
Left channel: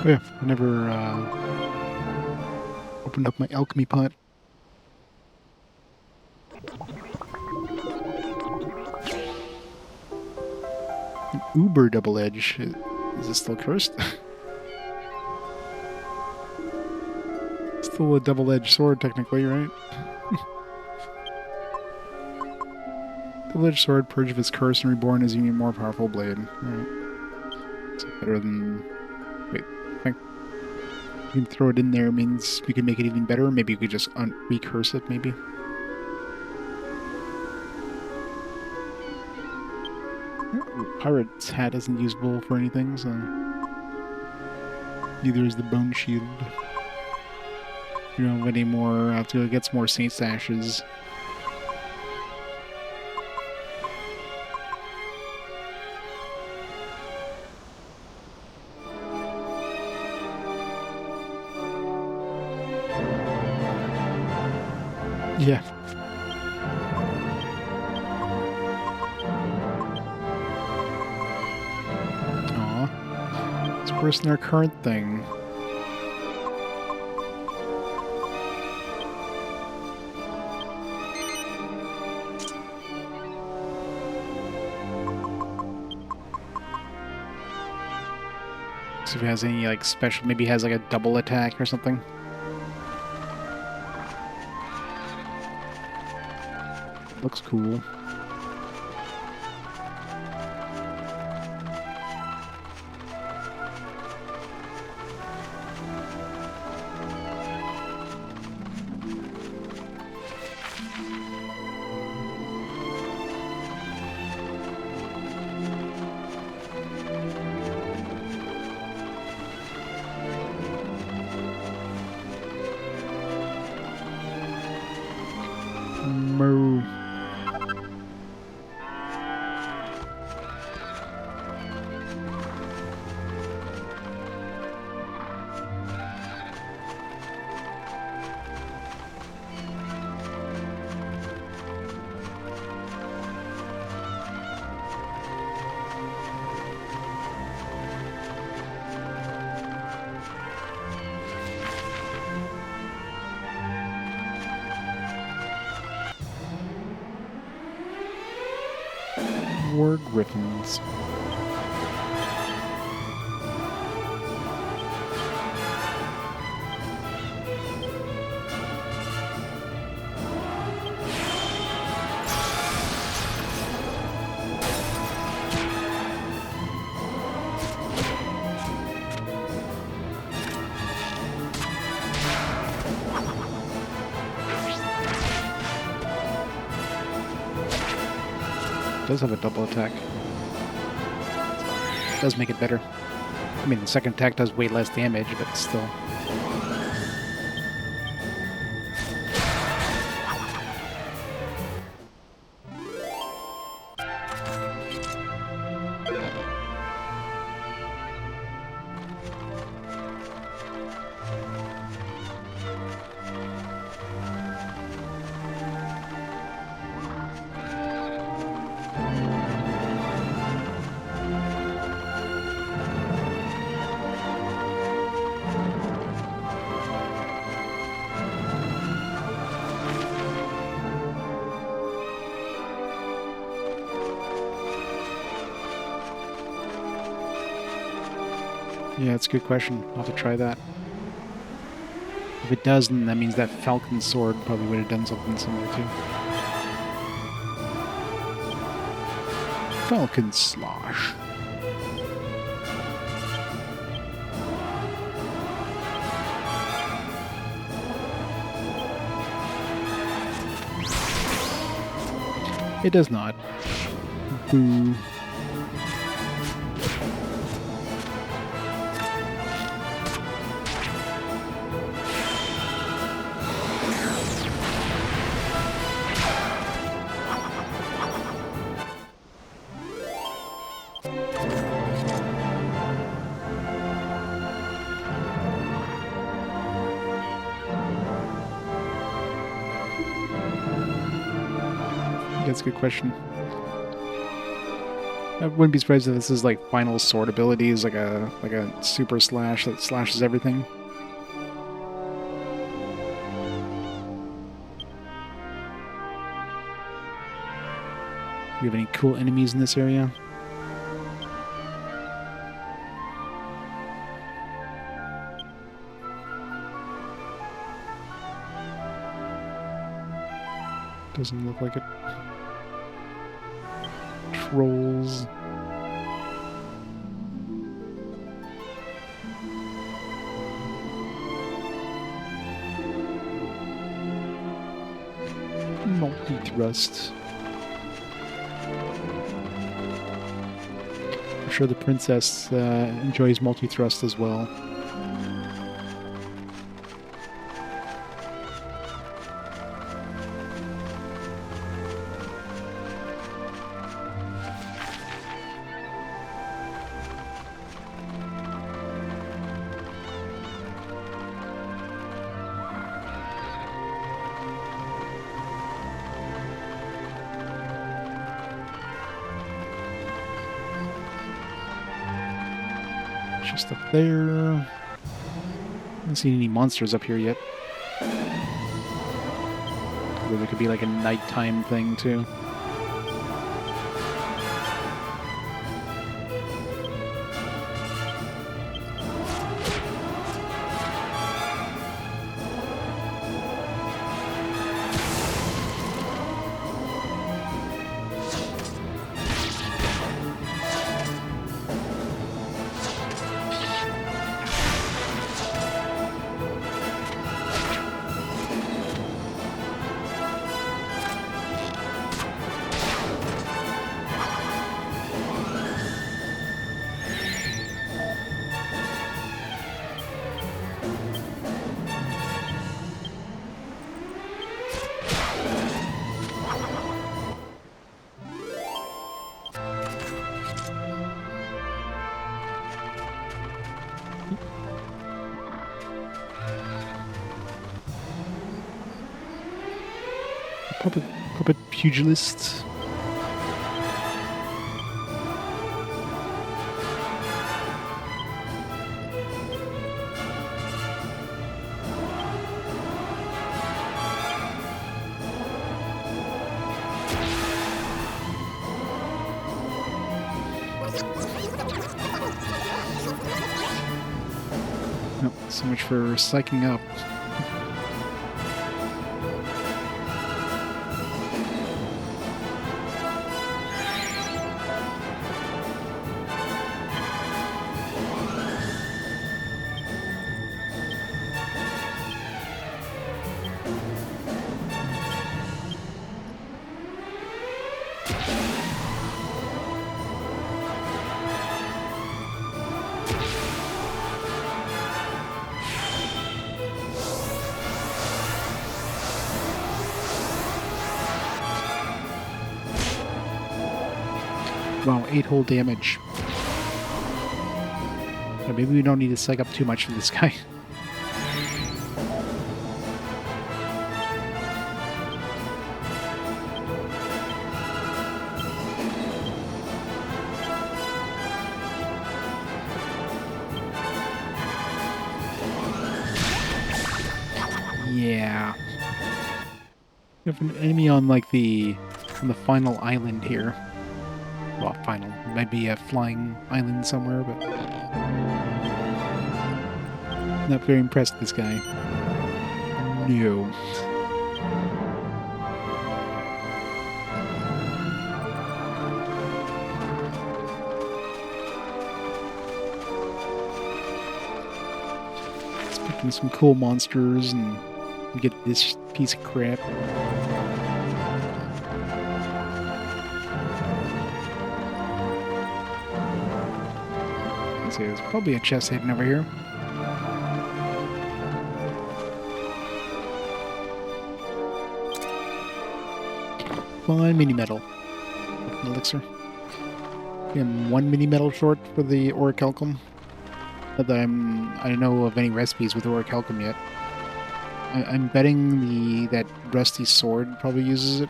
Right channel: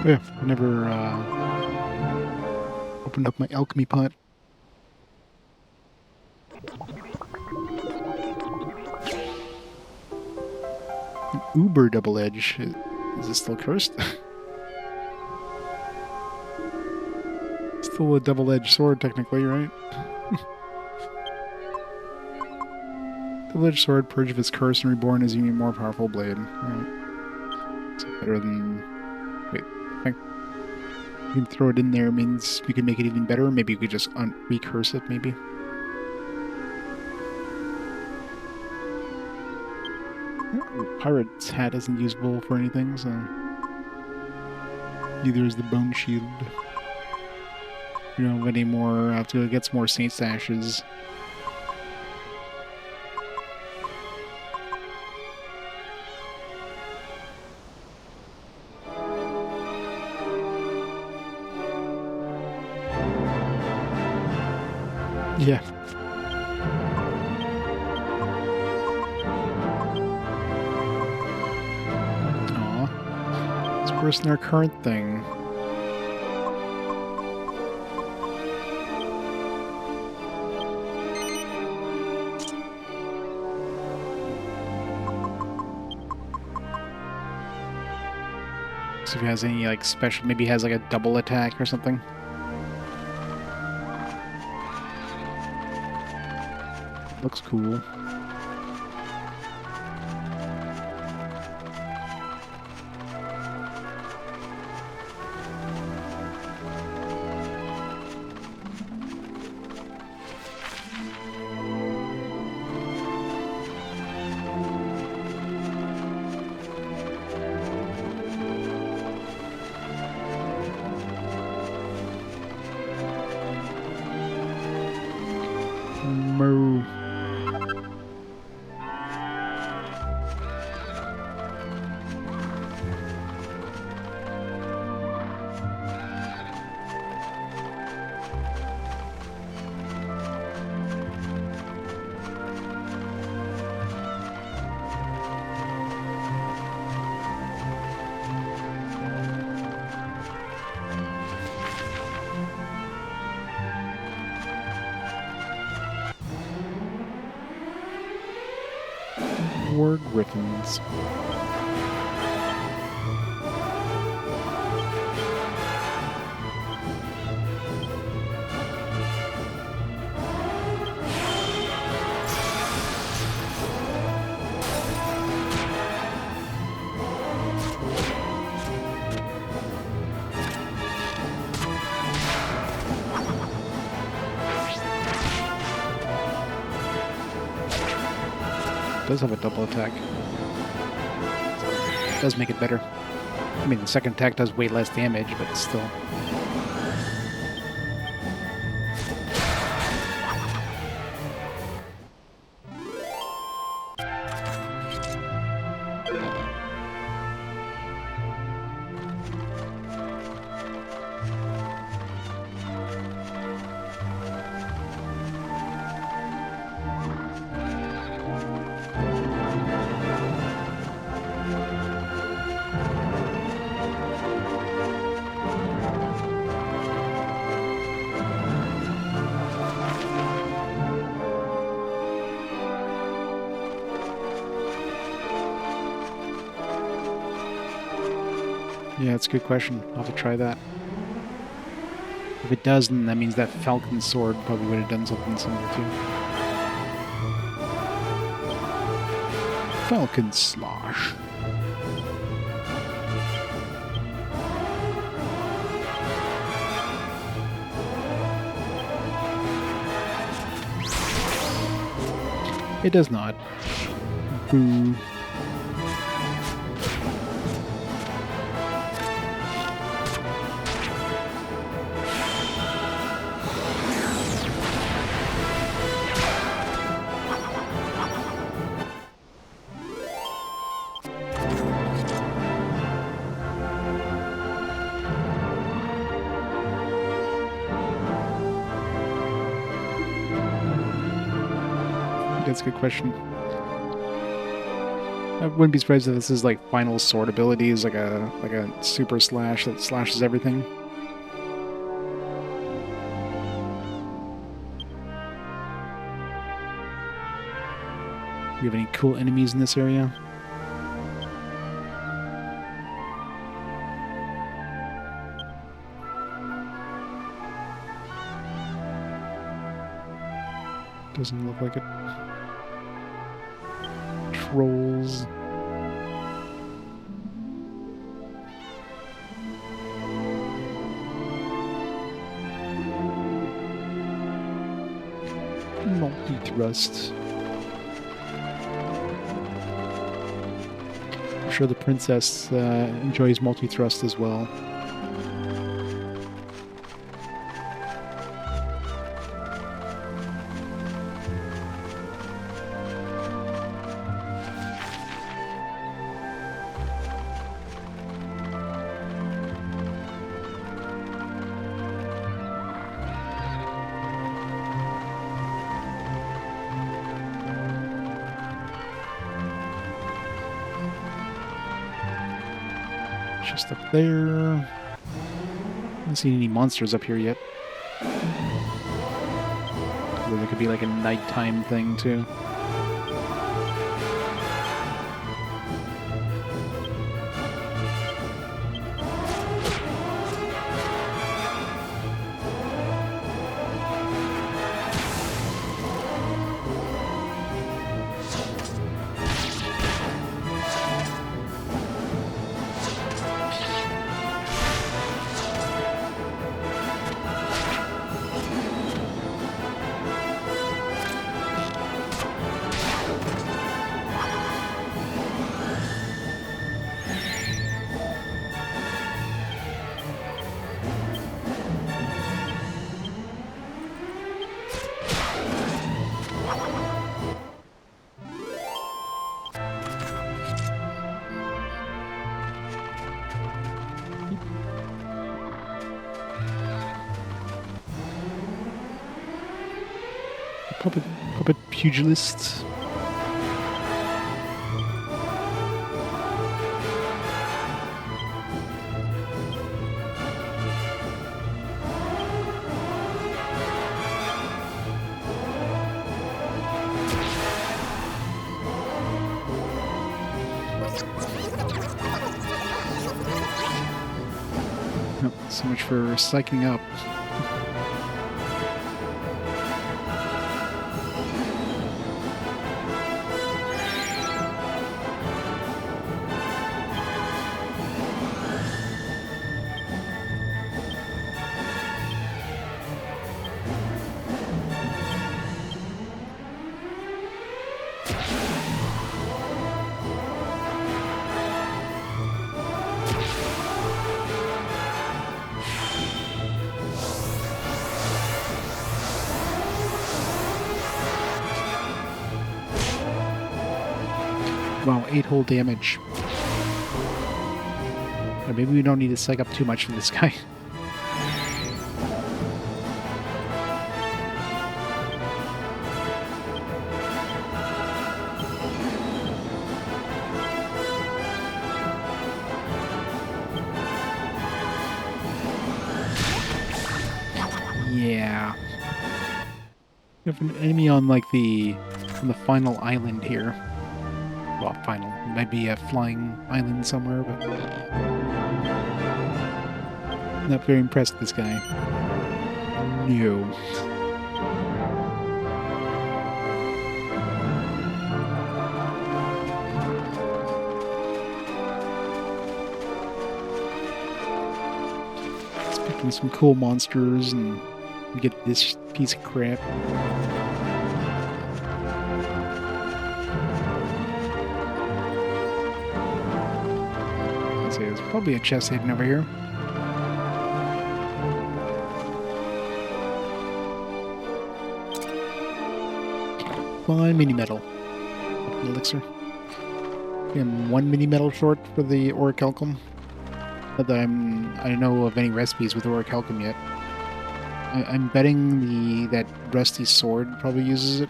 Yeah, I never opened up my alchemy pot. An uber double edge. Is this still cursed? Still a double-edged sword, technically, right? Double-edged sword, purge of its curse, and reborn as an even more powerful blade. Alright. It's better than... Wait, I think you can throw it in there means we can make it even better. Maybe we could just recurse it, maybe. Ooh, Pirate's hat isn't usable for anything, so... Neither is the bone shield. We don't have any more... I have to go get some more Saint's Ashes. Yeah. Aw. It's worse than our current thing. See if he has any, like, special... Maybe he has, like, a double attack or something. Looks cool. Moo. War Griffins. Does have a double attack. Does make it better. I mean, the second attack does way less damage, but still. Yeah, it's a good question. I'll have to try that. If it does, then that means that Falcon Sword probably would have done something similar too. Falcon Slosh. It does not. Boo. That's a good question. I wouldn't be surprised if this is like final sword abilities, like a super slash that slashes everything. Do you have any cool enemies in this area? Doesn't look like it. Trolls. Multi-thrust. I'm sure the princess enjoys multi-thrust as well. Just up there. Haven't seen any monsters up here yet. Although there could be like a nighttime thing too. Puppet pugilist. Nope, so much for psyching up. Wow, 8 whole damage. Or maybe we don't need to psych up too much for this guy. Yeah. We have an enemy on like on the final island here. Well, final. It might be a flying island somewhere, but not very impressed with this guy. No. Let's pick in some cool monsters and get this piece of crap. There's probably a chest hidden over here. Fine mini metal. Elixir. I'm 1 mini metal short for the orichalcum. Not that I don't know of any recipes with orichalcum yet. I'm betting that rusty sword probably uses it.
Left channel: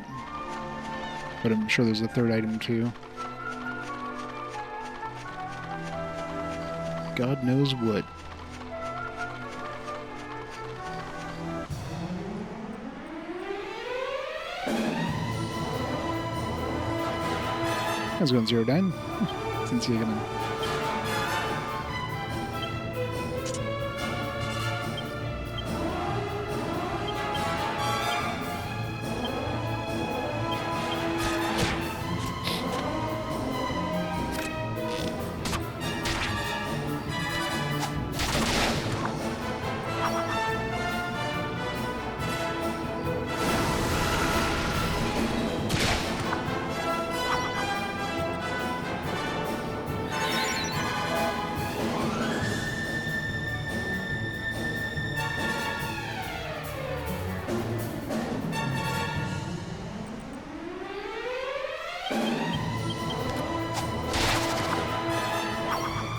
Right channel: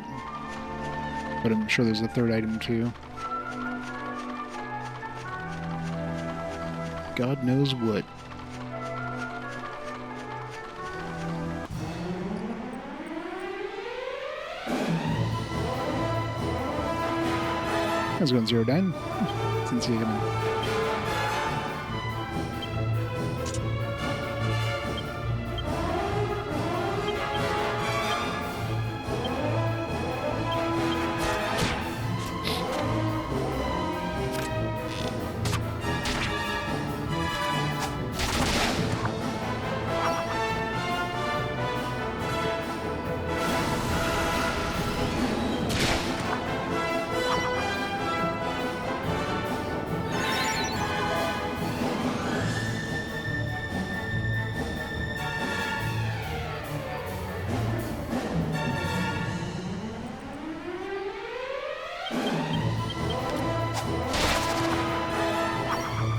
But I'm sure there's a third item too. God knows what. I was going 0-9. Didn't see it coming.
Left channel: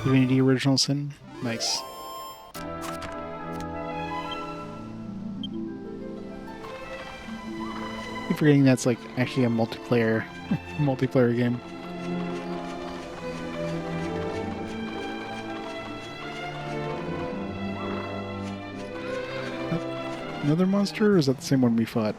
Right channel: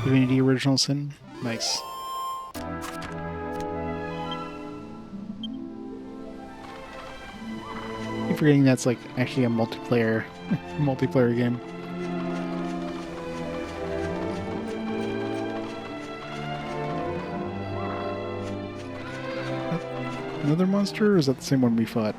Divinity Original Sin. Nice. I keep forgetting that's like actually a multiplayer game. Another monster, or is that the same one we fought?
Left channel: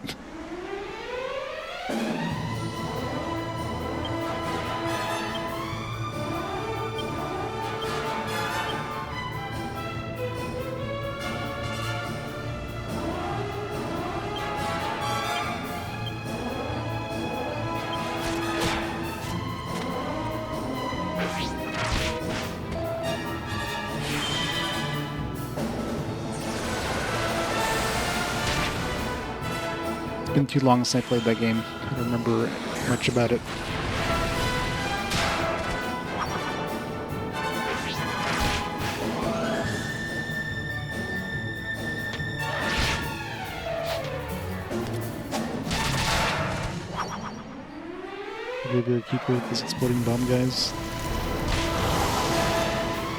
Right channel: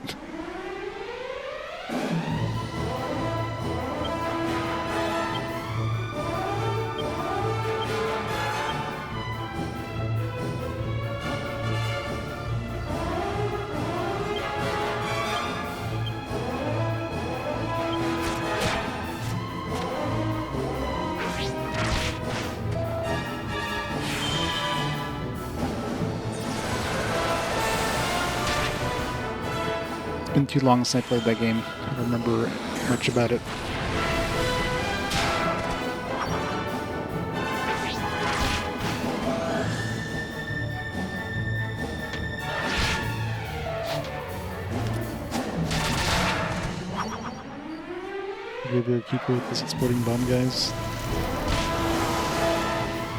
It's been too long since I played that game. I don't remember much about it. Graveyard Keeper with this exploding bomb guys.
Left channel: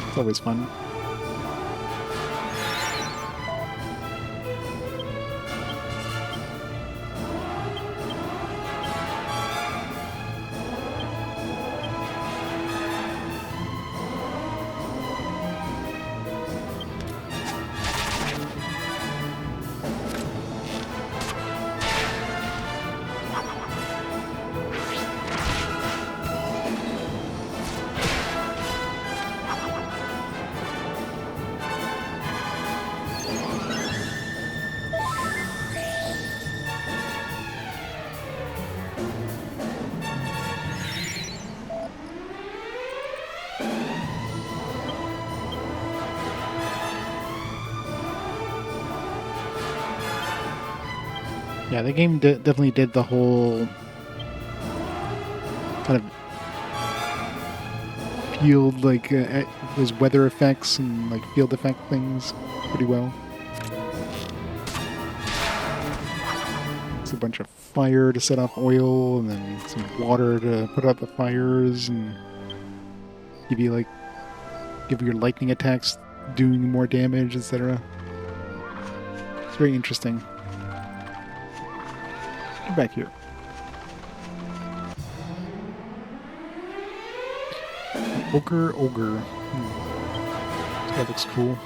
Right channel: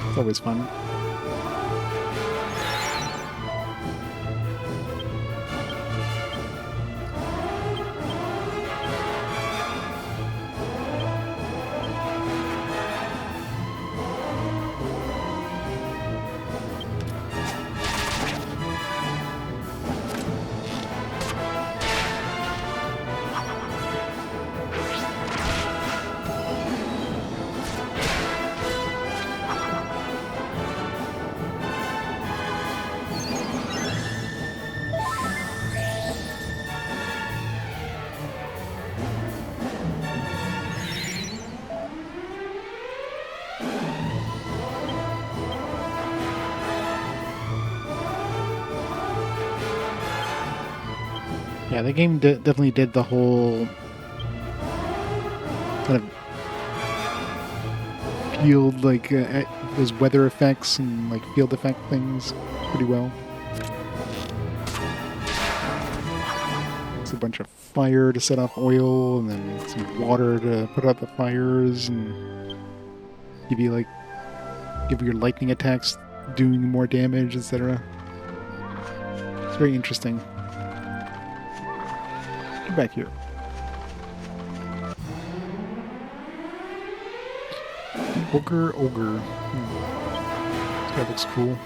It's always fun. Yeah, the game definitely did the whole kind of field, like those weather effects and like field effect things pretty well. It's a bunch of fire to set off oil, and then some water to put out the fires, and give your lightning attacks doing more damage, etc. It's very interesting. Get back here. The Ogre. This guy looks cool.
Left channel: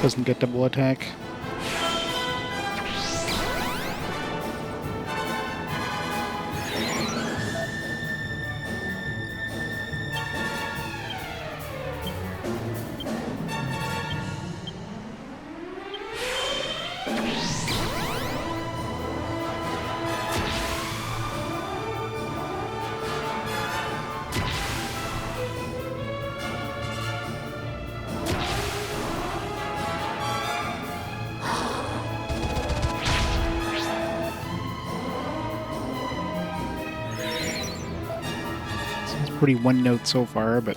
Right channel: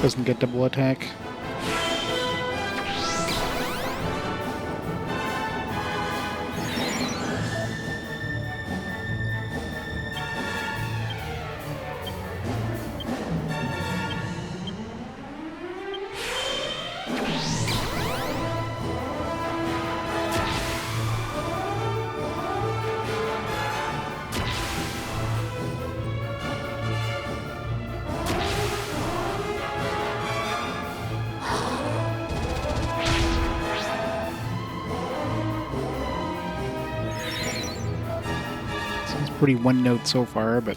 Doesn't get double attack. Seems pretty one note so far, but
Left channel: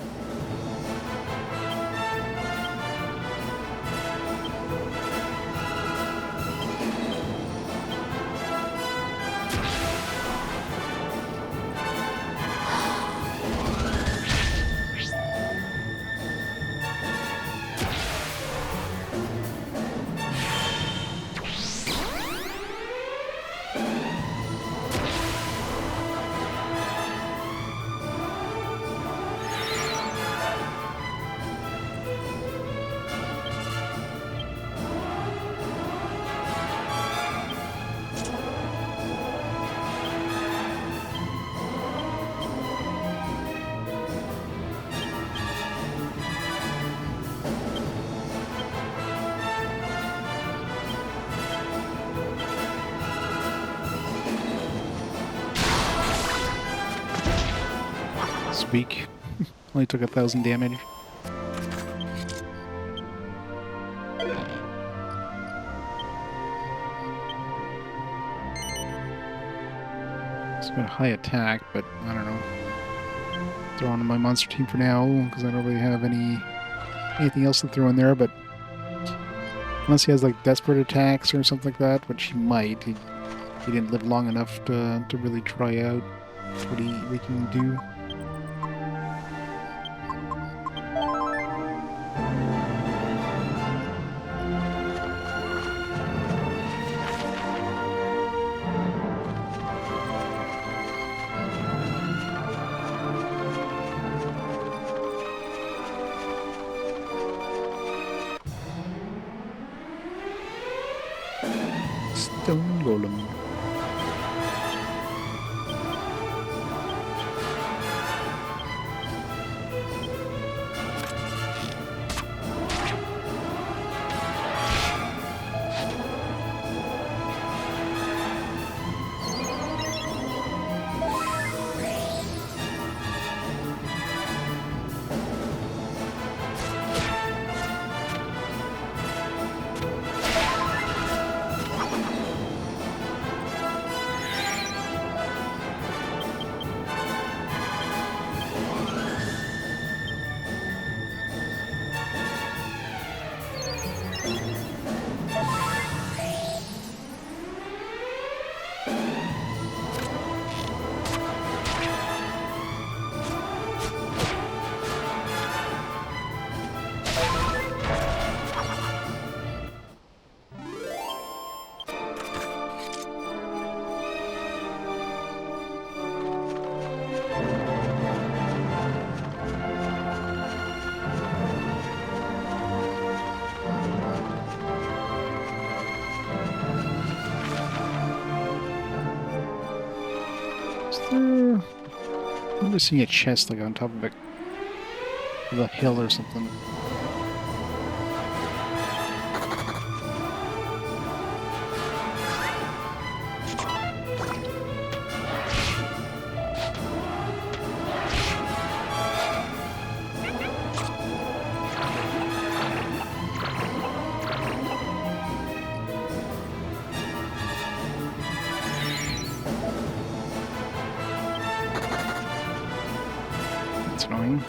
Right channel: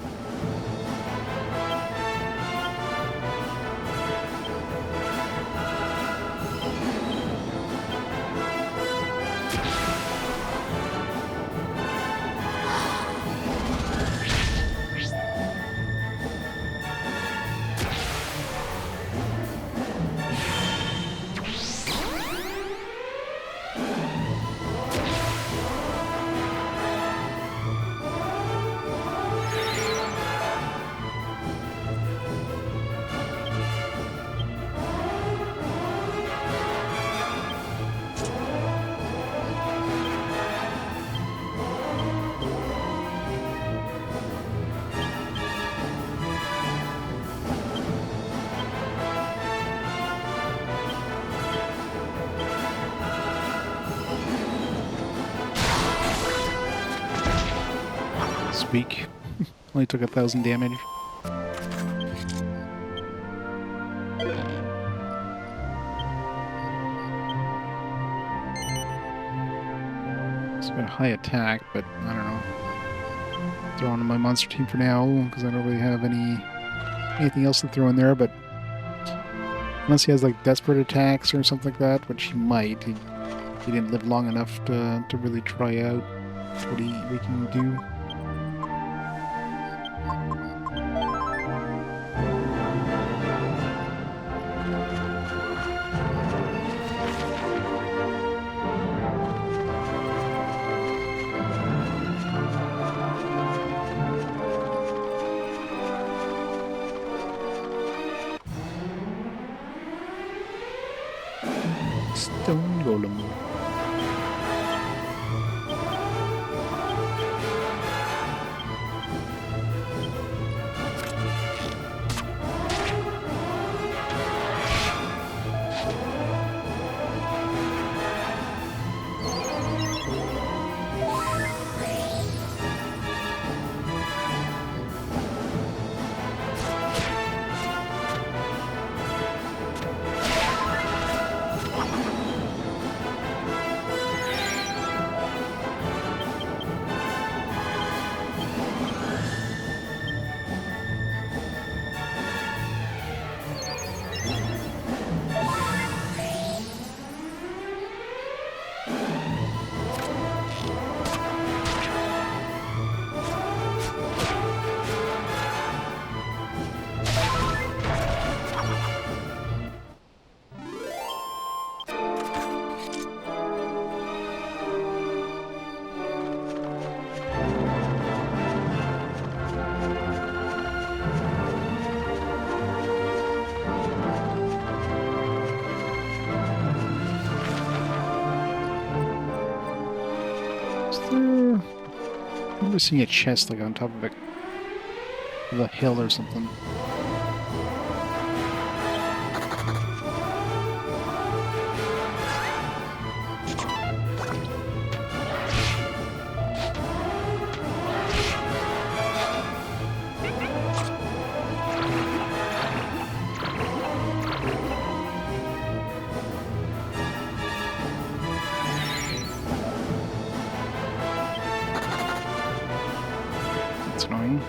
speak. Only took 1,000 damage. It's got a high attack, but I don't know. Throw on my monster team for now, because I don't really have anything else to throw in there, but unless he has like desperate attacks or something like that, which he might. He didn't live long enough to really try out what he can do. Stone Golem. I remember seeing a chest like on top of a hill or something. That's annoying.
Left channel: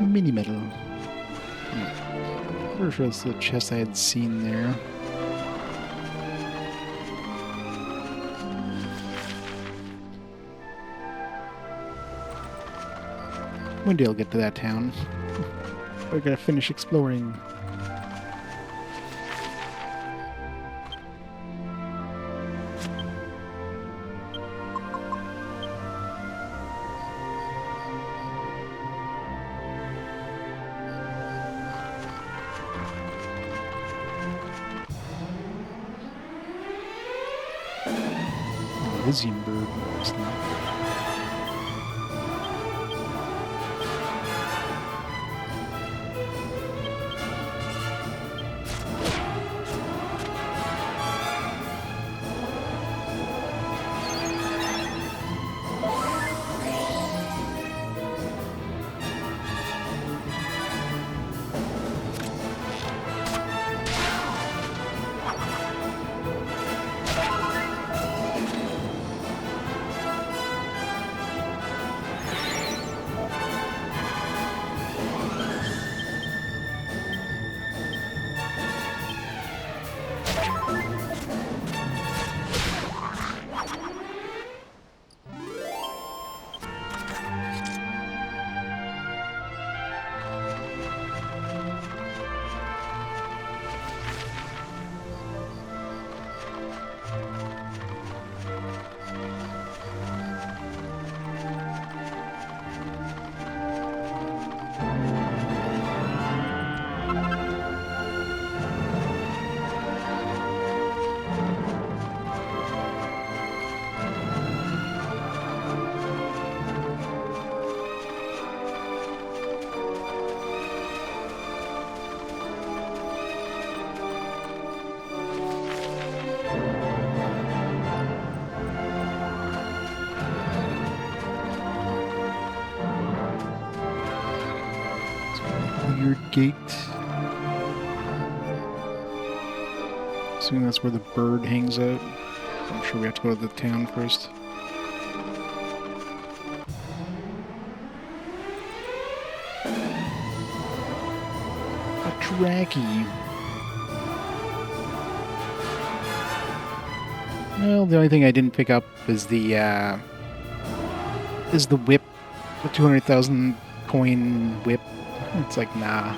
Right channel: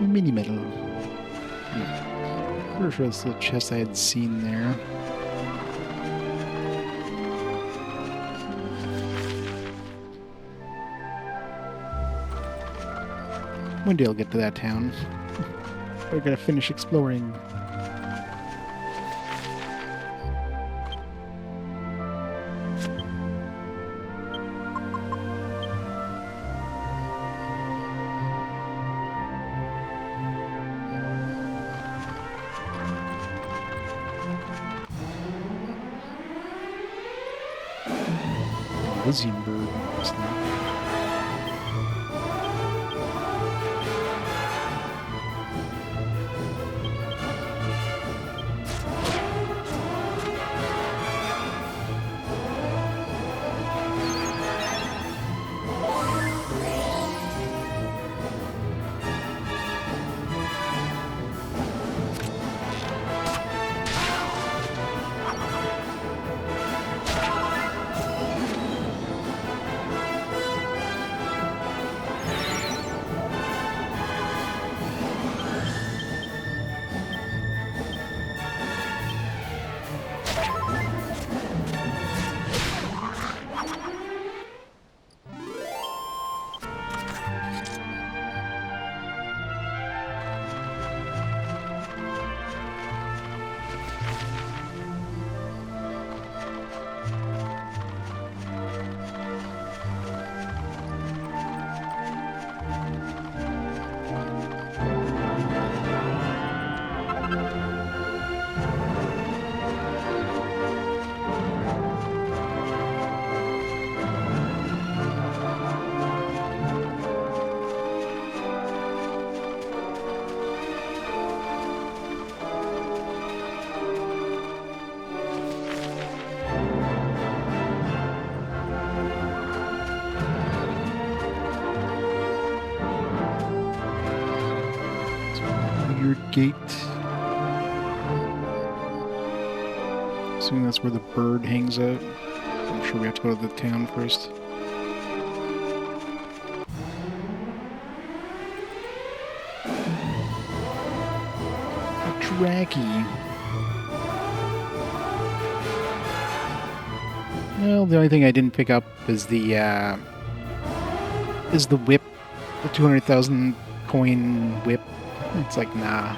Mini metal. Pretty sure that's the chest I had seen there. One day I'll get to that town. We're gonna finish exploring. Elysium bird. Weird gate. Assuming that's where the bird hangs out. I'm sure we have to go to the town first. A Dracky. Well, the only thing I didn't pick up is the whip, the 200,000 coin whip. It's like, nah.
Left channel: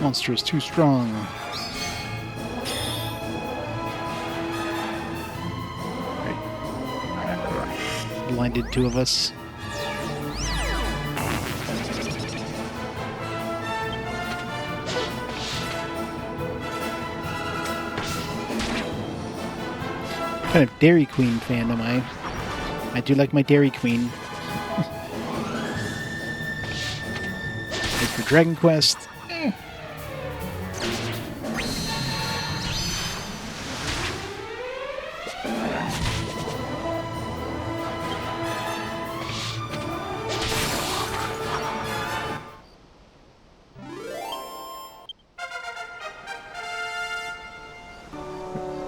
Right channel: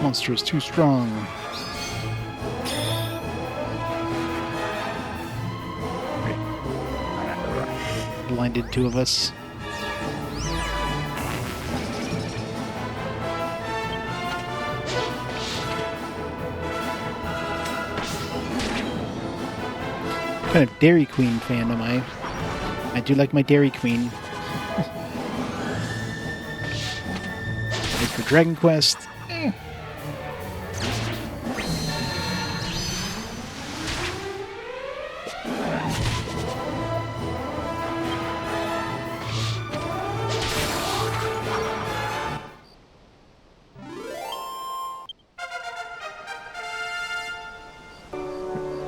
Monster is too strong. Right. Blinded two of us. What kind of Dairy Queen fan am I? I do like my Dairy Queen. Wait for Dragon Quest.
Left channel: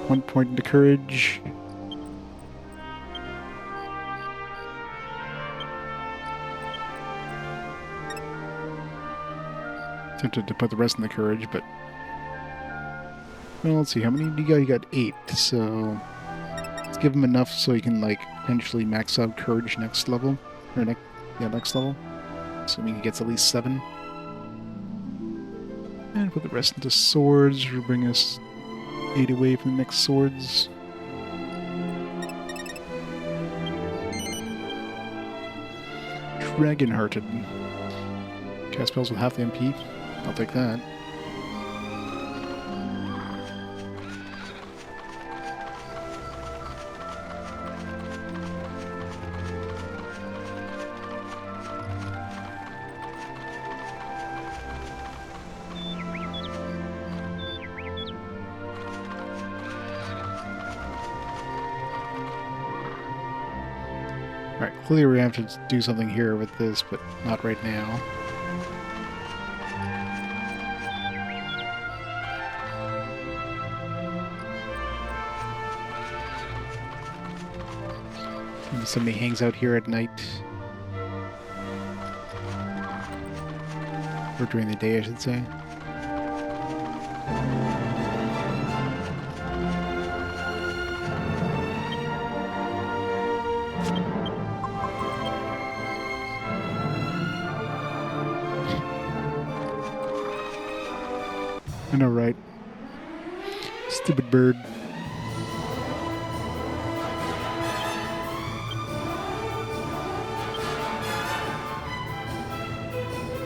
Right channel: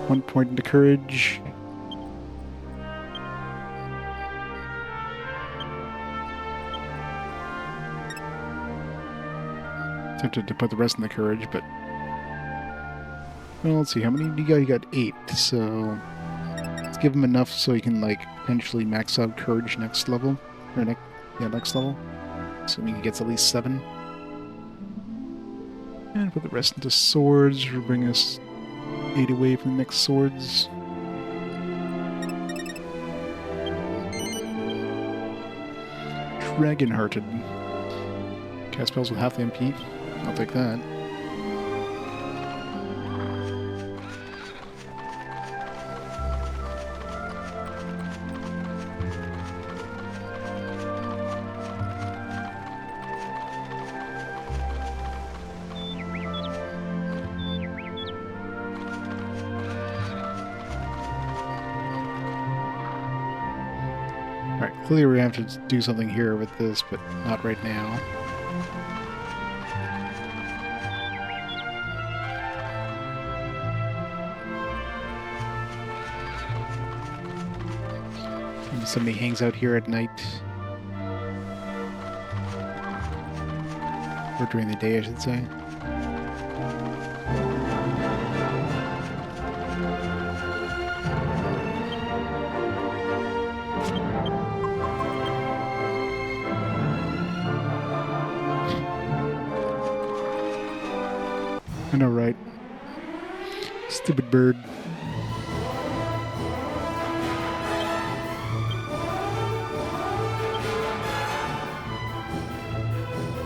One point into courage. Tempted to put the rest in the courage, but well, let's see. How many do you got? You got 8. So let's give him enough so he can like potentially max out courage next level, or next level. Assuming he gets at least 7. And put the rest into swords, which will bring us 8 away from the next swords. Dragon-hearted. Cast spells with half the MP. I'll take that. Alright, clearly we have to do something here with this, but not right now. Maybe somebody hangs out here at night. Or during the day, I should say. I know, right? Stupid bird.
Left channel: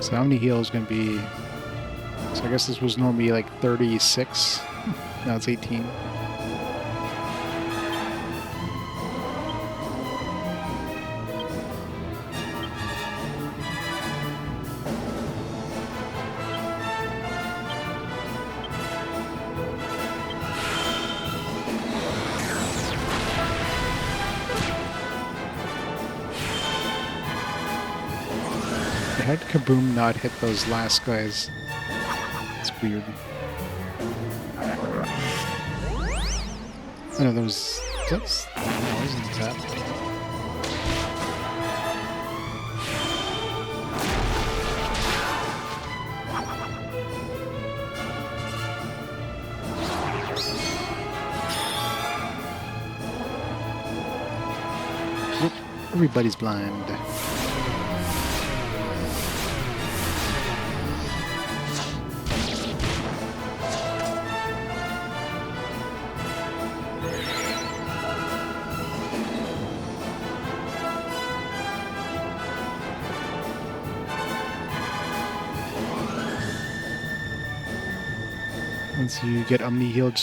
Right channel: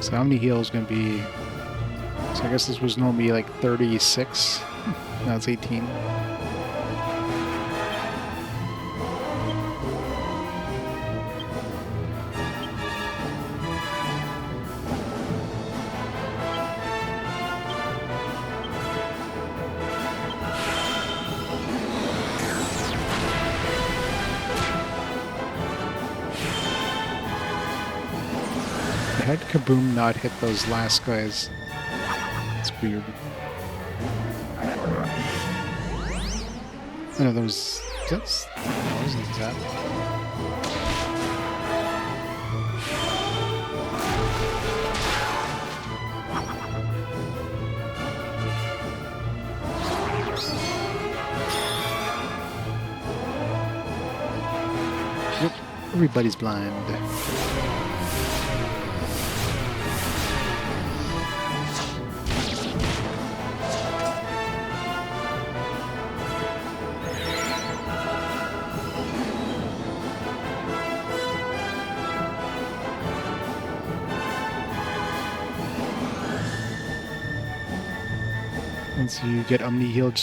So how many heals going to be? So I guess this was normally like 36. Now it's 18. how did Kaboom not hit those last guys? It's weird. I know those. That's. No, isn't that? Yep, everybody's blind. Once you get Omni healed,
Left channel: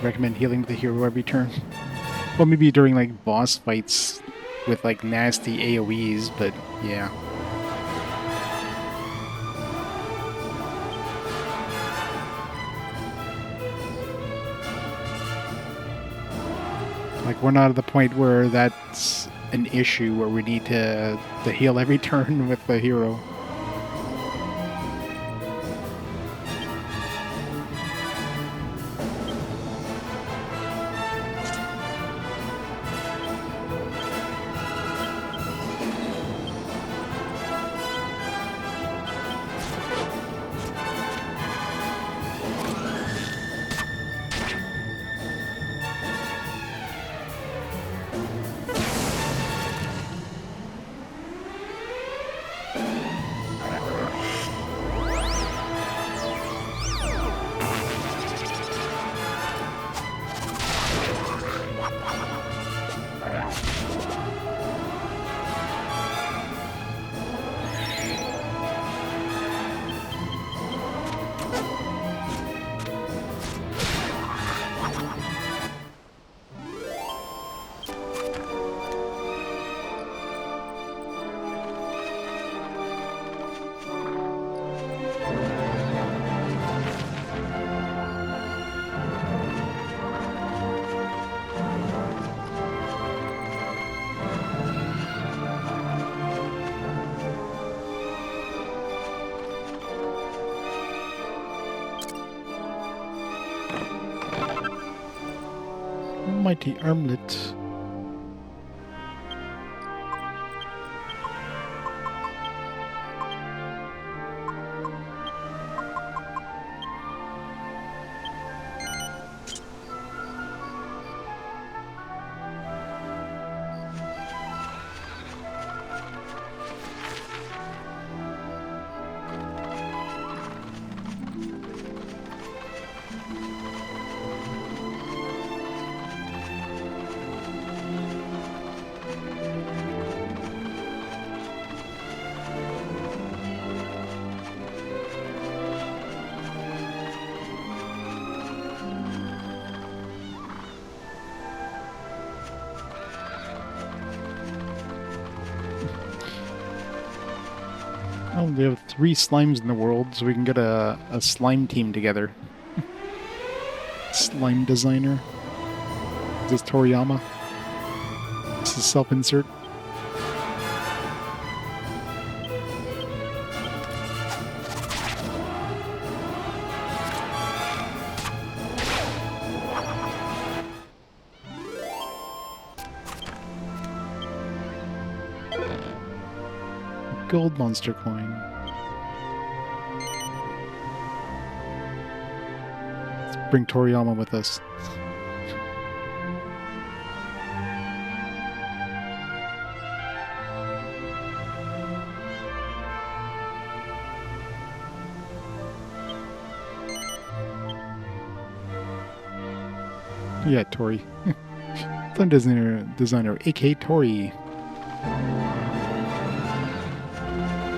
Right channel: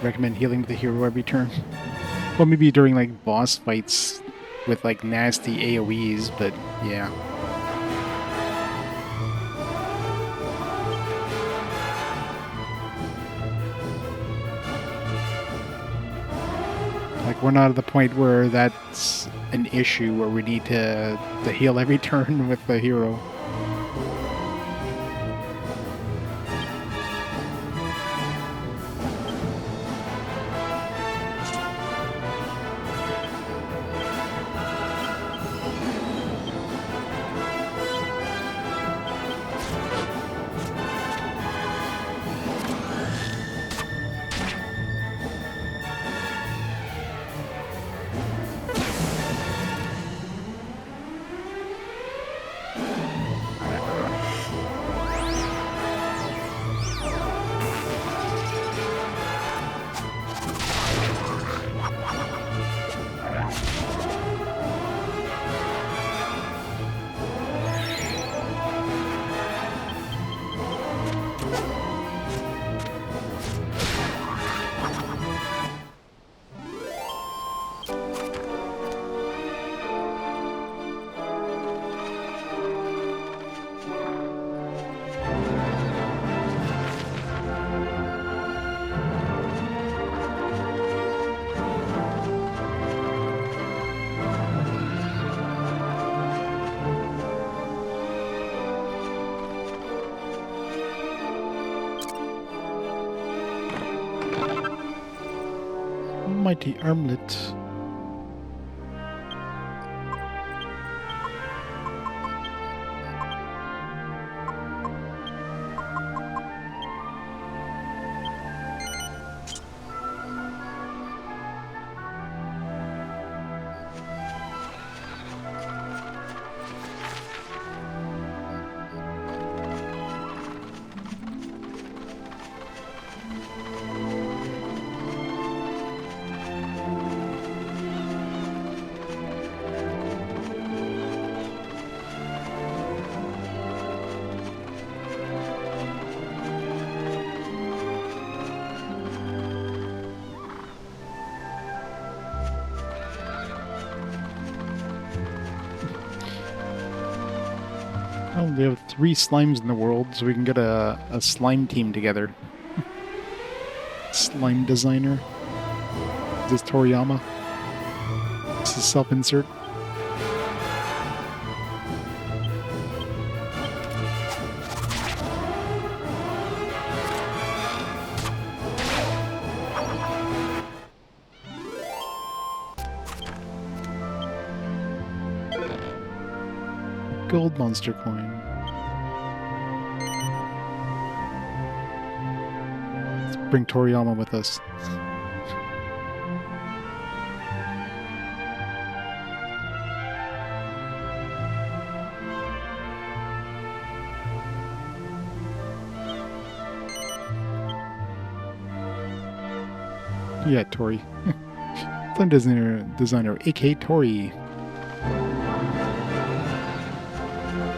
recommend healing the hero every turn. Well, maybe during like boss fights with like nasty AoEs, but yeah. Like we're not at the point where that's an issue where we need to heal every turn with the hero. Mighty armlet. Oh, we have 3 slimes in the world, so we can get a slime team together. Slime designer. Is this Toriyama? This is self-insert. Gold monster coin. Let's bring Toriyama with us. Yeah, Tori. Fun designer, aka Tori.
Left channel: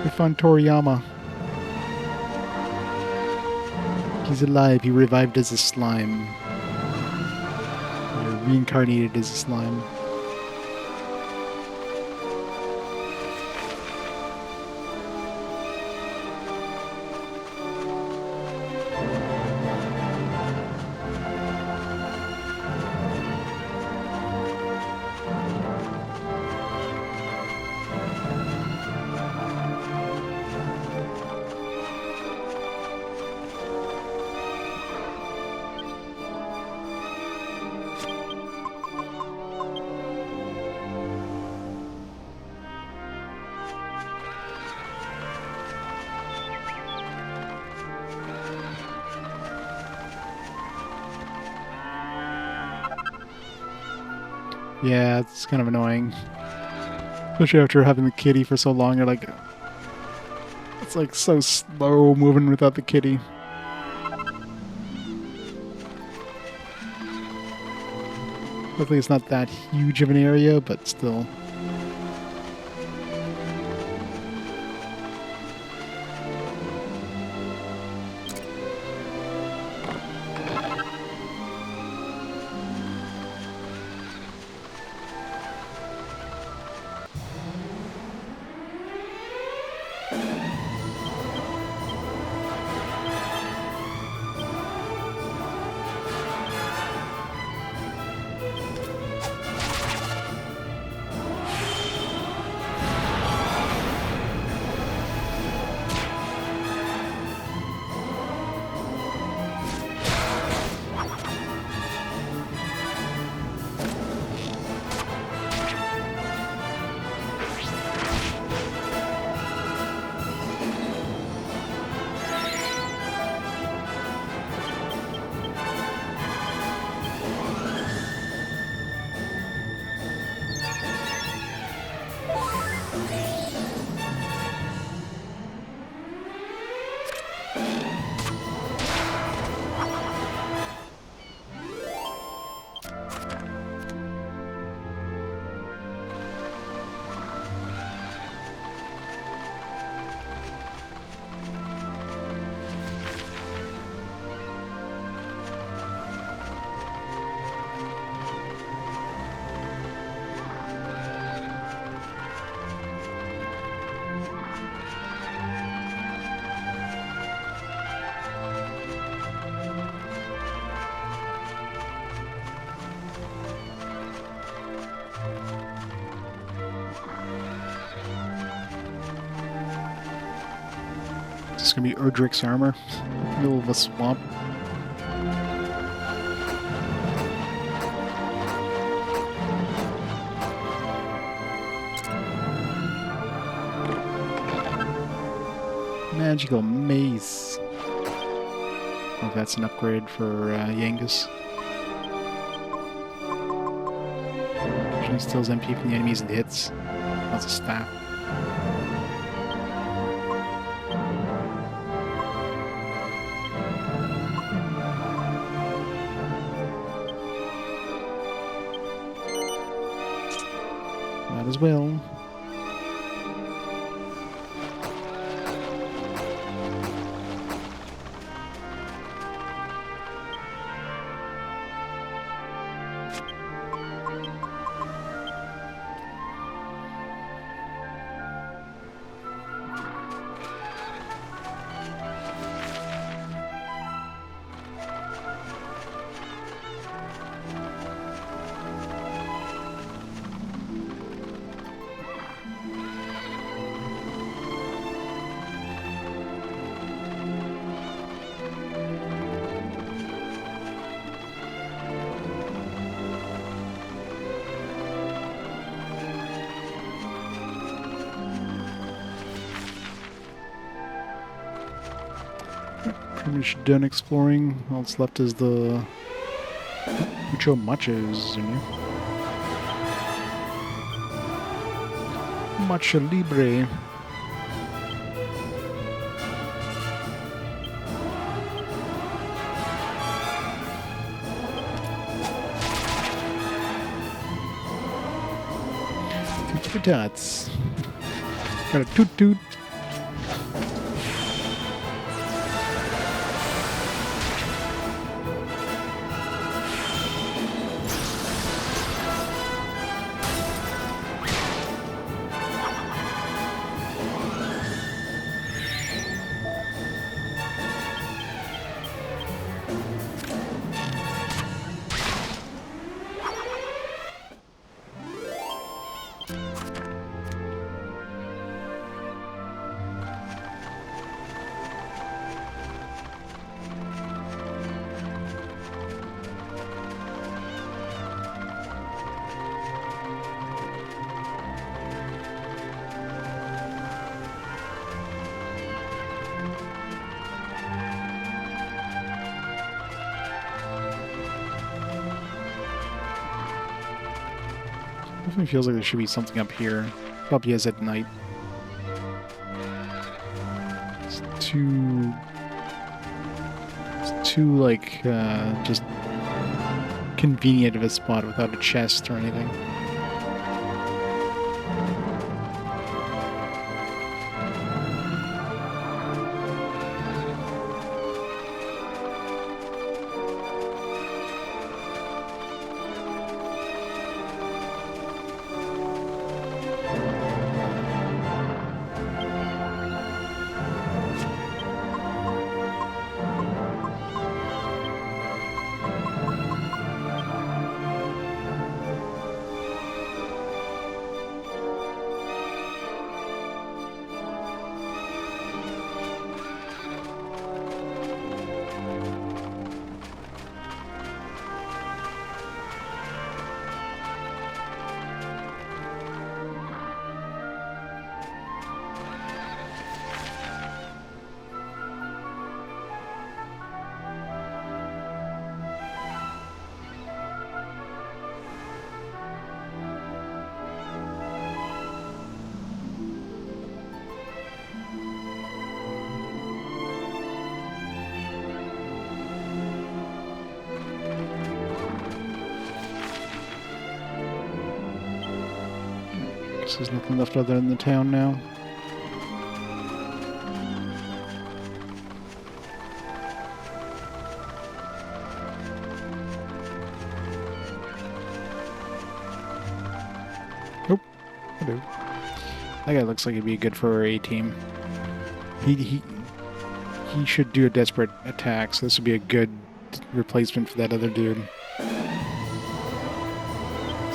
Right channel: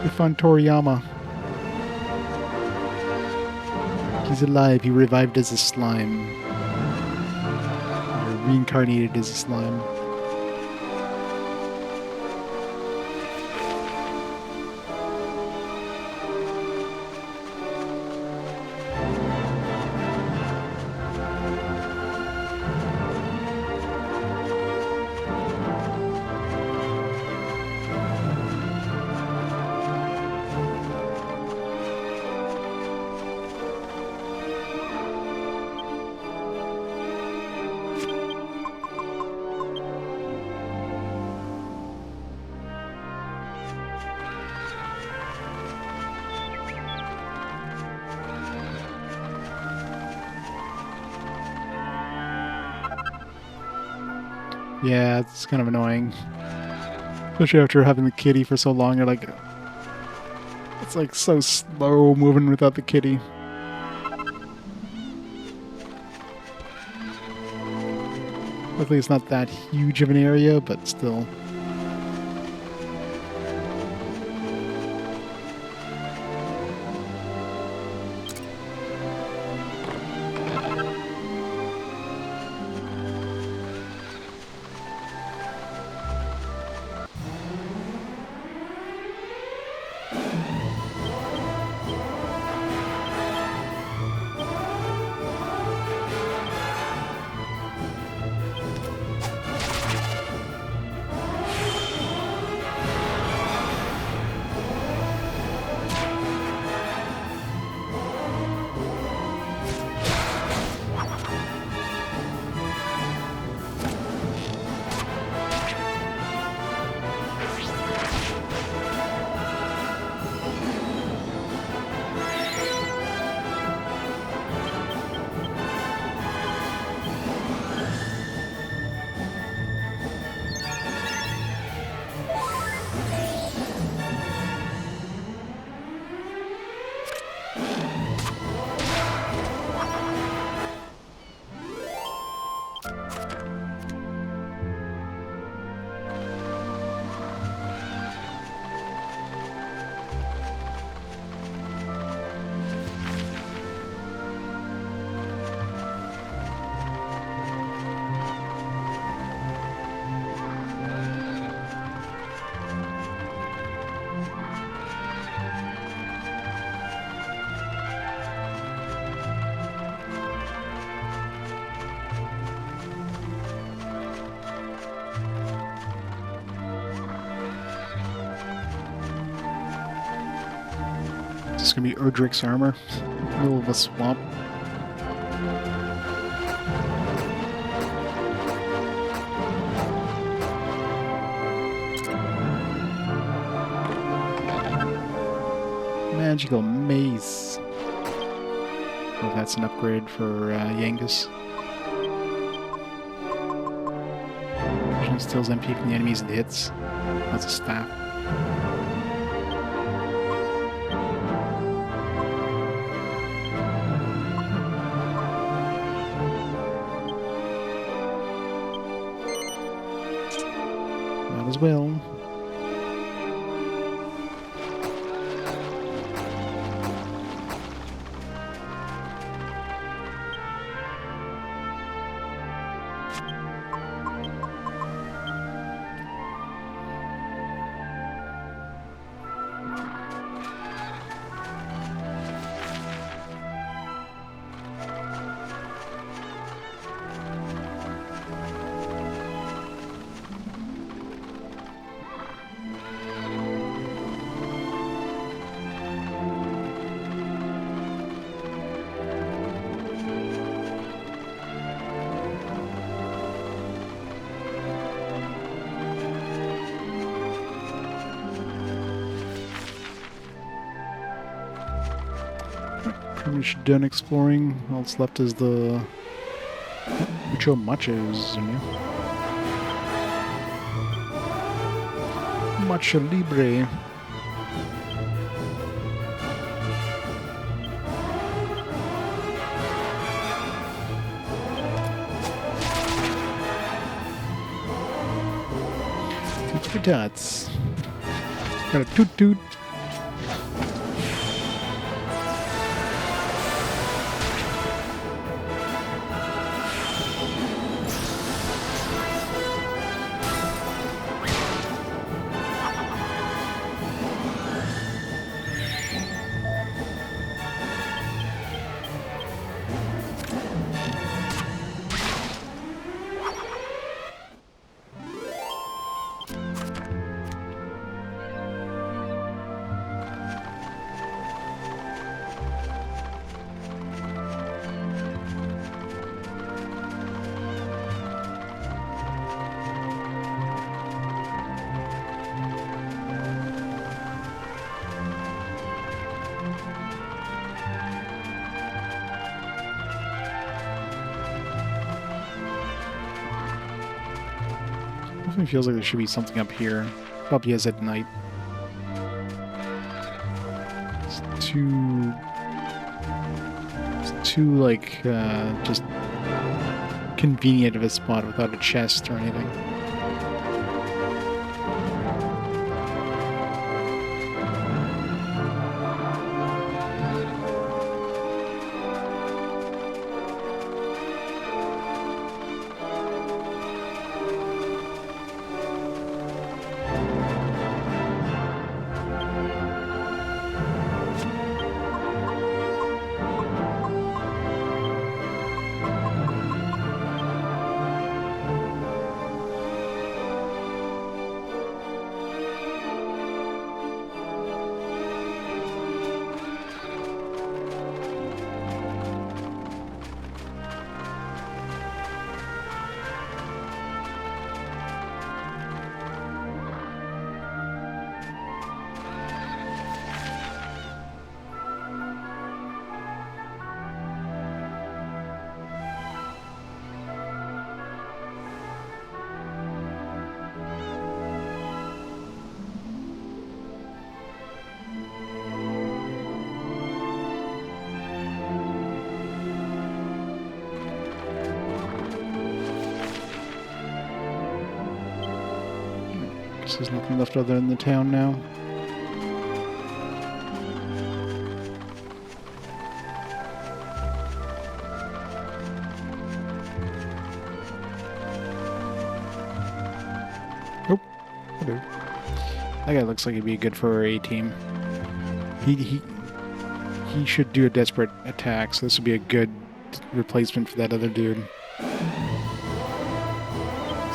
We found Toriyama. He's alive. He revived as a slime. Or reincarnated as a slime. Yeah, it's kind of annoying. Especially after having the kitty for so long, you're like... It's like so slow moving without the kitty. Luckily it's not that huge of an area, but still. It's gonna be Erdrick's armor. Middle of a swamp. Magical mace. Oh, that's an upgrade for Yangus. Occasionally steals MP from the enemies and hits. That's a staff. Might as well. Pretty much done exploring. All that's left is the Mucho Machos, isn't it? Macho Libre. Toot for tots. Got a toot toot. Definitely feels like there should be something up here. Probably is at night. It's too like, just convenient of a spot without a chest or anything. Guess there's nothing left other than the town now. Oh, hello. That guy looks like he'd be good for our A team. He should do a desperate attack, so this would be a good replacement for that other dude. So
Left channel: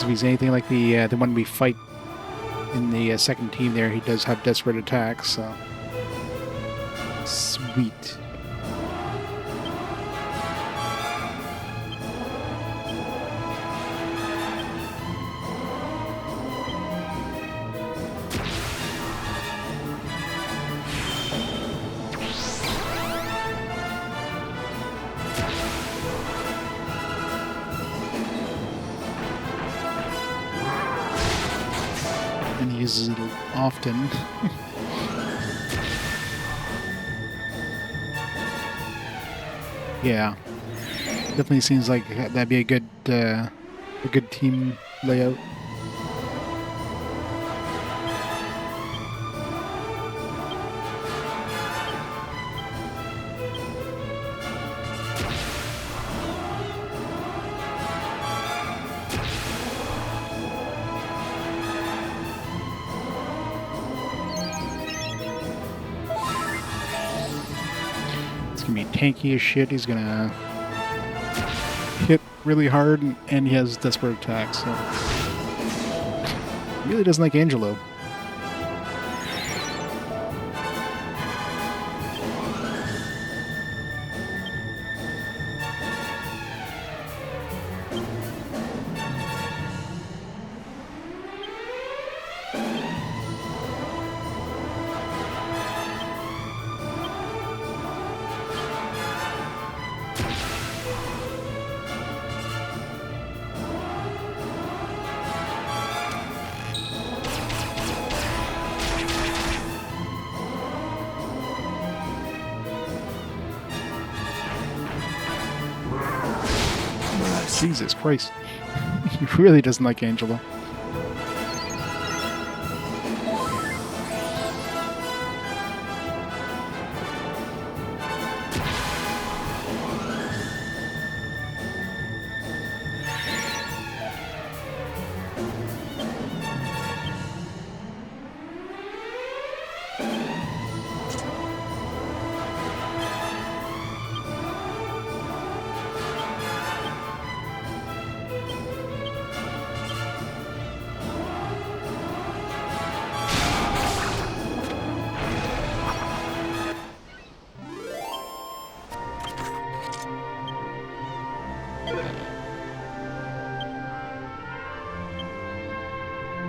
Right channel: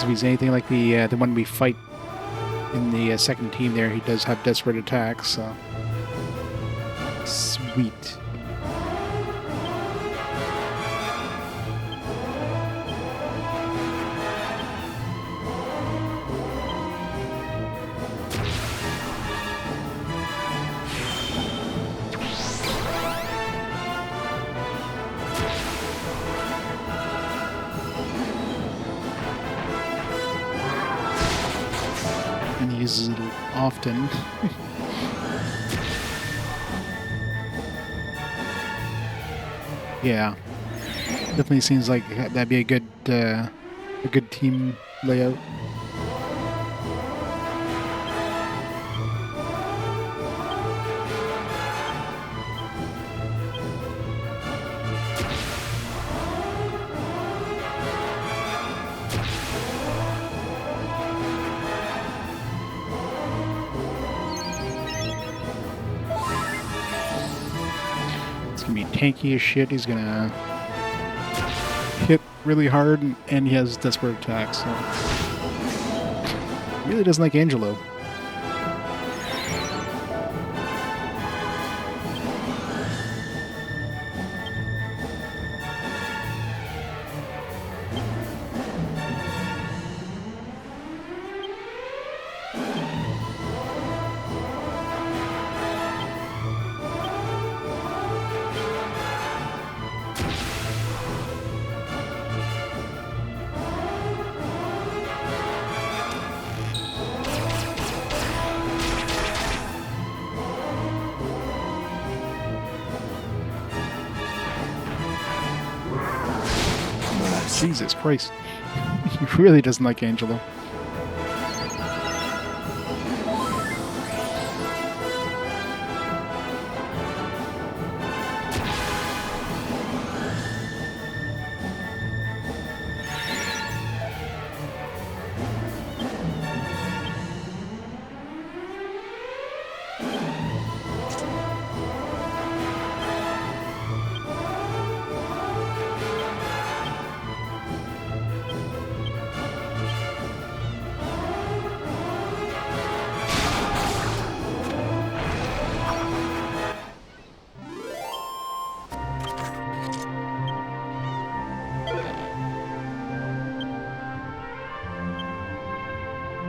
if he's anything like the one we fight in the second team there, he does have desperate attacks, so... Sweet. And he uses it often. Yeah, definitely seems like that'd be a good team layout. It's gonna be tanky as shit. He's gonna hit really hard, and he has desperate attacks. So he really doesn't like Angelo. Jesus Christ. He really doesn't like Angelo.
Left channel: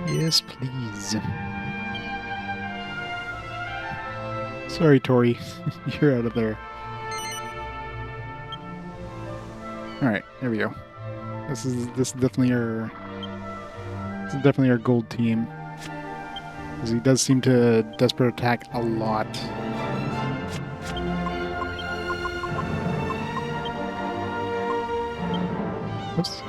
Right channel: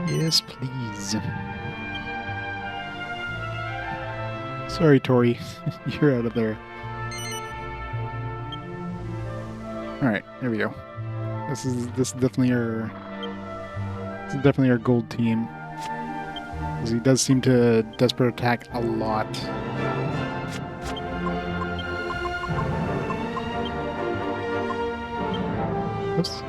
Yes, please. Sorry, Tori. You're out of there. Alright, there we go. This is definitely our This is definitely our gold team. Because he does seem to desperate attack a lot. Oops.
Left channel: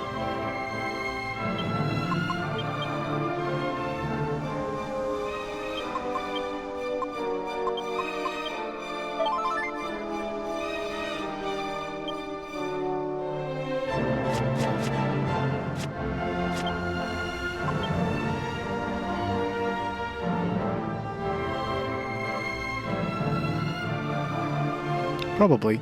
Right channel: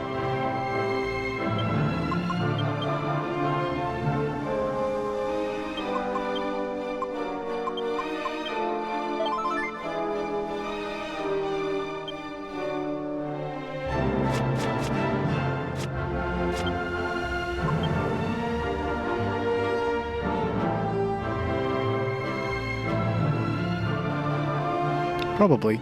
Probably.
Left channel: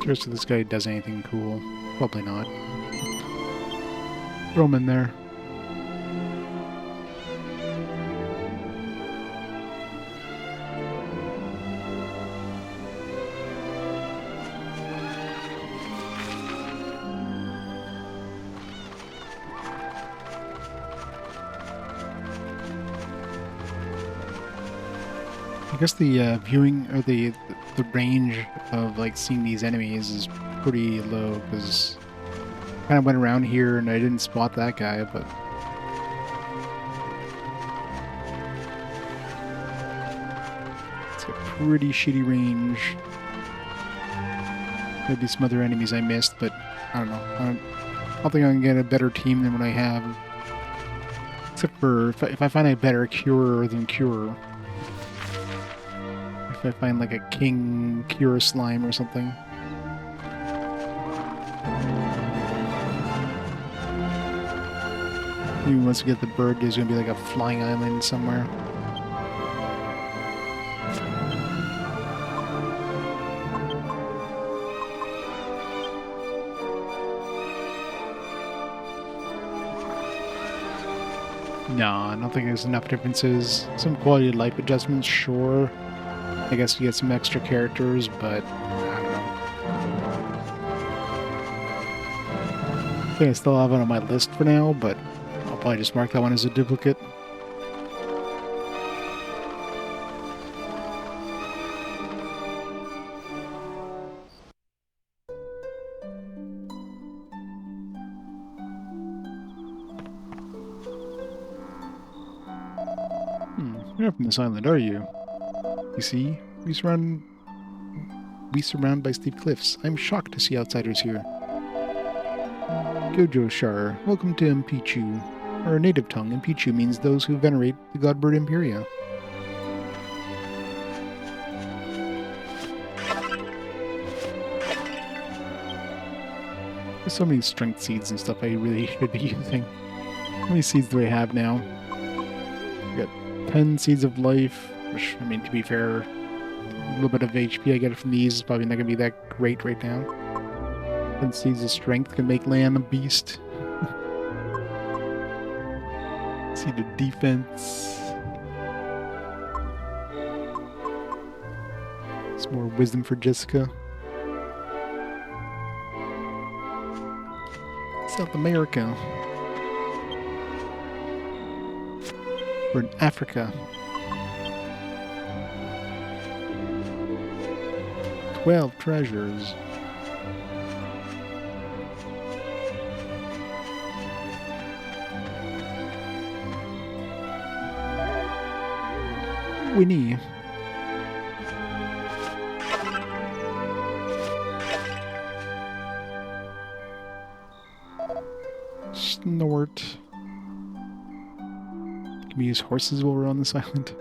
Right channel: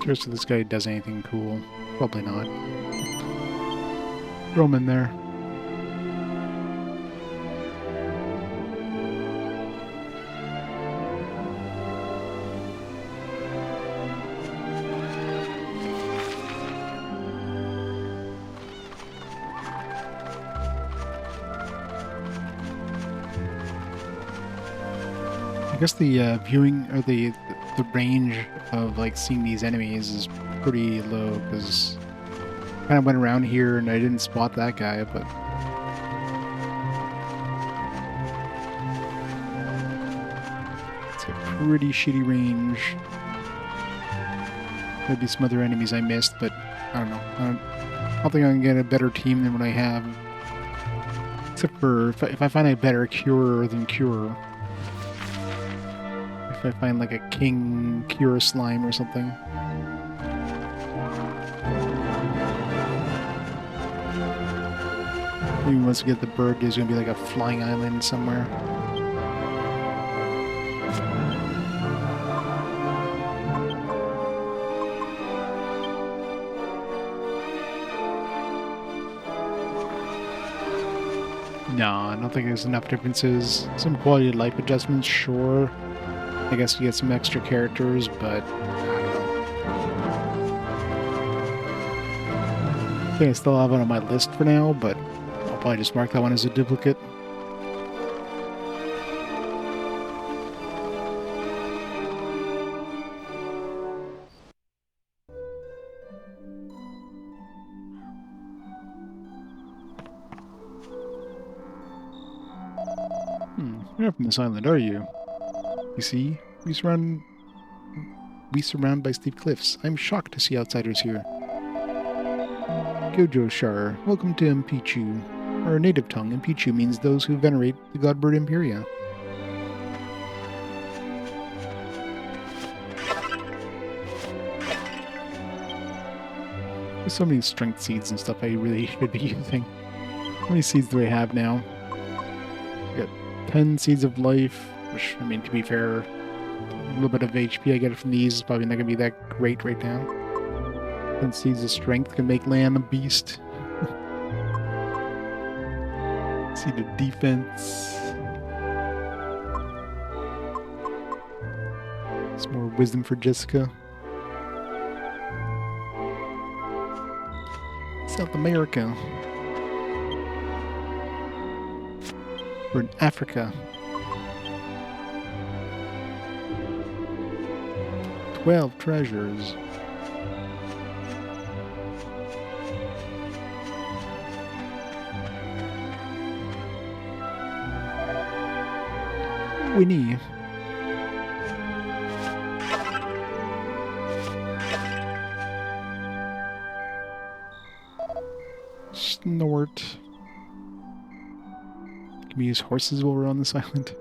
Curious if this guy does anything cool. Probably not. Throw him in there. I guess the viewing or the range of like seeing these enemies is pretty low because I kind of went around here and I didn't spot that guy, but it's a pretty shitty range. Maybe some other enemies I missed, but I don't know. I don't think I can get a better team than what I have. Except for if I find a better curer than cure. If I find like a king cure slime or something. Maybe once we get the bird, there's gonna be like a flying island somewhere. No, I don't think there's enough differences. Some quality of life adjustments, sure. I guess you get some extra characters, but I don't know. I think I still have it on my list for now, but I'll probably just mark that one as a duplicate. You're not from this island, are you? You see, we surround by steep cliffs. I'm shocked to see outsiders here. Gojo Shar, welcome to Mpichu. Our native tongue, Mpichu means those who venerate the godbird Imperia. There's so many strength seeds and stuff I really should be using. How many seeds do I have now? I got 10 seeds of life, which, I mean, to be fair, a little bit of HP I get from these is probably not going to be that great right now. 10 seeds of strength can make Lan a beast. Seed of defense. Some more wisdom for Jessica. South America. We're in Africa. 12 treasures. Winnie. Snort. Can we use horses while we're on this island?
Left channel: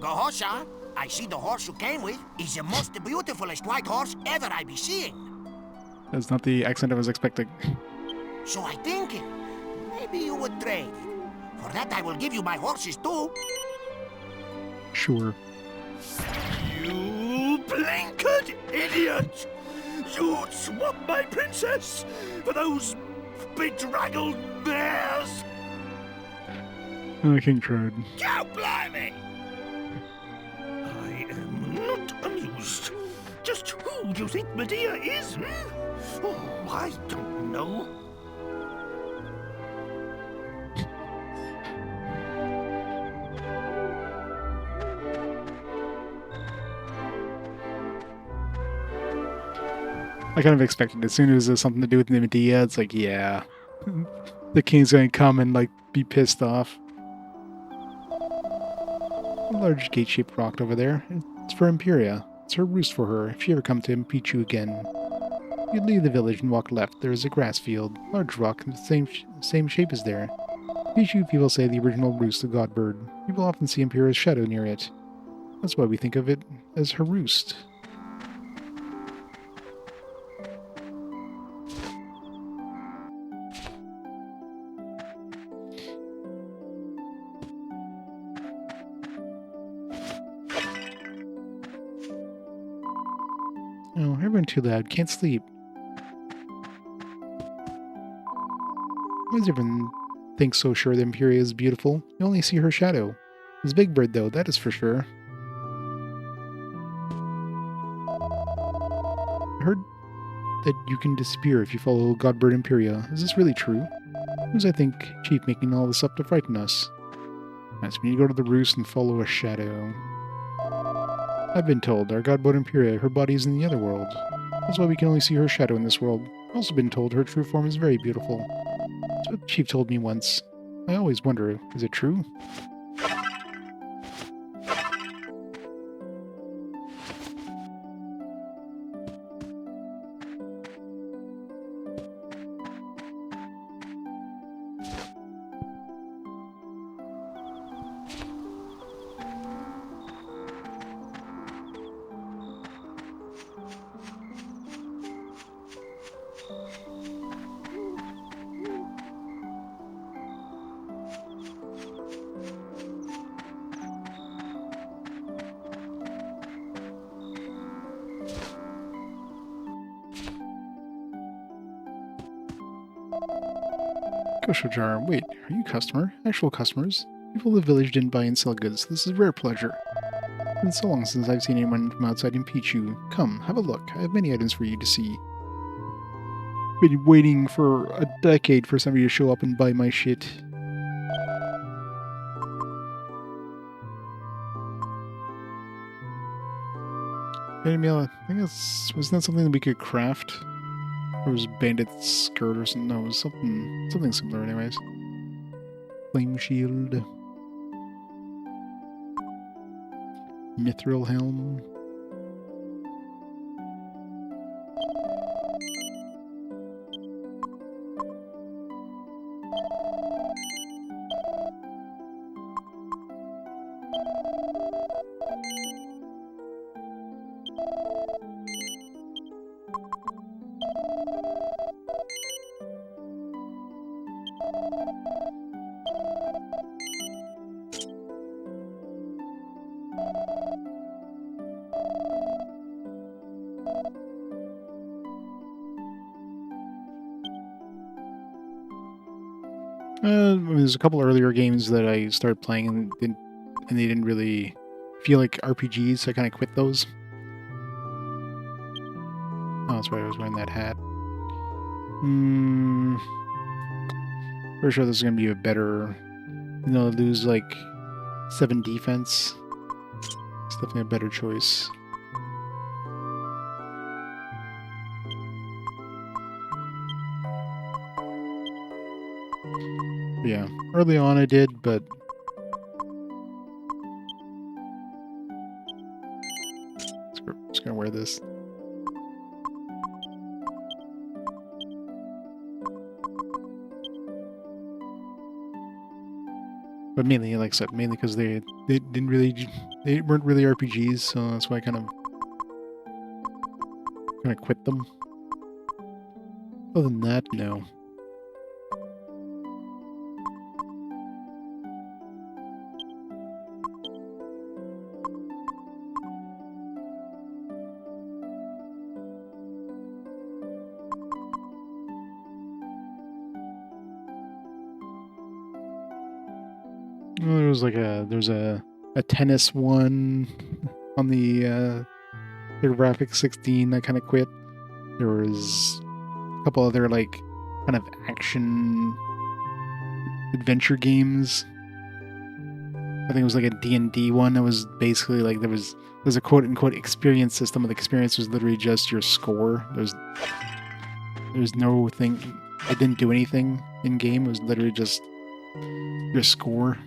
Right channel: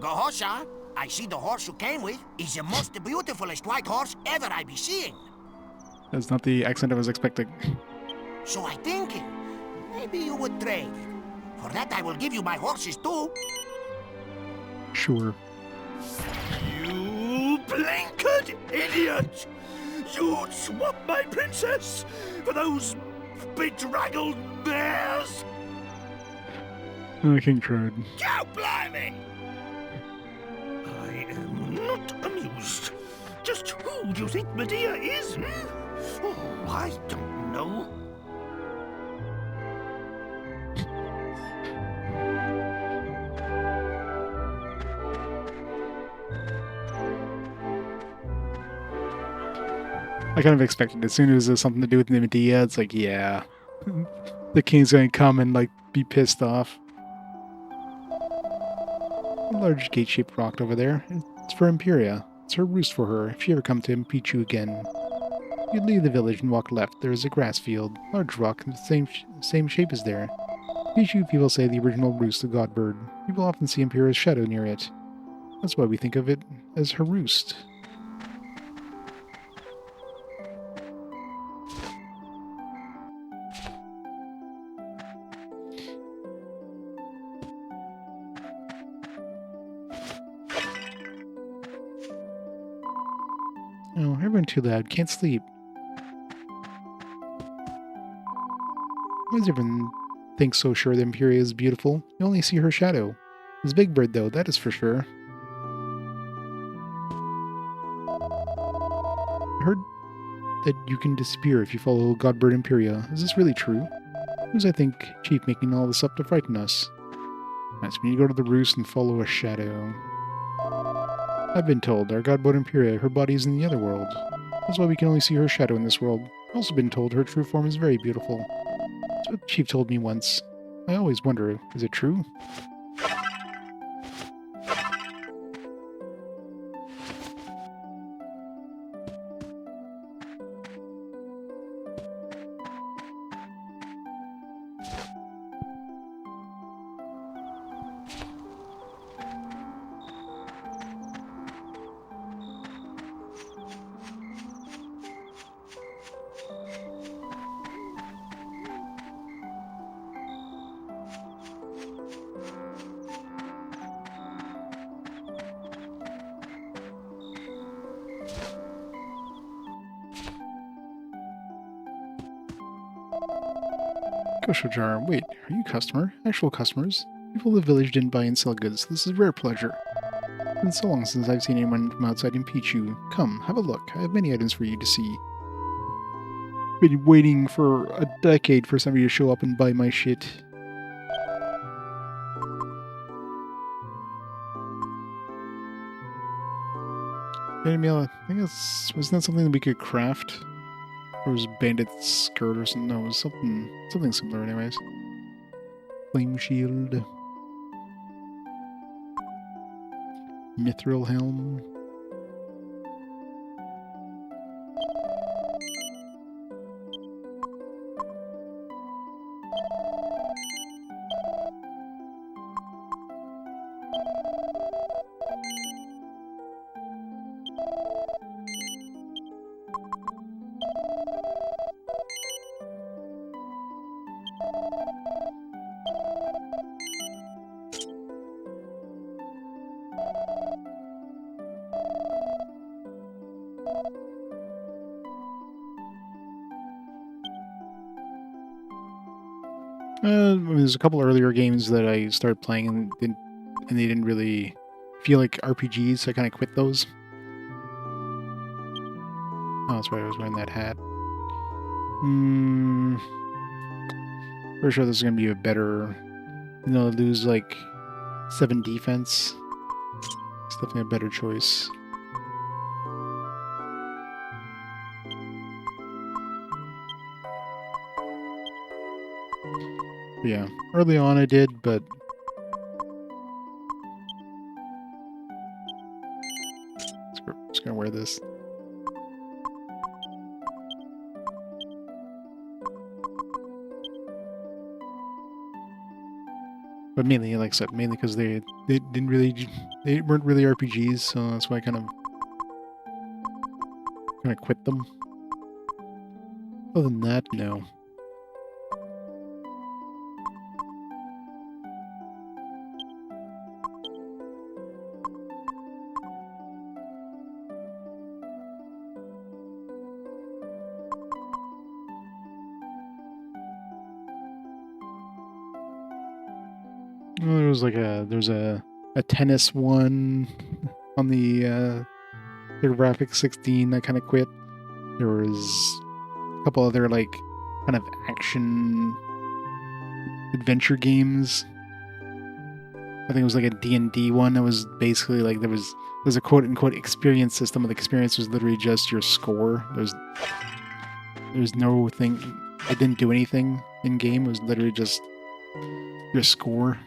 Gohosha, I see the horse you came with is the most beautifulest white horse ever I be seeing. That's not the accent I was expecting. So I thinking, maybe you would trade. For that I will give you my horses too. Sure. You blinkered idiot! You'd swap my princess for those bedraggled mares? King Trode. God blimey! I am not amused. Just who do you think Medea is, hmm? Oh, I don't know. I kind of expected as soon as there's something to do with Medea, it's like, yeah. The king's gonna come and, like, be pissed off. A large gate-shaped rock over there. It's for Imperia. It's her roost for her, if she ever come to impeach you again. You leave the village and walk left. There is a grass field. Large rock, the same shape as there. Pichu people say the original roost of Godbird. People often see Imperia's shadow near it. That's why we think of it as her roost. Oh, everyone too loud. Can't sleep. Why does everyone think so sure that Imperia is beautiful? You only see her shadow. It's Big Bird, though, that is for sure. I heard that you can disappear if you follow Godbird Imperia. Is this really true? Who's, I think, Chief making all this up to frighten us? That's when you go to the roost and follow a shadow. I've been told our Godbird Imperia, her body is in the other world. That's why we can only see her shadow in this world. I've also been told her true form is very beautiful. That's what Chief told me once. I always wonder, is it true? Kosho jar. Wait, are you a customer? Actual customers? People of the village didn't buy and sell goods. This is a rare pleasure. It's been so long since I've seen anyone from outside impeach you. Come, have a look. I have many items for you to see. Been waiting for a decade for somebody to show up and buy my shit. I think wasn't that something that we could craft? Or was bandit skirt or something? No, it was something similar anyways. Flame shield. Mithril helm. There's a couple earlier games that I started playing and they didn't really feel like RPGs, so I kind of quit those. Oh, that's why I was wearing that hat. Pretty sure this is going to be a better... lose like 7 defense. It's definitely a better choice. Yeah, early on I did, but just gonna wear this. But mainly, like I said, mainly because they weren't really RPGs, so that's why I kind of quit them. Other than that, no. Well, there's a tennis one on the graphic 16. I kind of quit. There was a couple other like kind of action adventure games. I think it was like a D&D one that was basically like there's a quote-unquote experience system, and the experience was literally just your score. There's no thing, it didn't do anything in game. It was literally just your score.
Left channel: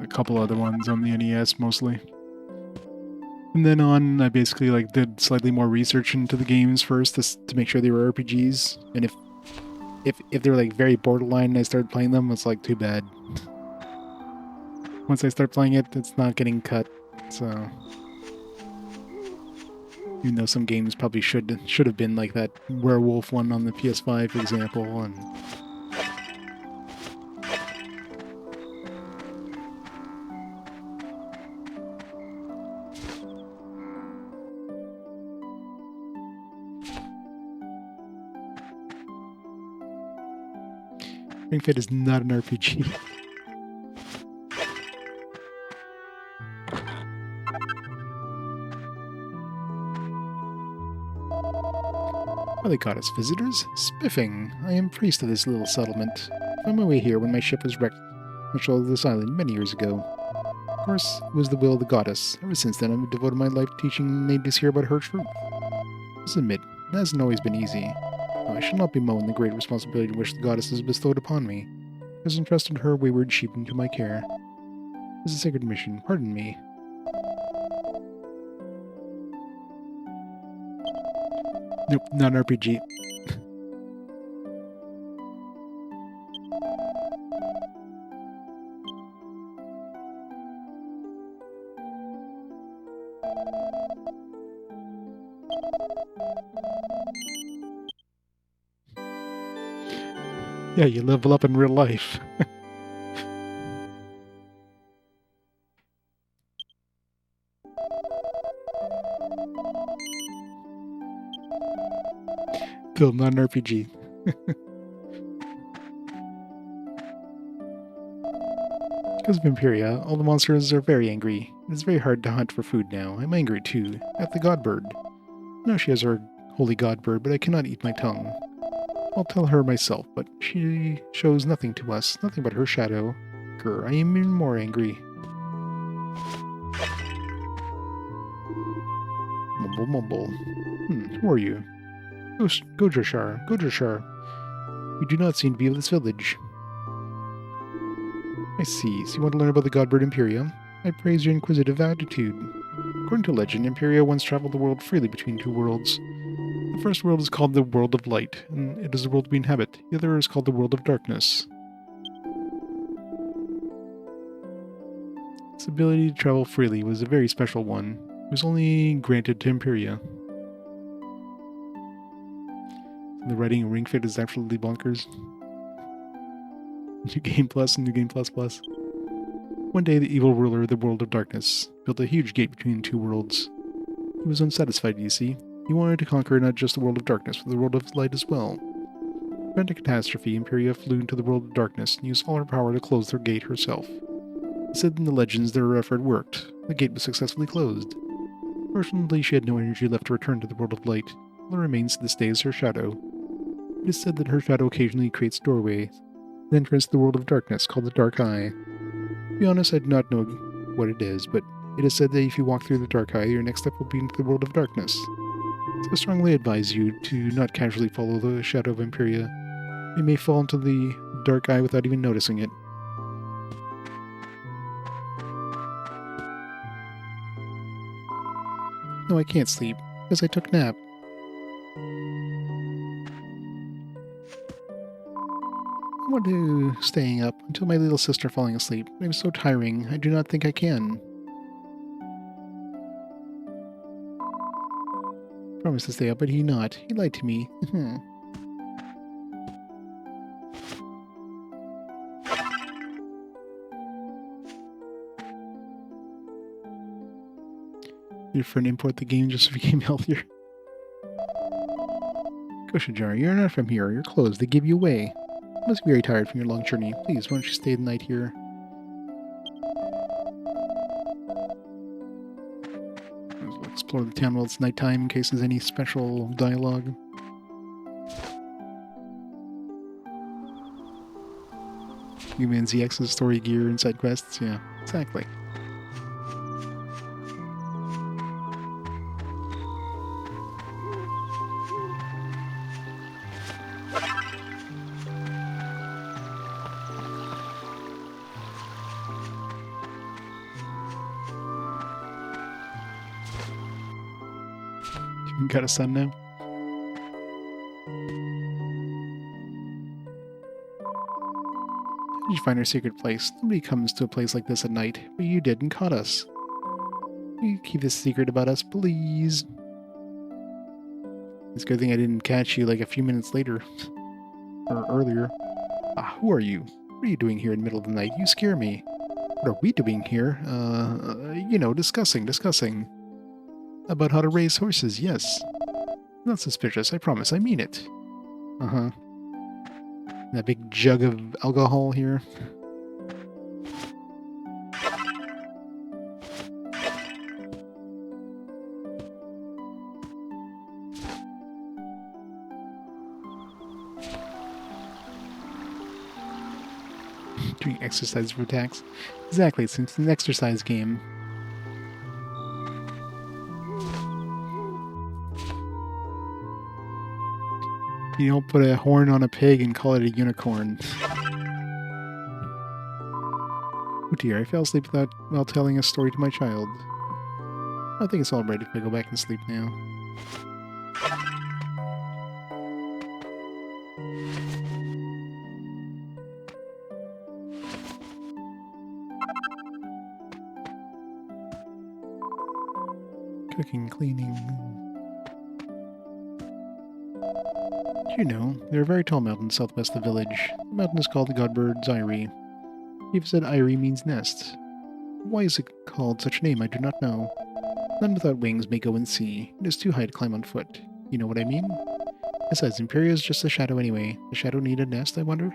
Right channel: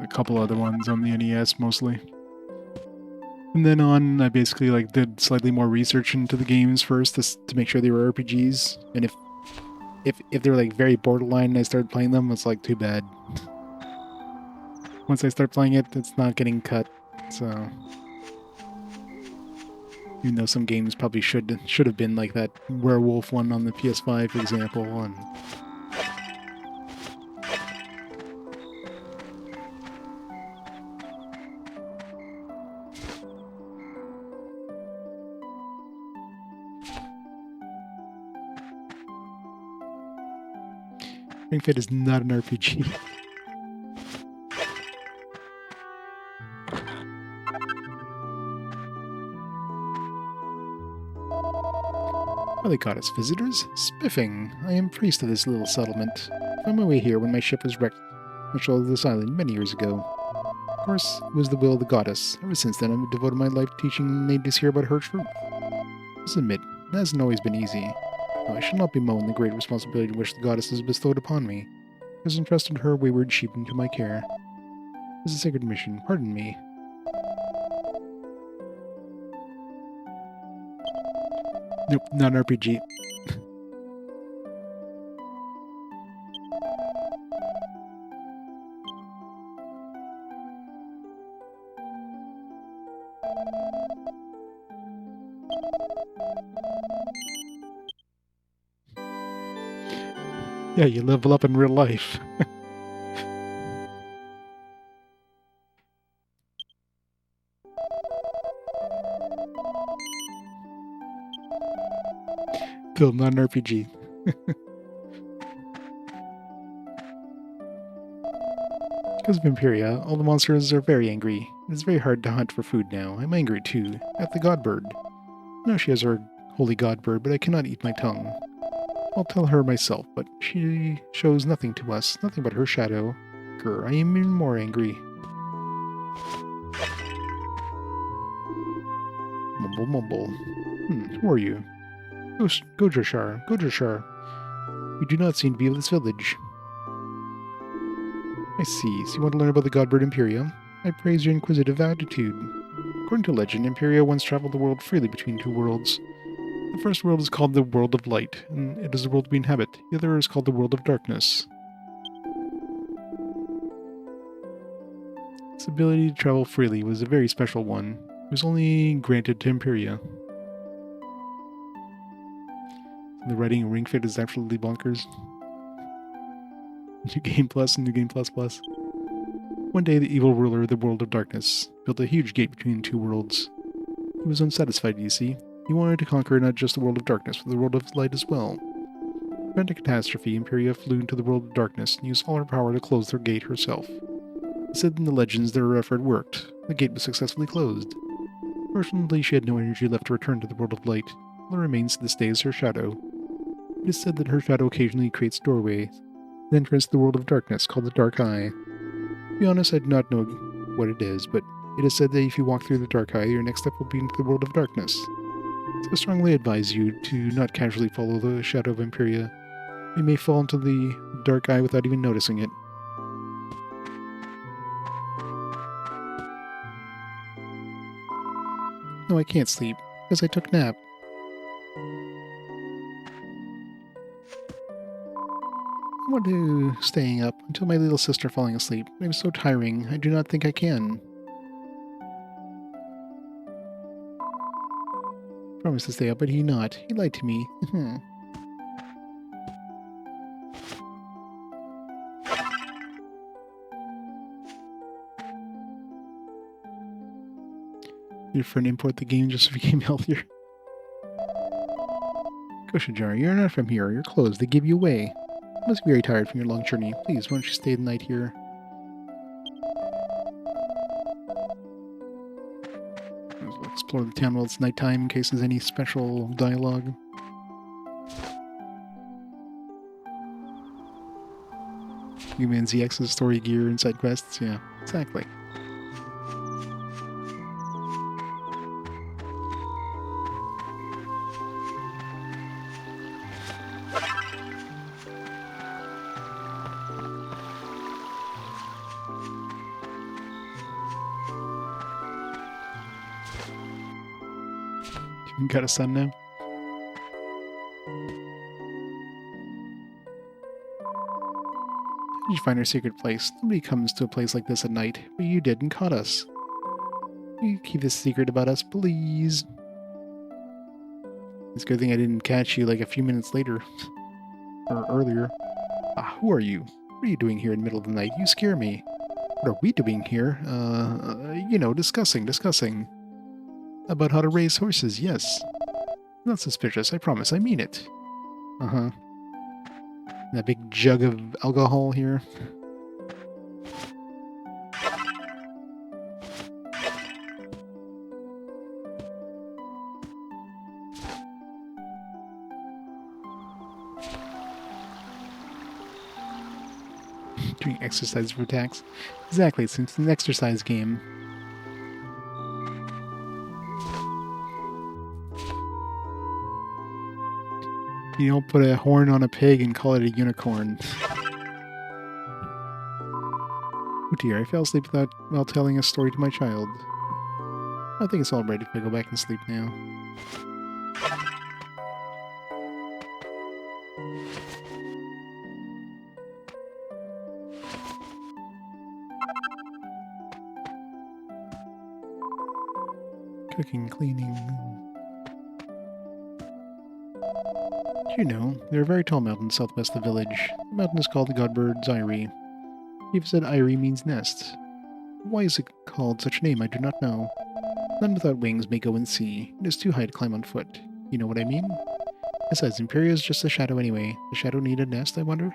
A couple other ones on the NES mostly. And then on, I basically like did slightly more research into the games first to make sure they were RPGs. And if they were like very borderline and I started playing them, it's like too bad. Once I start playing it, it's not getting cut. So even though some games probably should have been like that werewolf one on the PS5, for example, and Ring Fit is not an RPG. Are they goddess visitors? Spiffing. I am priest of this little settlement. I found my way here when my ship was wrecked on the shoulder of this island many years ago. Of course, it was the will of the goddess. Ever since then, I've devoted my life to teaching natives here about her truth. I must admit, it hasn't always been easy. No, I shall not bemoan the great responsibility which the goddess has bestowed upon me. I has entrusted her wayward sheep into my care. This is a sacred mission. Pardon me. Nope, not an RPG. Yeah, you level up in real life. Still not an RPG. Because of Imperia, all the monsters are very angry. It is very hard to hunt for food now. I'm angry too, at the godbird. I know she has her holy godbird, but I cannot eat my tongue. I'll tell her myself, but she shows nothing to us, nothing but her shadow. Grr, I am even more angry. Mumble, mumble. Who are you? Godrashar. You do not seem to be of this village. I see. So you want to learn about the godbird Imperia? I praise your inquisitive attitude. According to legend, Imperia once traveled the world freely between two worlds. The first world is called the World of Light, and it is the world we inhabit. The other is called the World of Darkness. This ability to travel freely was a very special one. It was only granted to Imperia. The writing in Ring Fit is absolutely bonkers. New Game Plus and New Game Plus Plus. One day, the evil ruler of the World of Darkness built a huge gate between two worlds. He was unsatisfied, you see. He wanted to conquer not just the World of Darkness, but the World of Light as well. To prevent a catastrophe, Imperia flew into the World of Darkness and used all her power to close their gate herself. It said in the legends that her effort worked. The gate was successfully closed. Fortunately, she had no energy left to return to the World of Light. All that remains to this day is her shadow. It is said that her shadow occasionally creates doorways, an entrance to the World of Darkness called the Dark Eye. To be honest, I do not know what it is, but it is said that if you walk through the Dark Eye, your next step will be into the World of Darkness. So I strongly advise you to not casually follow the shadow of Imperia. You may fall into the Dark Eye without even noticing it. No, I can't sleep, because I took a nap. I want to staying up until my little sister falling asleep. It was so tiring, I do not think I can. Promised to stay up, but he not. He lied to me. Your friend import the game just became healthier. Goshajar, you're not from here. You're closed. They give you away. Must be very tired from your long journey. Please, why don't you stay the night here? We'll explore the town while it's nighttime in case there's any special dialogue. Human ZX's story gear and side quests, yeah, exactly. You got a son now? Did you find our secret place? Nobody comes to a place like this at night, but you did and caught us. Will you keep this secret about us, please? It's a good thing I didn't catch you like a few minutes later. Or earlier. Ah, who are you? What are you doing here in the middle of the night? You scare me. What are we doing here? You know, discussing. About how to raise horses, yes. Not suspicious, I promise, I mean it. Uh-huh. That big jug of alcohol here. Doing exercise for attacks. Exactly, it's an exercise game. You don't put a horn on a pig and call it a unicorn. Oh dear, I fell asleep while telling a story to my child. I think it's alright if I go back and sleep now. Cooking, cleaning. You know, there are very tall mountains southwest of the village. The mountain is called the Godbird's Eyrie. People said Eyrie means nest. Why is it called such a name, I do not know. None without wings may go and see. It is too high to climb on foot. You know what I mean? Besides, Imperia is just a shadow anyway. The shadow need a nest, I wonder?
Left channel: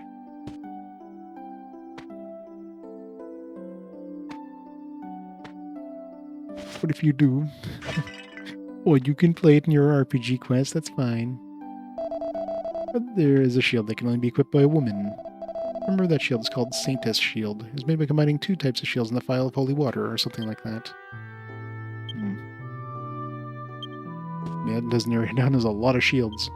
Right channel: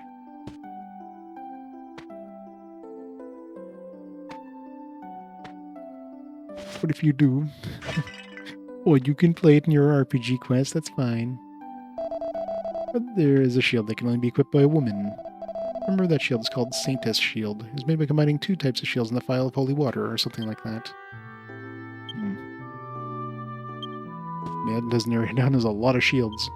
What if you do? Well, you can play it in your RPG quest, that's fine. But there is a shield that can only be equipped by a woman. Remember that shield is called Saintess Shield. It was made by combining 2 types of shields in the Phial of Holy Water, or something like that. Yeah, it doesn't narrow it down, there's a lot of shields.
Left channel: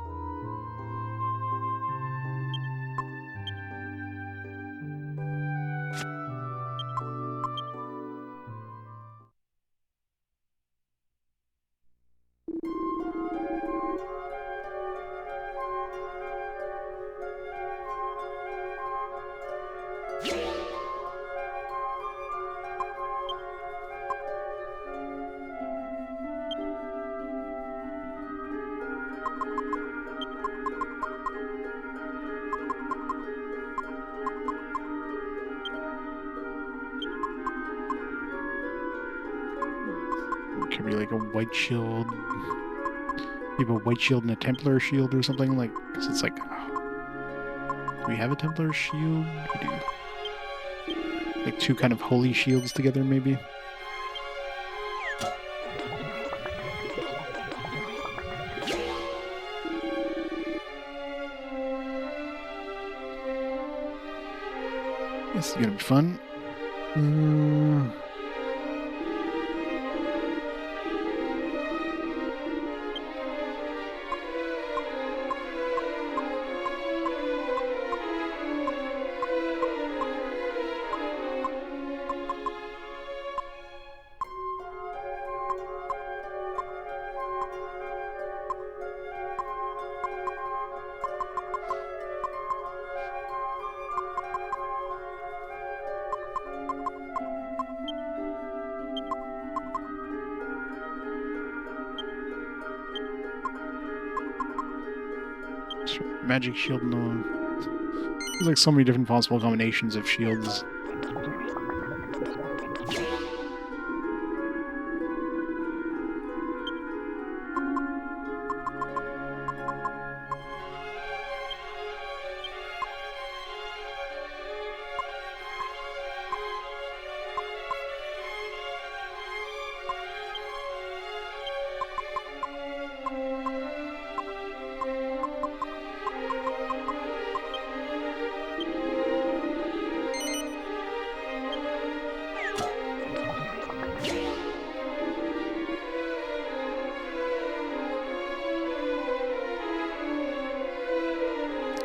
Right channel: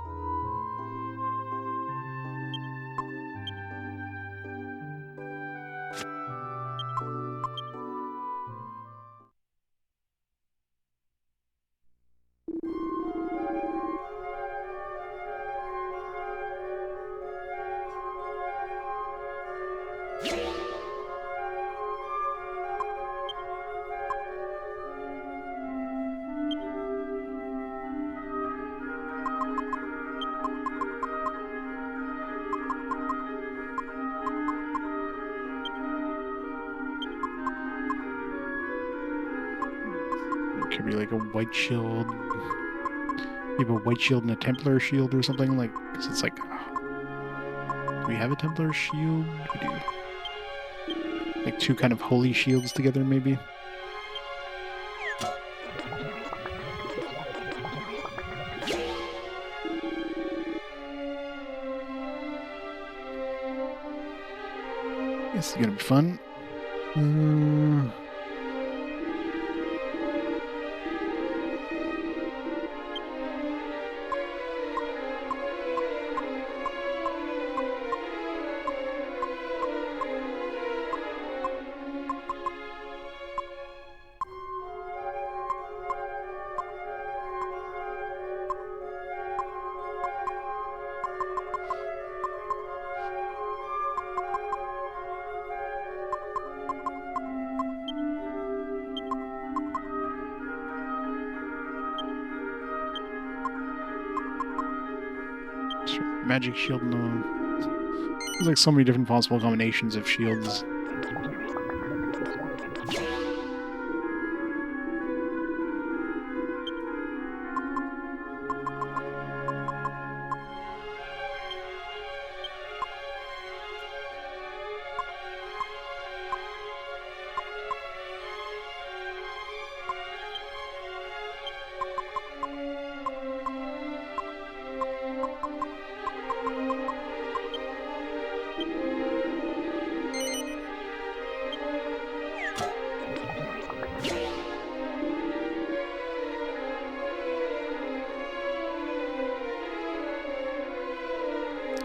Could be like a white shield. You have a white shield and a Templar shield or something, like, because it's like, do we have a Templar shield? We do. Like 2 kind of holy shields together, maybe? This is gonna be fun. Magic shield, no. There's like so many different possible combinations of shields.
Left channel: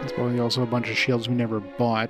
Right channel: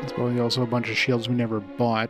There's probably also a bunch of shields we never bought.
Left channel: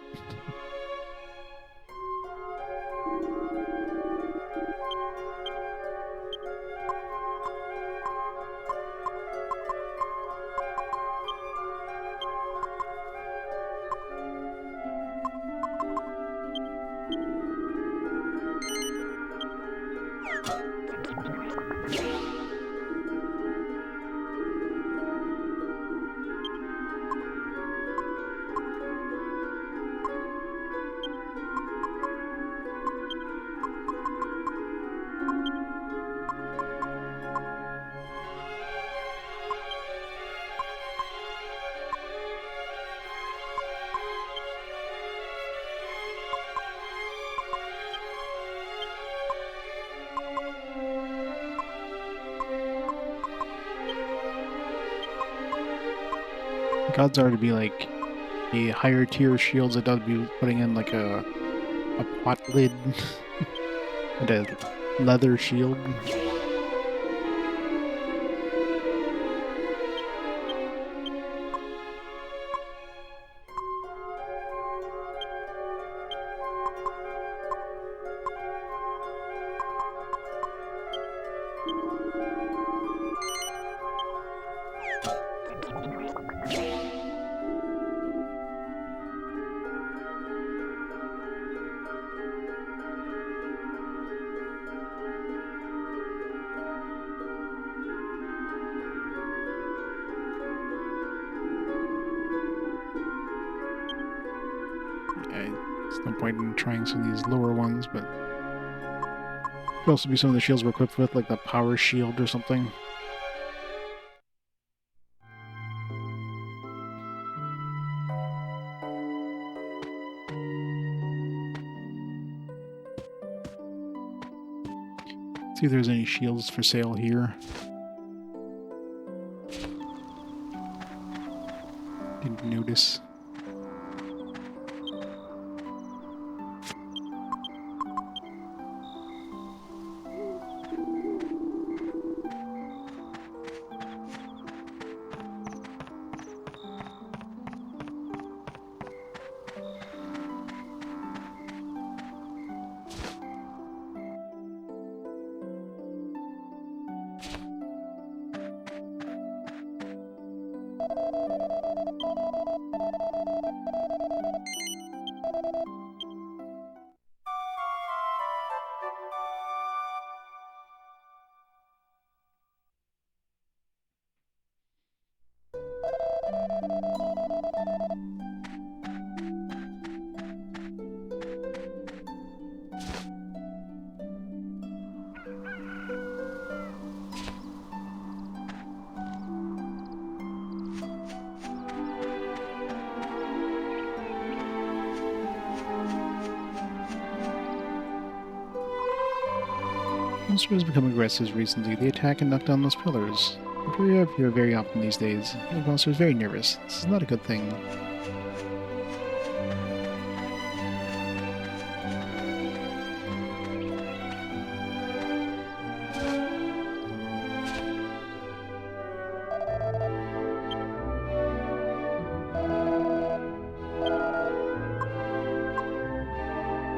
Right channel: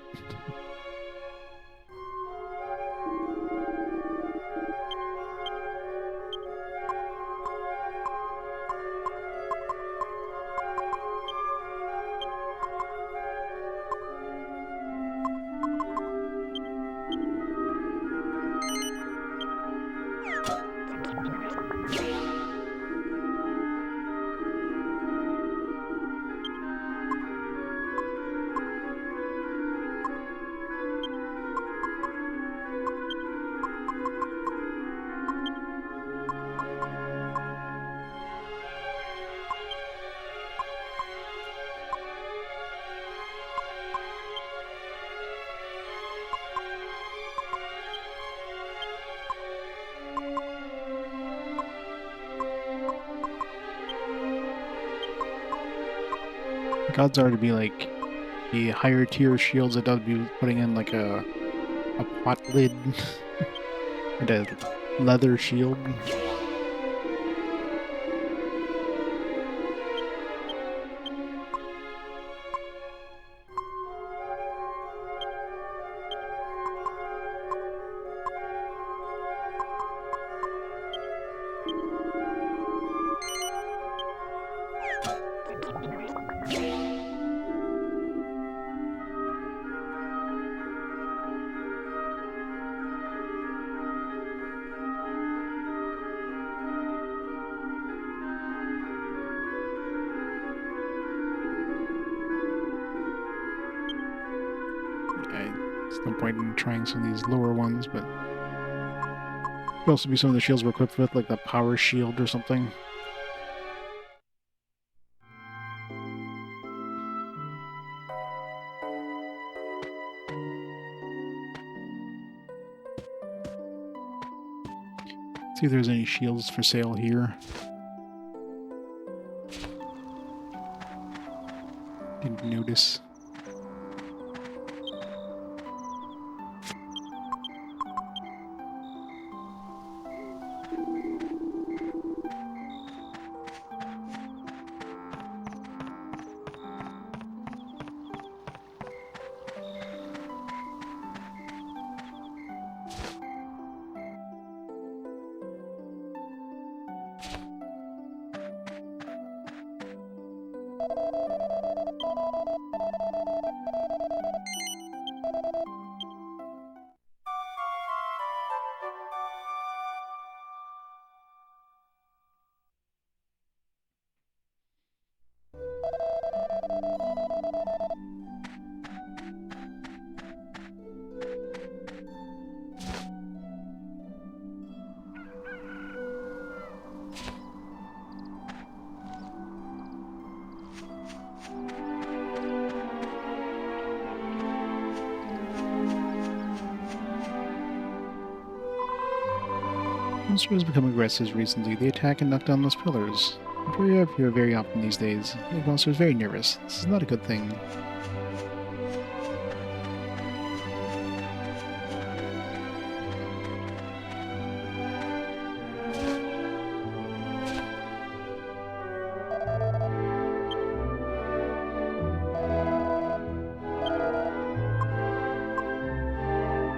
The odds are to be like the higher tier shields that does be putting in like a pot lid and a leather shield. There's no point in trying some of these lower ones, but could also be some of the shields we're equipped with, like the power shield or something. See if there's any shields for sale here. Didn't notice. Monster has become aggressive recently. They attack and knock down those pillars. I'm very up here very often these days. The monster is very nervous. This is not a good thing.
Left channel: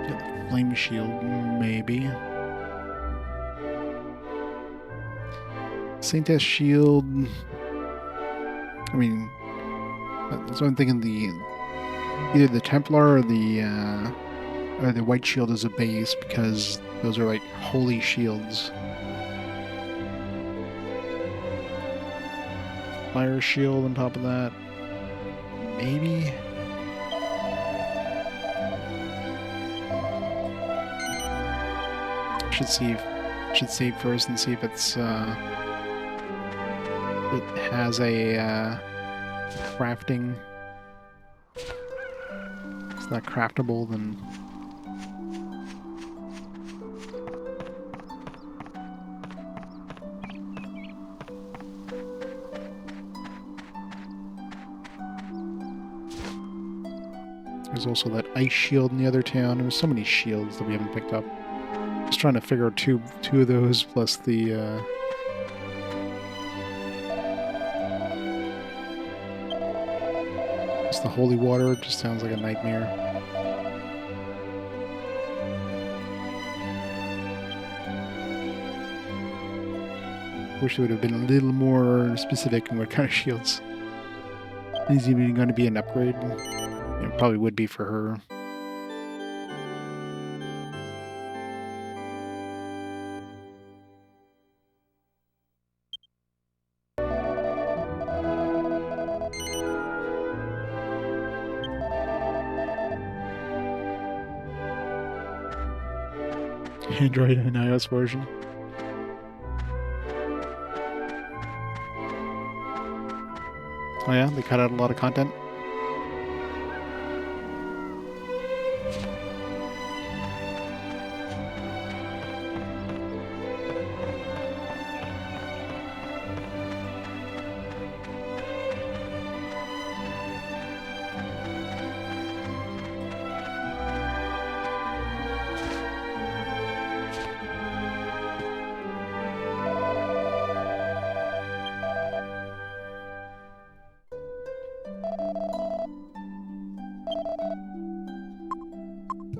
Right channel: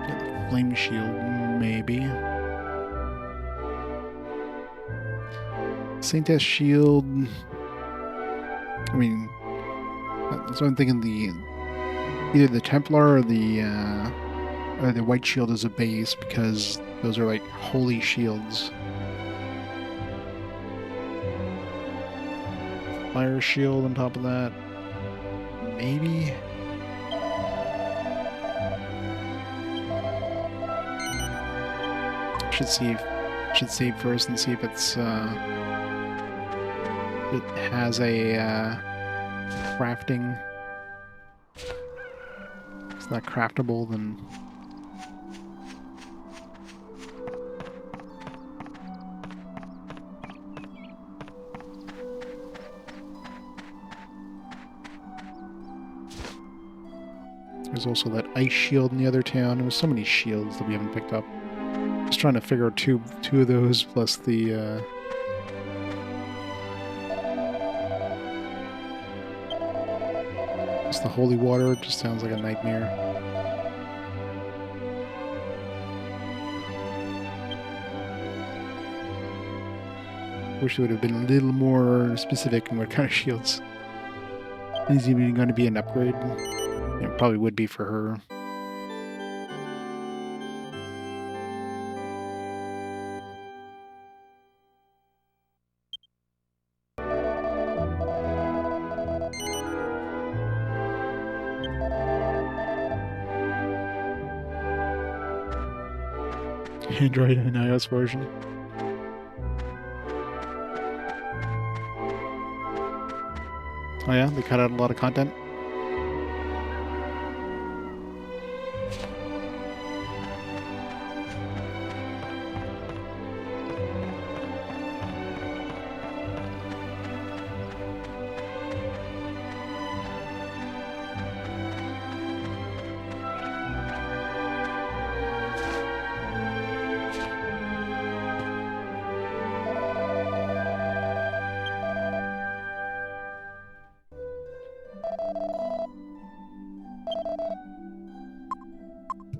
Yeah, the flame shield, maybe. Saintess shield. I mean, that's what I'm thinking. Either the Templar or the white shield is a base, because those are like holy shields. Fire shield on top of that, maybe. Should save first and see if it's it has a crafting. If it's not craftable, then there's also that ice shield in the other town. There's so many shields that we haven't picked up. Just trying to figure out two of those plus the Just the holy water just sounds like a nightmare. Wish it would have been a little more specific in what kind of shields. Is even going to be an upgrade? It probably would be for her. Android and iOS version. Oh yeah, they cut out a lot of content.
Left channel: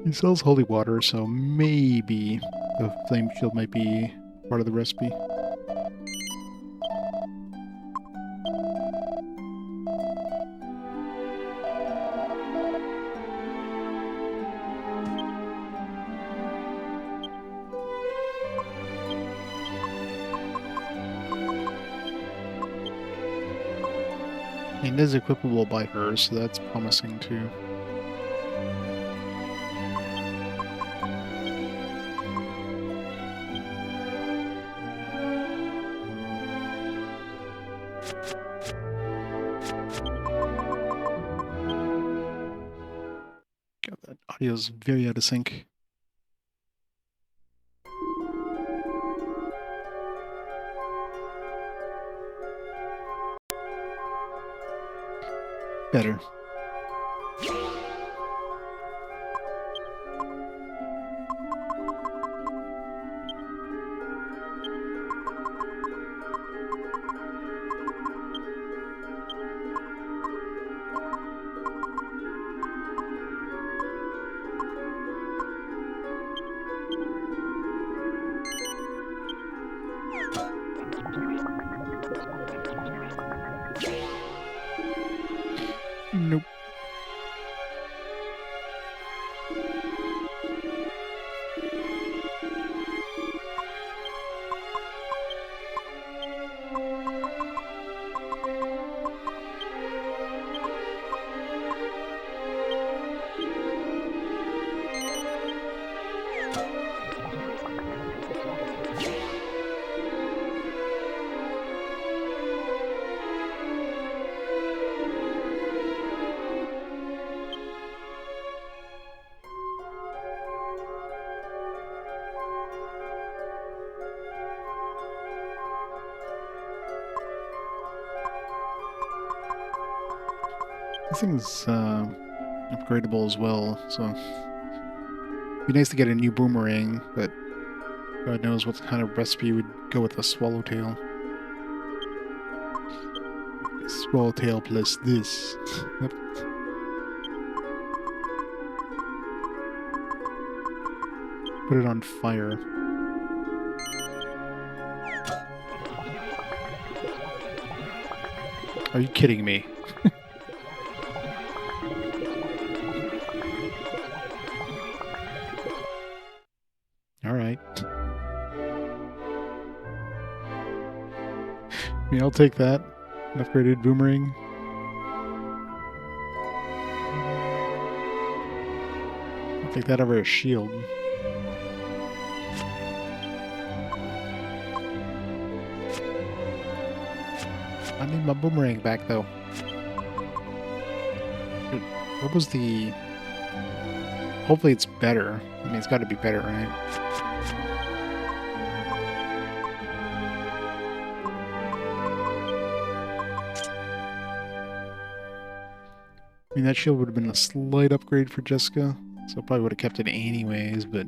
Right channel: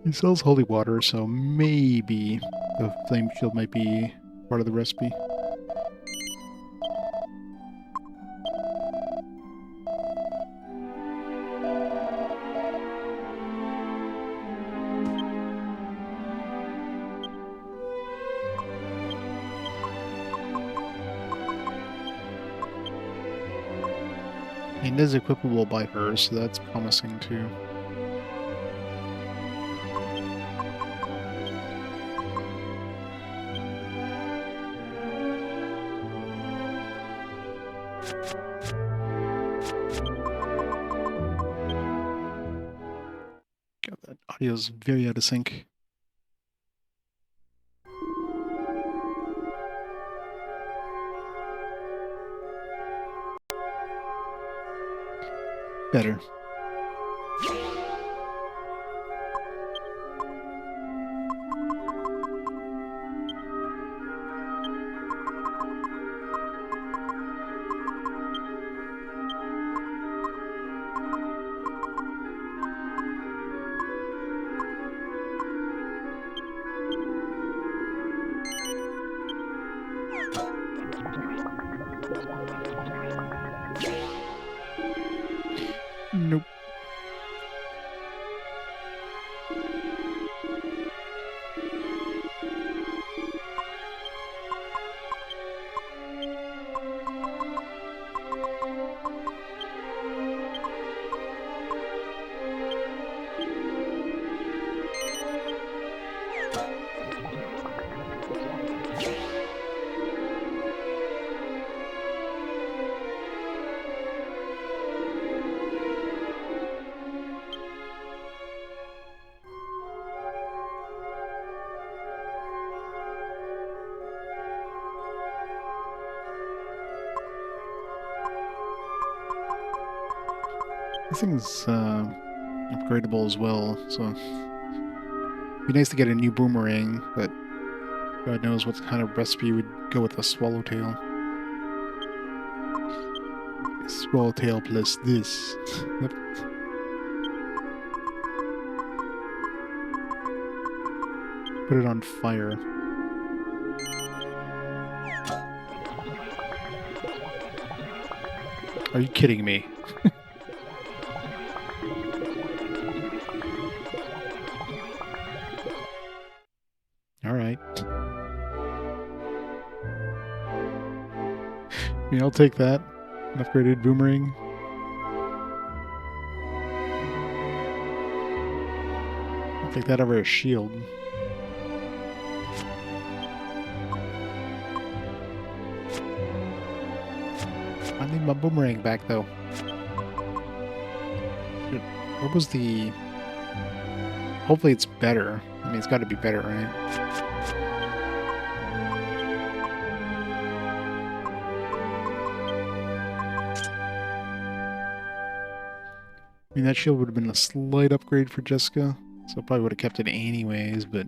He sells holy water, so maybe the flame shield might be part of the recipe. It is equipable by her, so that's promising too. God, that audio's very out of sync. Better. Nope. This thing's upgradable as well, so it'd be nice to get a new boomerang, but God knows what kind of recipe would go with a swallowtail. Swallowtail plus this. Yep. Put it on fire. Are you kidding me? Alright. I mean, I'll take that. An upgraded boomerang. I'll take that over a shield. I need my boomerang back, though. Shit. What was the... Hopefully it's better. I mean, it's got to be better, right? I mean, that shield would have been a slight upgrade for Jessica, so I probably would have kept it anyways, but...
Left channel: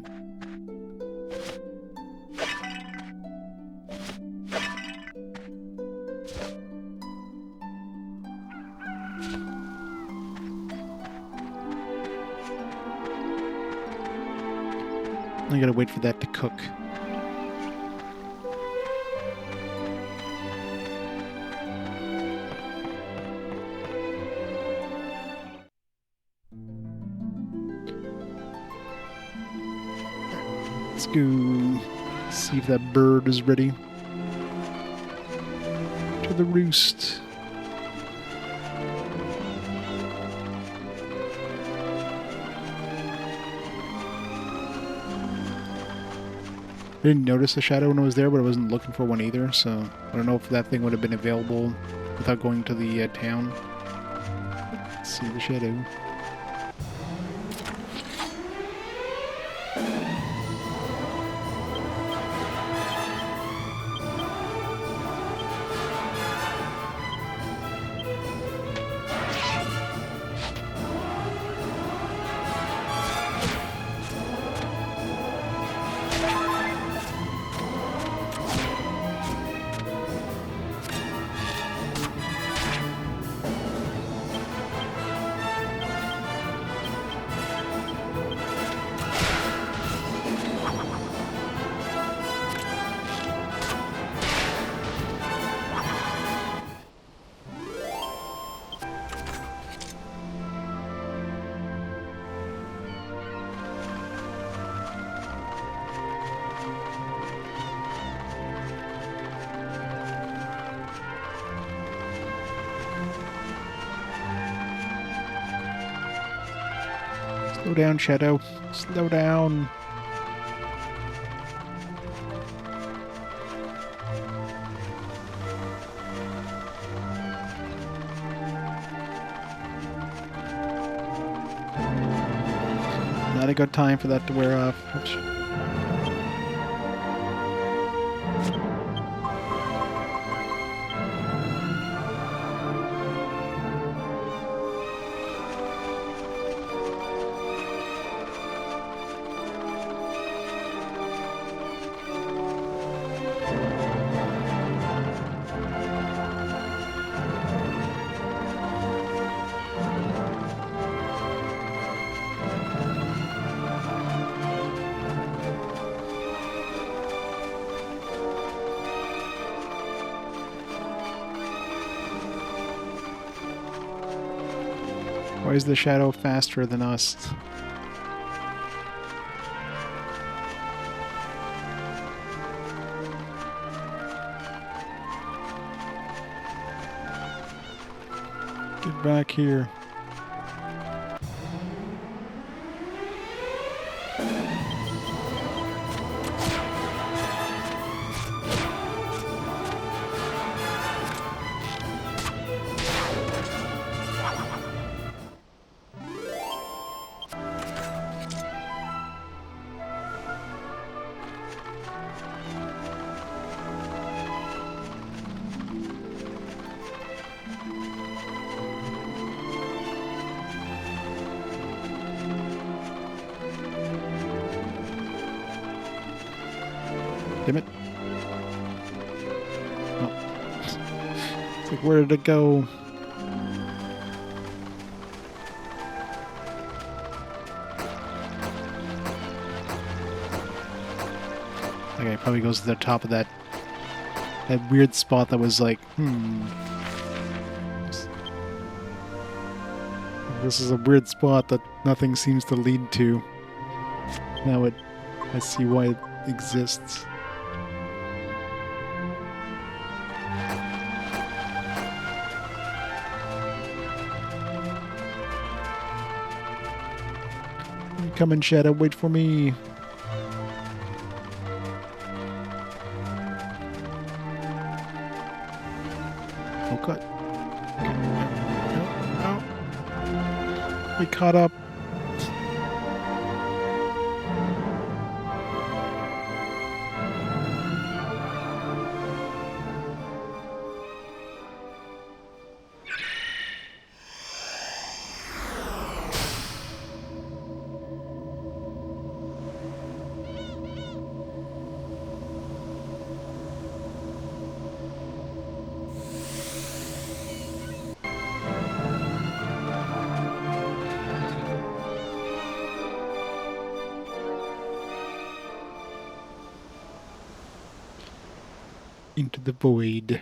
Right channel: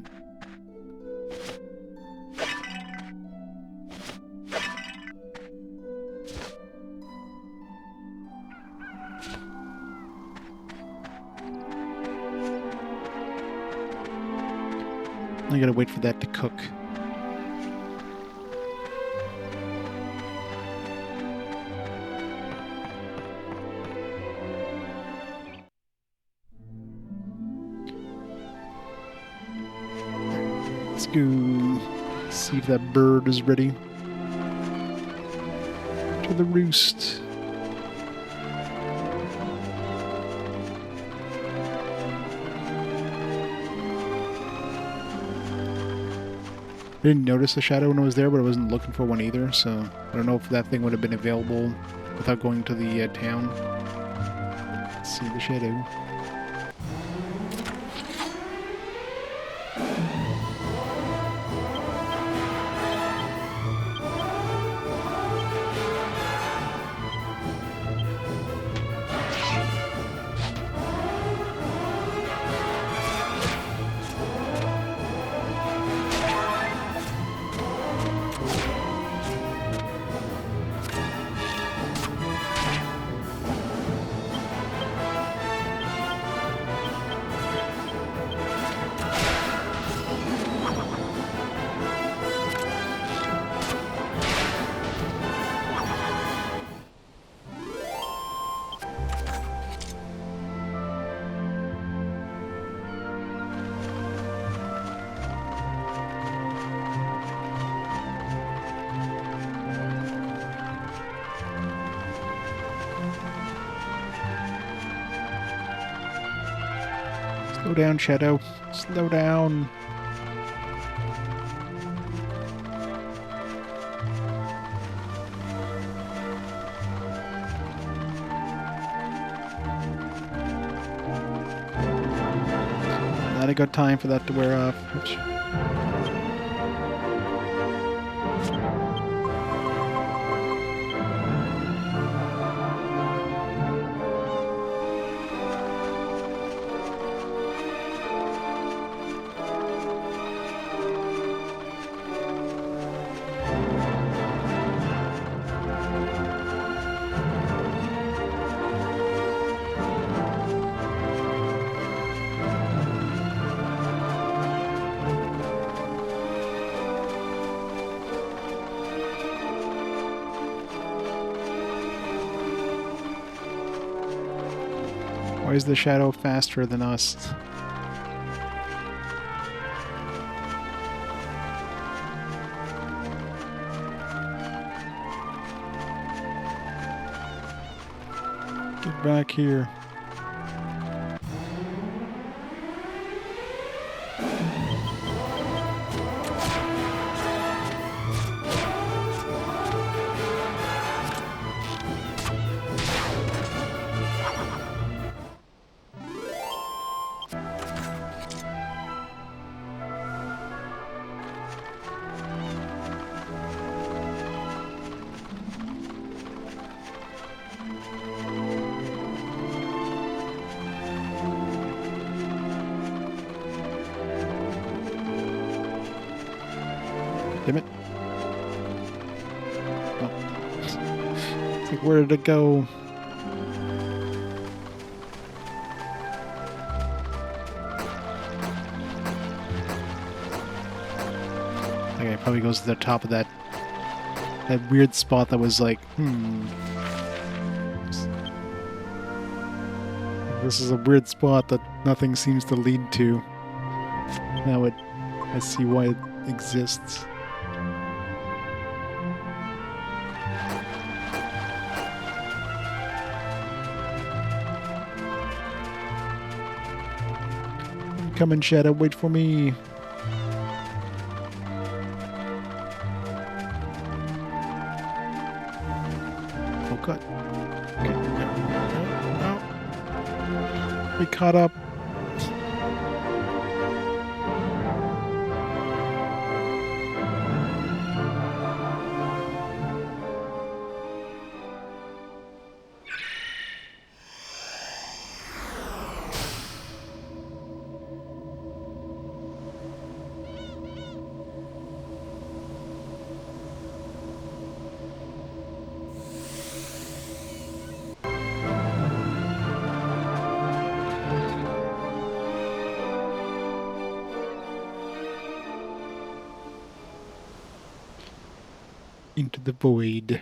I gotta wait for that to cook. Let's go see if that bird is ready. To the roost. I didn't notice the shadow when it was there, but I wasn't looking for one either, so I don't know if that thing would have been available without going to the town. Let's see the shadow. Slow down, Shadow. Slow down. Not a good time for that to wear off. Oops. Why is the shadow faster than us? Get back here. Damn it. Oh. It's like, where did it go? Okay, it probably goes to the top of that weird spot that was like, This is a weird spot that nothing seems to lead to. Now I see why it exists. Come in, Shadow, wait for me. Oh, cut. Okay. No. We caught up. Into the void.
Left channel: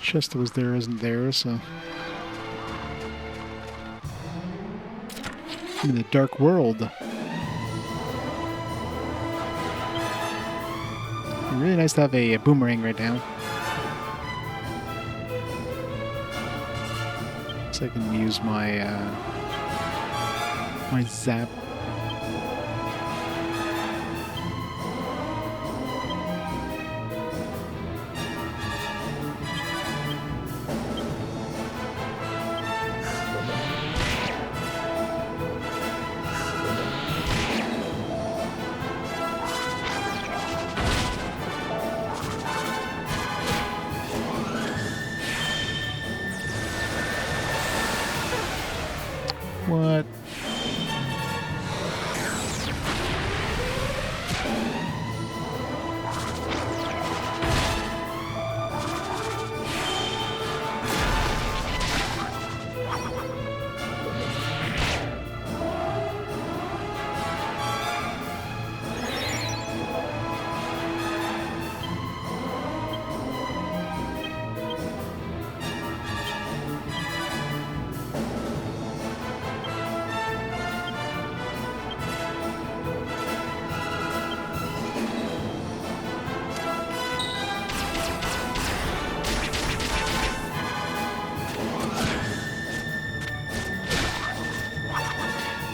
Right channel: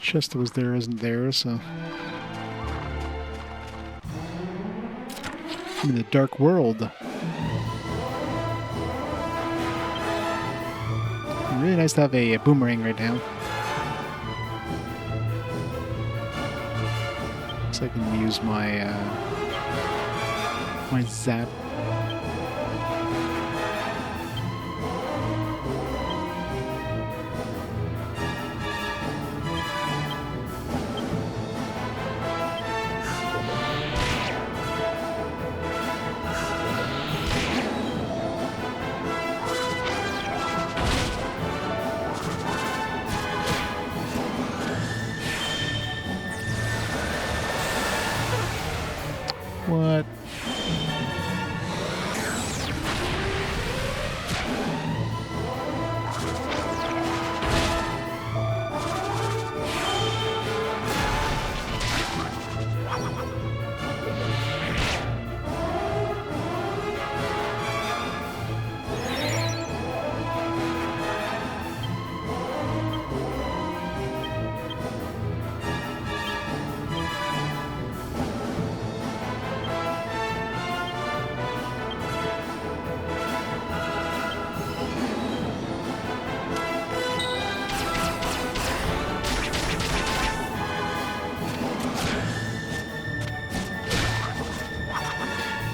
Chest that was there isn't there, so... I'm in the dark world. Really nice to have a boomerang right now. So I can use my my zap. What?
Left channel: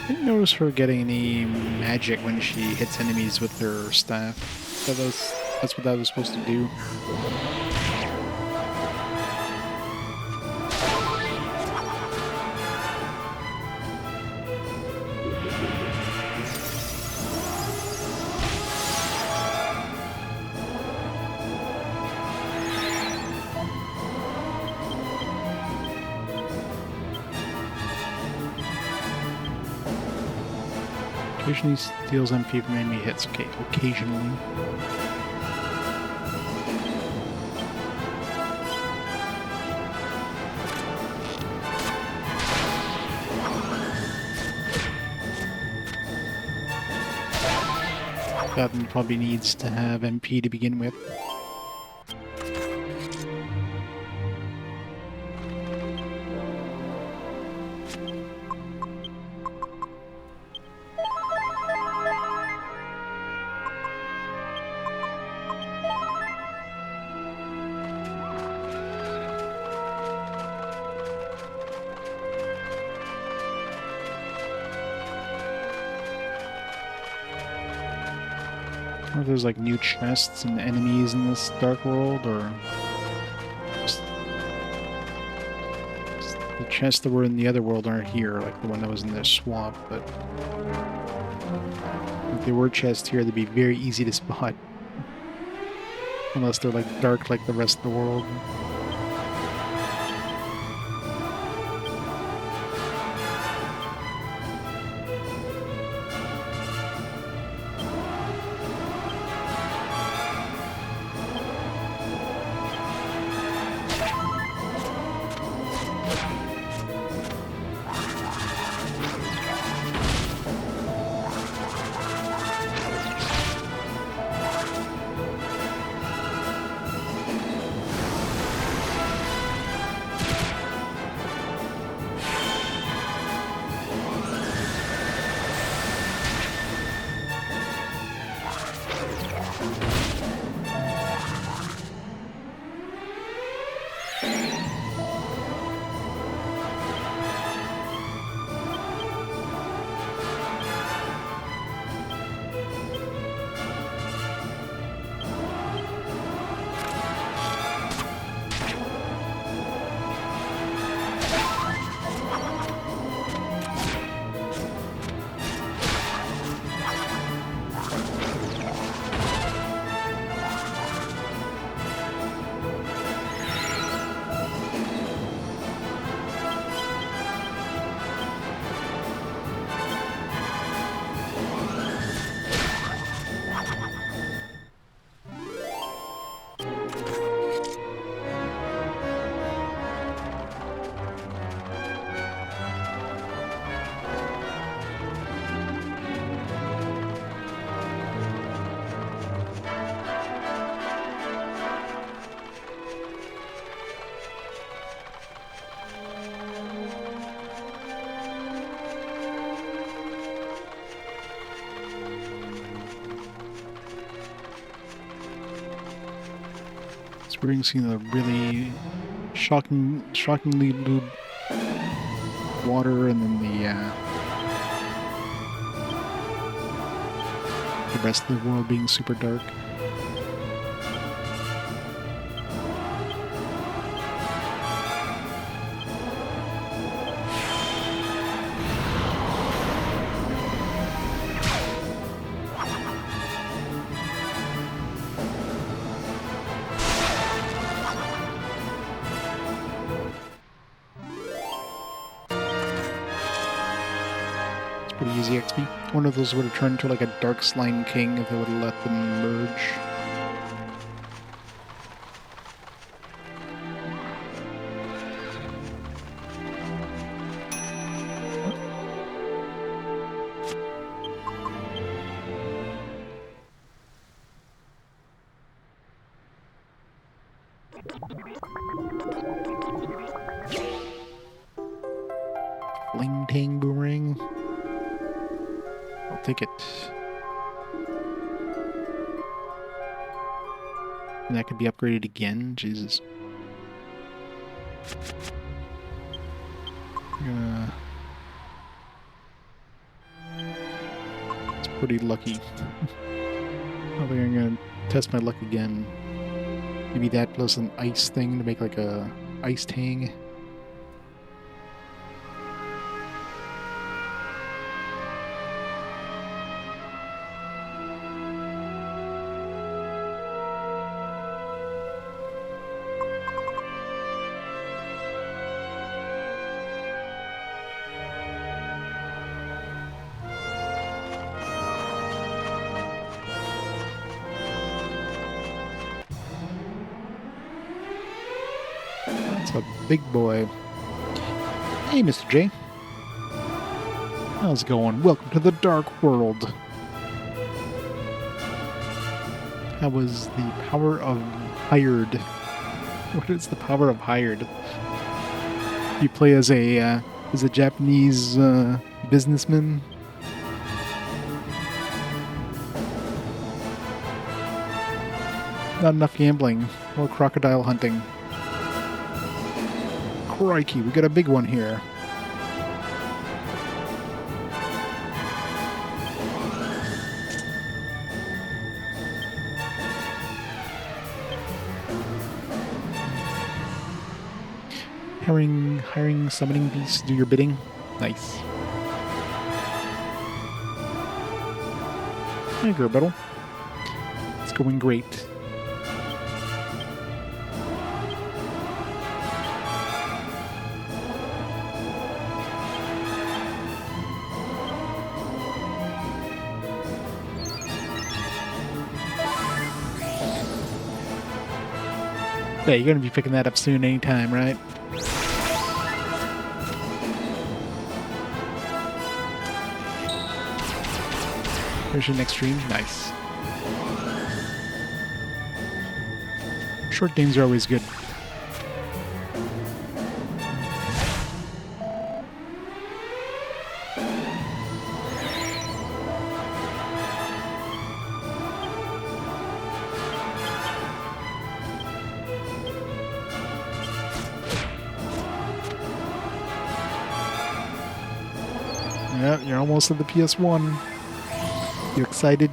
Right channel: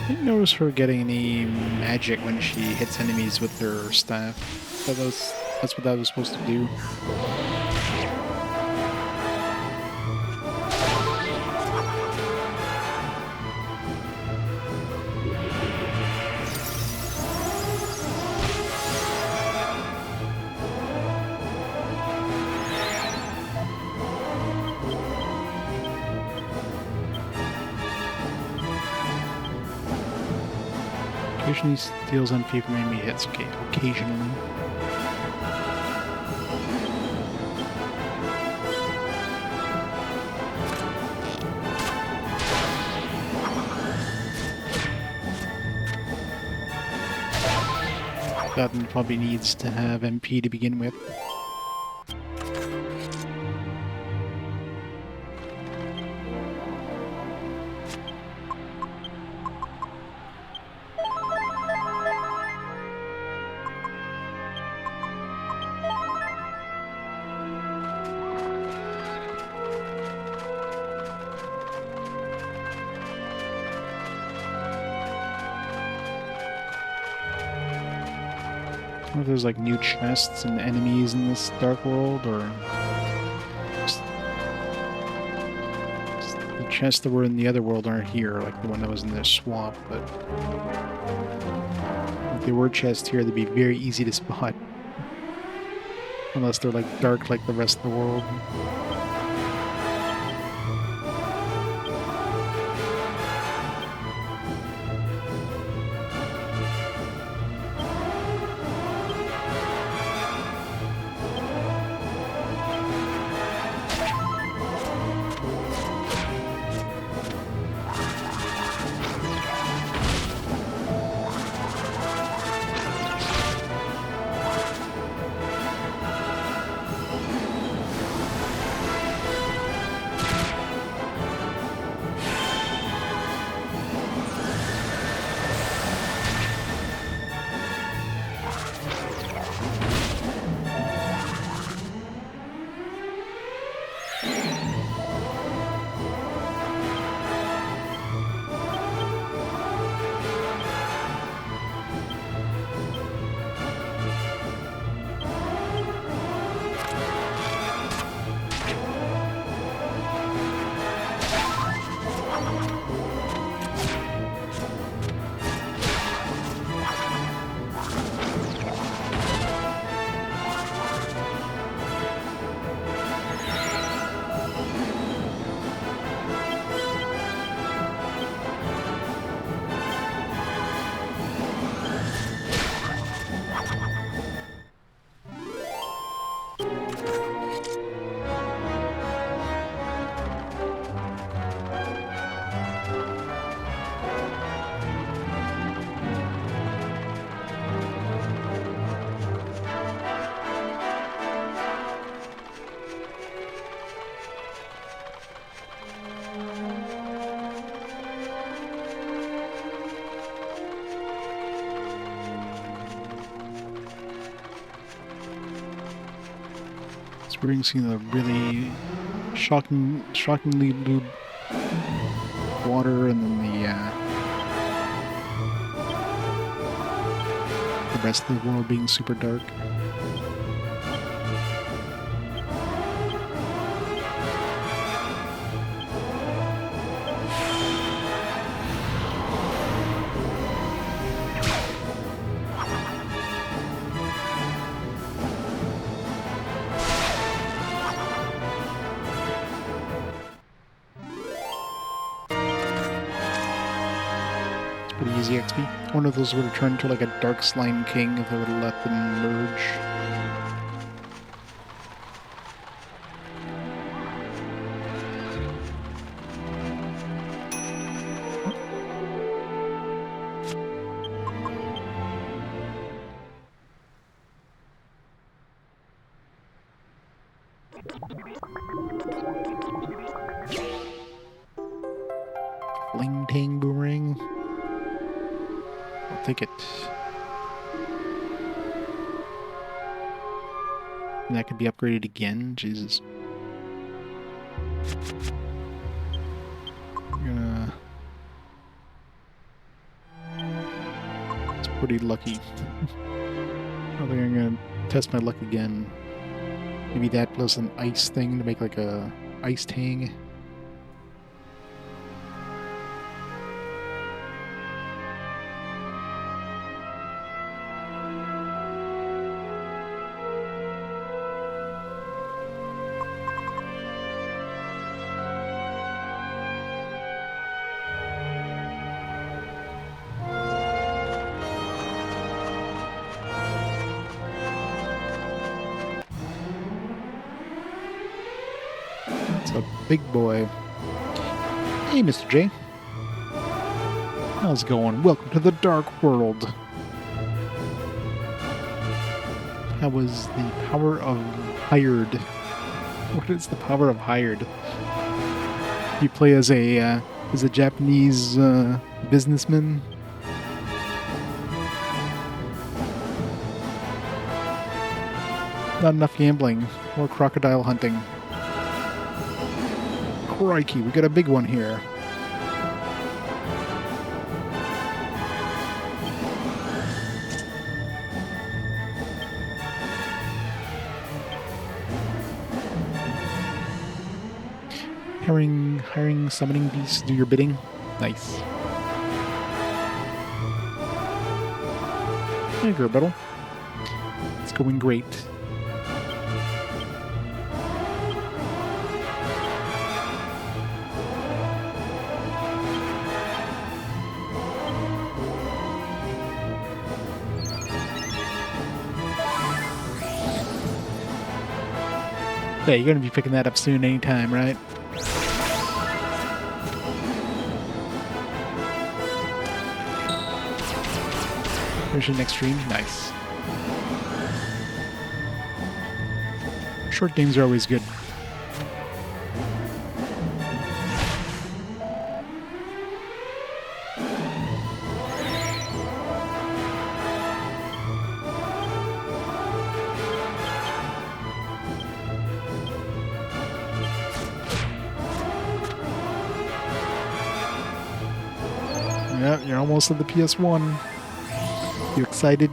I didn't notice her getting any magic when she hits enemies with her staff. That's what that was supposed to do. Occasionally steals MP from enemy hits. Okay, occasionally. That one probably needs to have MP to begin with. I wonder if there's like new chests and enemies in this dark world, or just the chests that were in the other world aren't here, like the one that was in the swamp, but if there were chests here, they'd be very easy to spot. Unless they're like dark like the rest of the world. experiencing the really shockingly blue water, and then the rest of the world being super dark. Pretty easy XP. One of those would have turned to like a Dark Slime King if they would have let them merge. Fling Tang Boomerang. I'll take it. And that could be upgraded again. Jesus. It's pretty lucky. I think I'm gonna test my luck again. Maybe that plus an ice thing to make like a ice tang. That's a big boy. Hey, Mr. J. How's it going? Welcome to the Dark World. How was the power of hired? What is the power of hired? You play as a Japanese businessman. Not enough gambling. More crocodile hunting. Crikey, we got a big one here. Hiring summoning beasts to do your bidding. Nice. Hey, Gerbettle. It's going great. Yeah, you're going to be picking that up soon anytime, right? There's your next stream. Nice. Short games are always good. Yeah, you're almost at the PS1. You excited?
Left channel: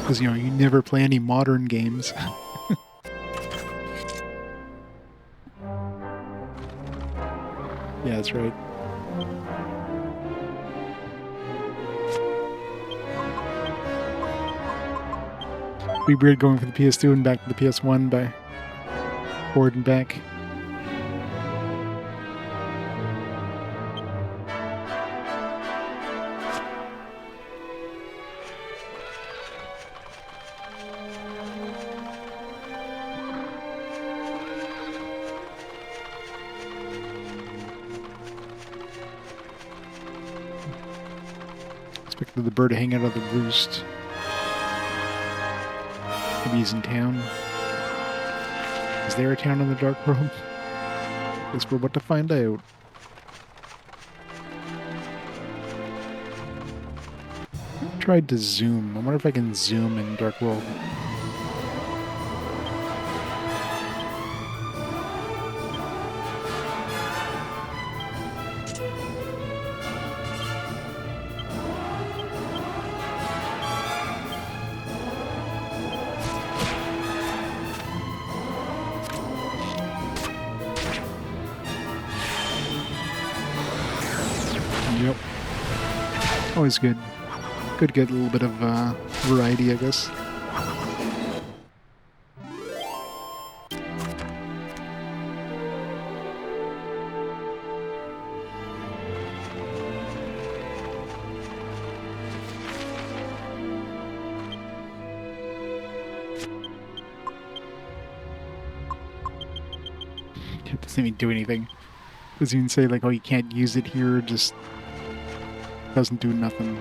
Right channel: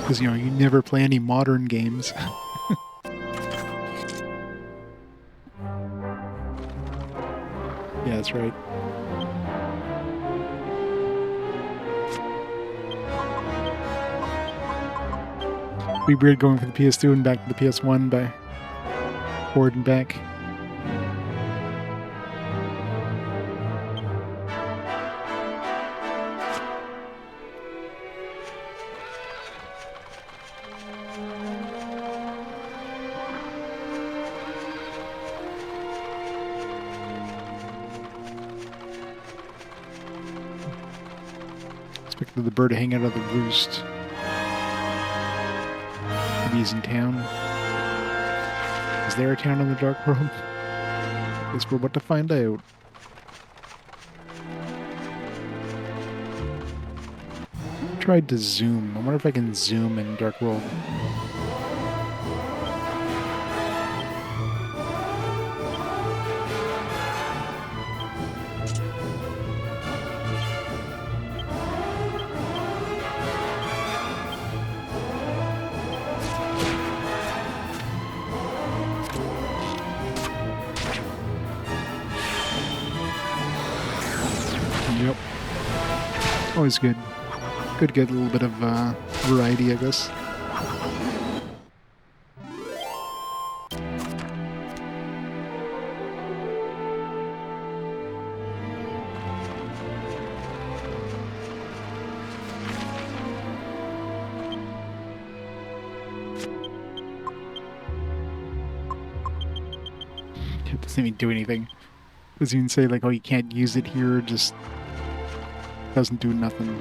Because, you know, you never play any modern games. Yeah, that's right. It'd be weird going from the PS2 and back to the PS1 by forward and back. Expected the bird to hang out of the roost. Maybe he's in town. Is there a town in the Dark World? Guess we're about to find out. tried to zoom. I wonder if I can zoom in Dark World. Yep. Always good. Good to get a little bit of variety, I guess. It doesn't even do anything. Doesn't even say like, oh, you can't use it here, just doesn't do nothing.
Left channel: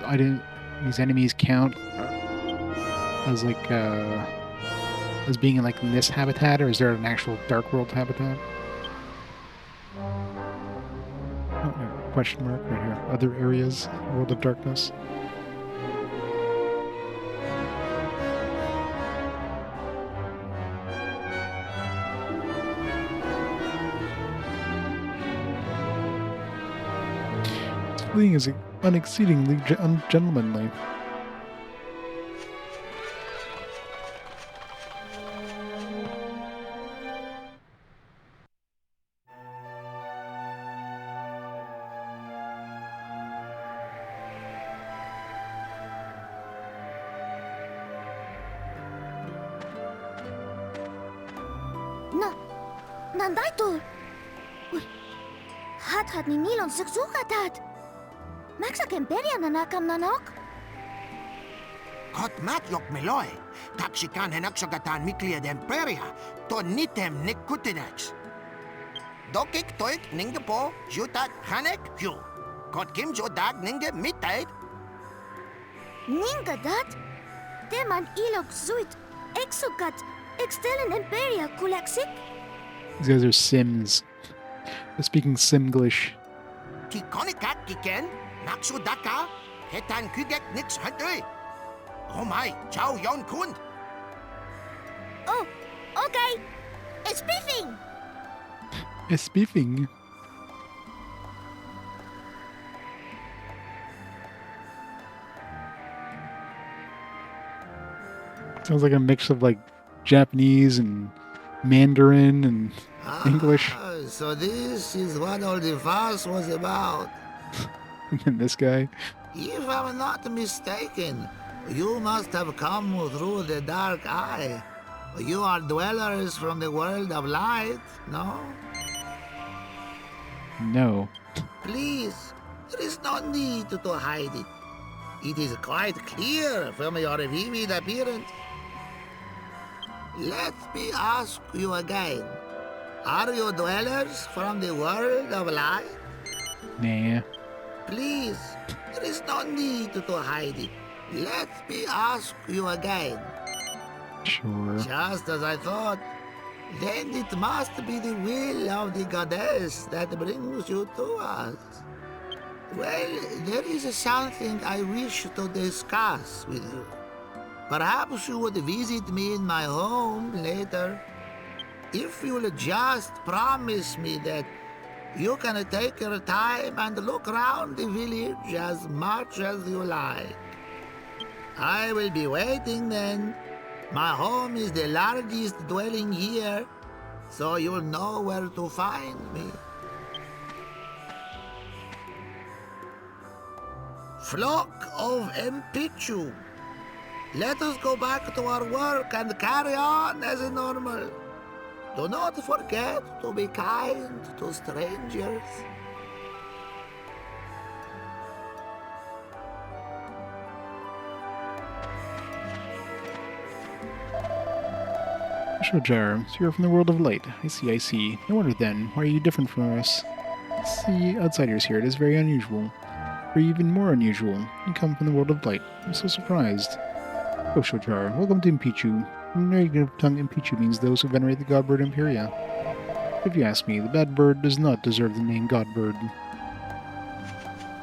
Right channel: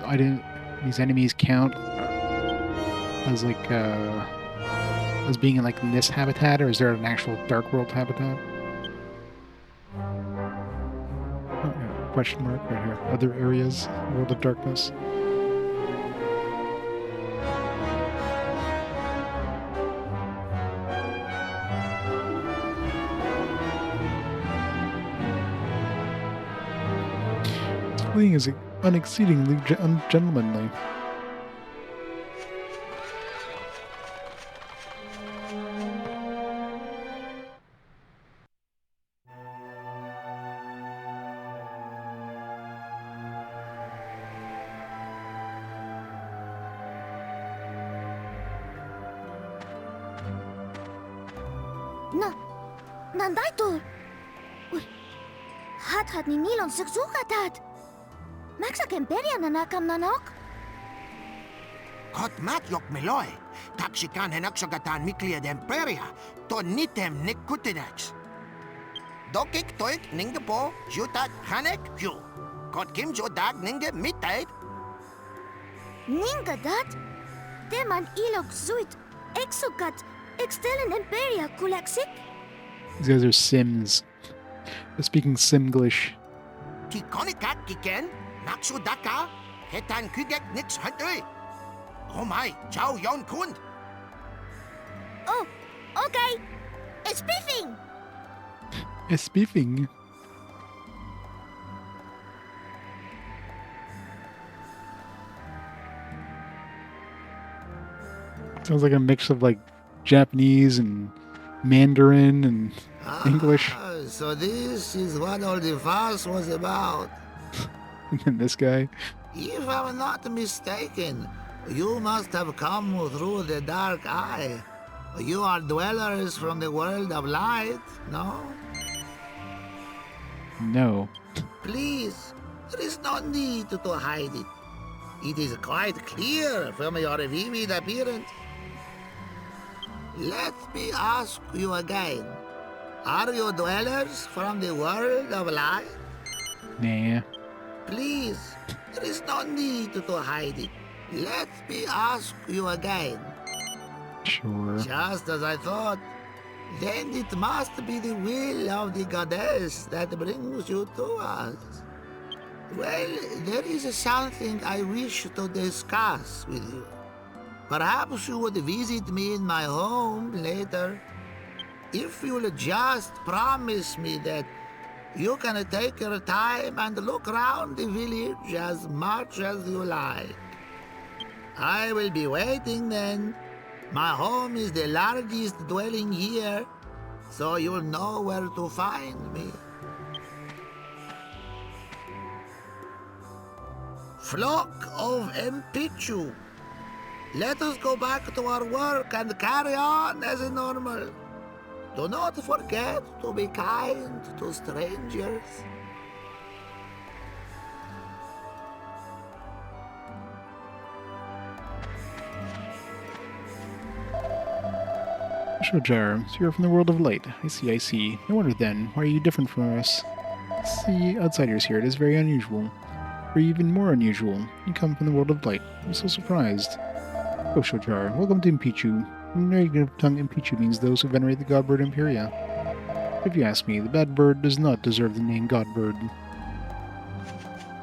What do these enemies count as like as being in like this habitat, or is there an actual Dark World habitat? Oh, yeah, question mark right here. Other areas, World of Darkness. This fleeing is unexceedingly ungentlemanly. Nandaitul! Ui, hat ni nilon seksugatat! Maksak imperia nanakam nanok? Kot matjok miloi, taksikan henaksagatan miklia de imperia, to nitem nikutinex. Dokik toik ninge po, jutat hanek hu. Kot kim jo dag ninge mitait. Ninga dat? Teman ilok zuit, exukat, extelen imperia kulaksik? These guys are Sims. They're speaking Simglish. Tikonikat kiken, naksudaka, hetan kugek nix hantui. Oh my, chow yon kund. Oh, okay. It's beefing! It's beefing. Sounds like a mix of like Japanese and Mandarin and English. So this is what all the fuss was about. And then this guy. If I'm not mistaken, you must have come through the dark eye. You are dwellers from the world of light, no? No. Please, there is no need to hide it. It is quite clear from your vivid appearance. Let me ask you again. Are you dwellers from the world of light? Nah. Please, there is no need to hide it. Let me ask you again. Sure. Just as I thought. Then it must be the will of the goddess that brings you to us. Well, there is something I wish to discuss with you. Perhaps you would visit me in my home later. If you'll just promise me that you can take your time and look around the village as much as you like. I will be waiting then. My home is the largest dwelling here, so you'll know where to find me. Flock of Empichu, let us go back to our work and carry on as normal. Do not forget to be kind to strangers. Shojar, so you're from the world of light. I see, I see. No wonder then. Why are you different from us? See, outsiders here, it is very unusual. Or even more unusual. You come from the world of light. I'm so surprised. Oh, Shojar, welcome to Impichu. Native tongue Impichu means those who venerate the god bird Imperia. If you ask me, the bad bird does not deserve the name god bird.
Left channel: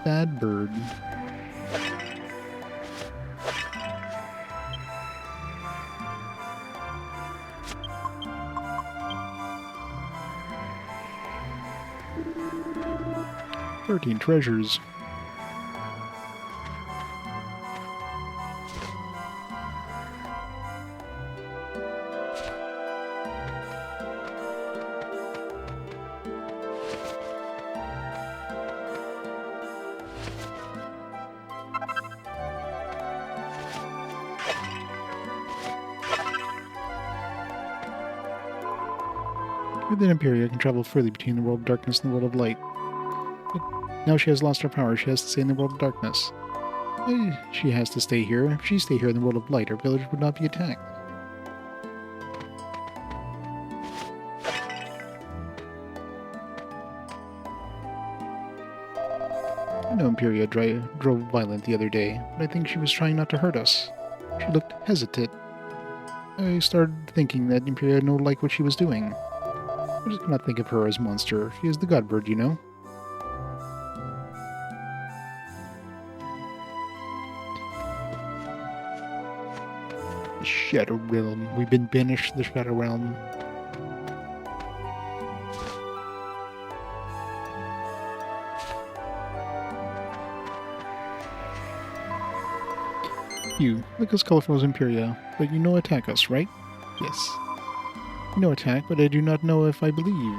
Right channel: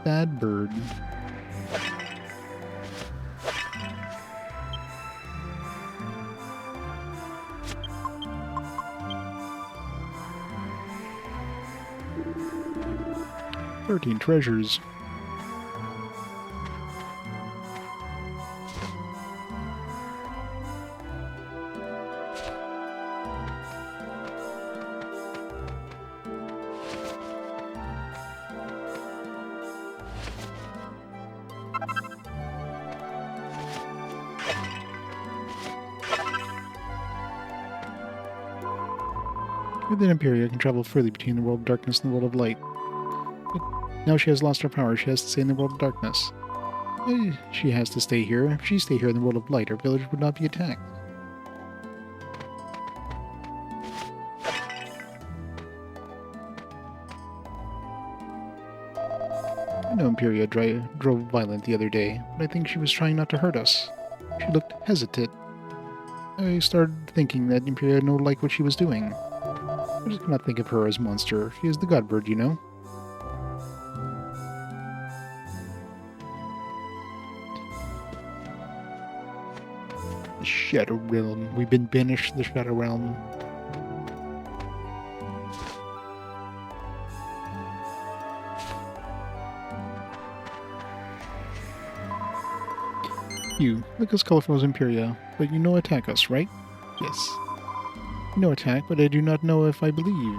Bad bird. "13 treasures. Within Imperia can travel freely between the world of darkness and the world of light. But now she has lost her power, she has to stay in the world of darkness. She has to stay here. If she stayed here in the world of light, her village would not be attacked. I know Imperia drove violent the other day, but I think she was trying not to hurt us. She looked hesitant. I started thinking that Imperia no like what she was doing. I just cannot think of her as monster. She is the god bird, you know. The Shadow Realm. We've been banished to the Shadow Realm. You look as colorful as Imperia, but you know attack us, right? Yes. No attack, but I do not know if I believe.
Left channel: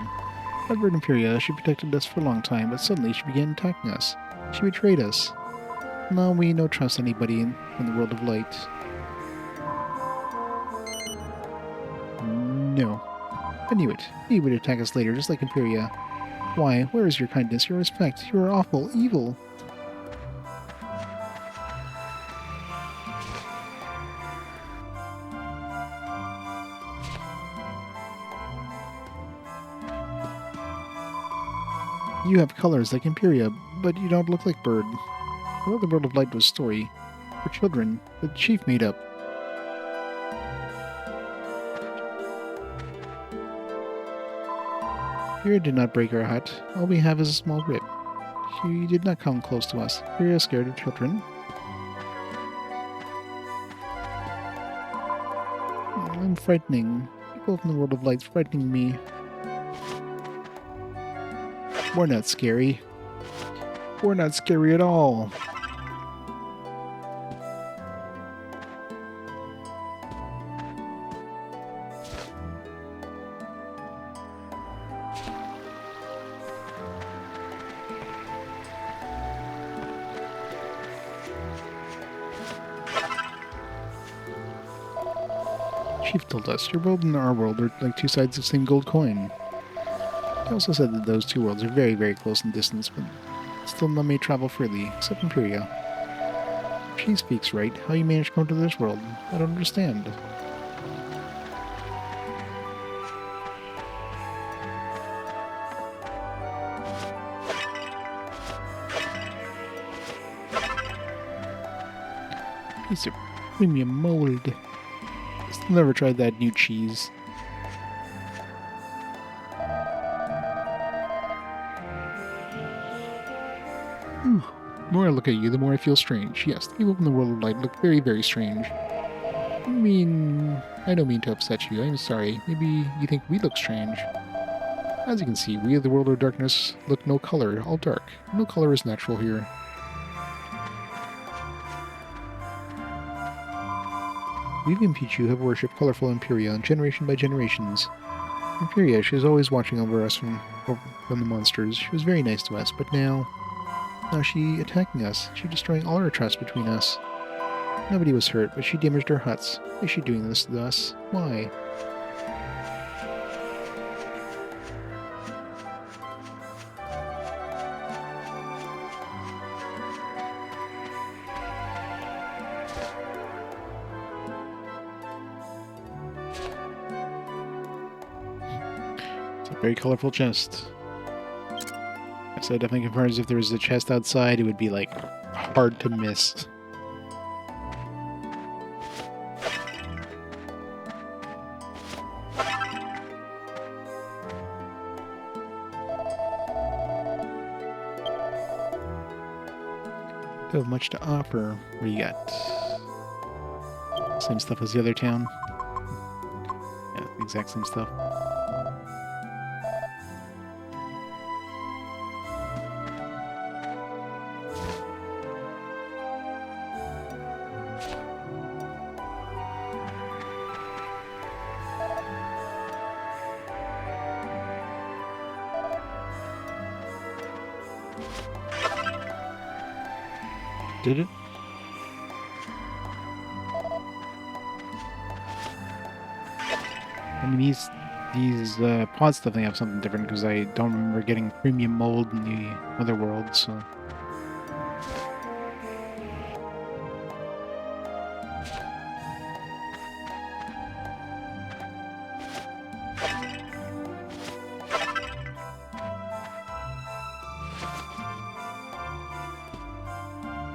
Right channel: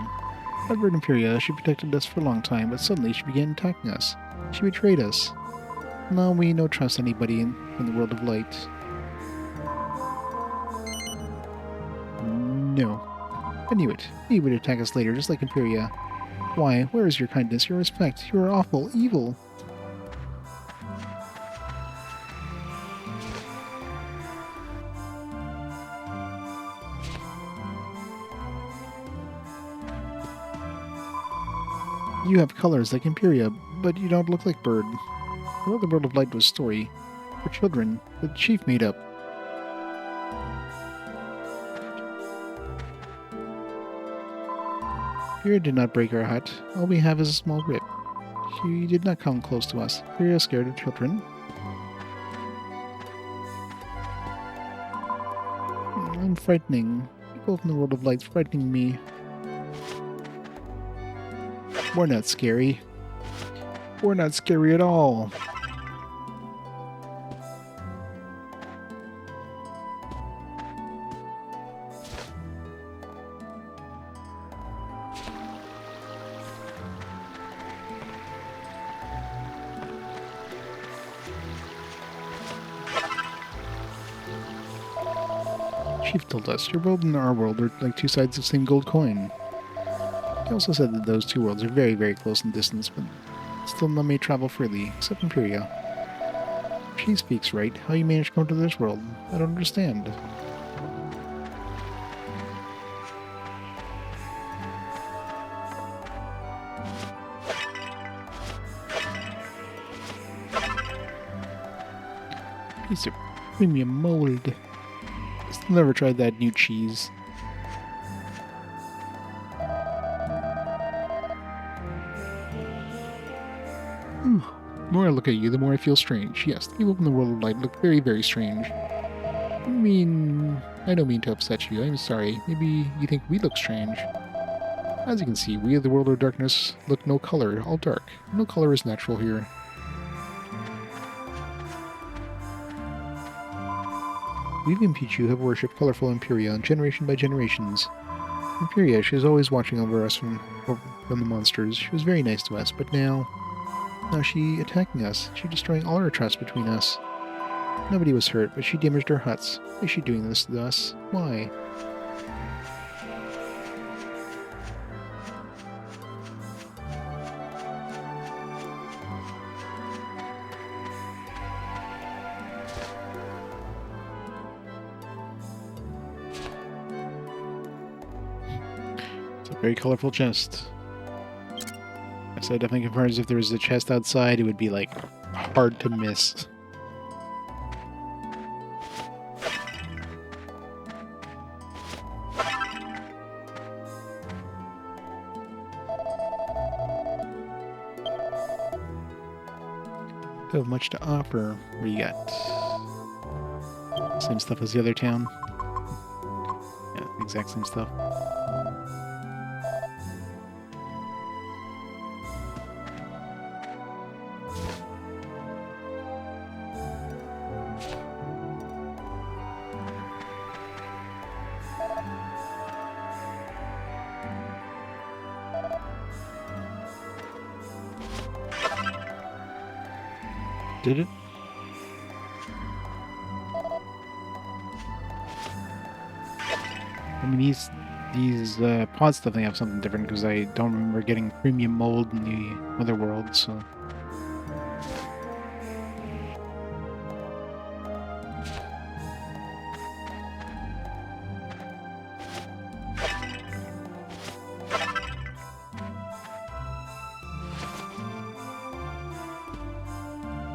Godbird Imperia, she protected us for a long time, but suddenly she began attacking us. She betrayed us. Now we don't trust anybody in the world of light. No. I knew it. He would attack us later, just like Imperia. Why? Where is your kindness, your respect? You are awful, evil. You have colors like Imperia, but you don't look like Bird. I thought the world of light was a story for children that the chief made up. Imperia did not break our hut. All we have is a small rip. She did not come close to us. Imperia is scared of children. I'm frightening. People from the world of light's frightening me. We're not scary. We're not scary at all. Chief told us your world and our world are like two sides of the same gold coin. He also said that those two worlds are very, very close in distance, but still none may travel freely, except Imperia. She speaks right. How you managed to come to this world, I don't understand. Piece of premium mold. Still never tried that new cheese. The more I look at you, the more I feel strange. Yes, the people in the world of light look very, very strange. I don't mean to upset you. I'm sorry. Maybe you think we look strange. As you can see, we of the world of darkness look no color, all dark. No color is natural here. We of Impichu have worshipped colorful Imperia generation by generations. Imperia, she was always watching over us from the monsters. She was very nice to us, but now she attacking us. She destroying all our trust between us. Nobody was hurt, but she damaged our huts. Why is she doing this to us? Why? It's a very colorful chest. So it definitely confirms if there was a chest outside, it would be like hard to miss. Don't have much to offer. What do you got? Same stuff as the other town. Yeah, the exact same stuff. Did it? I mean, these pods definitely have something different because I don't remember getting premium mold in the other world, so.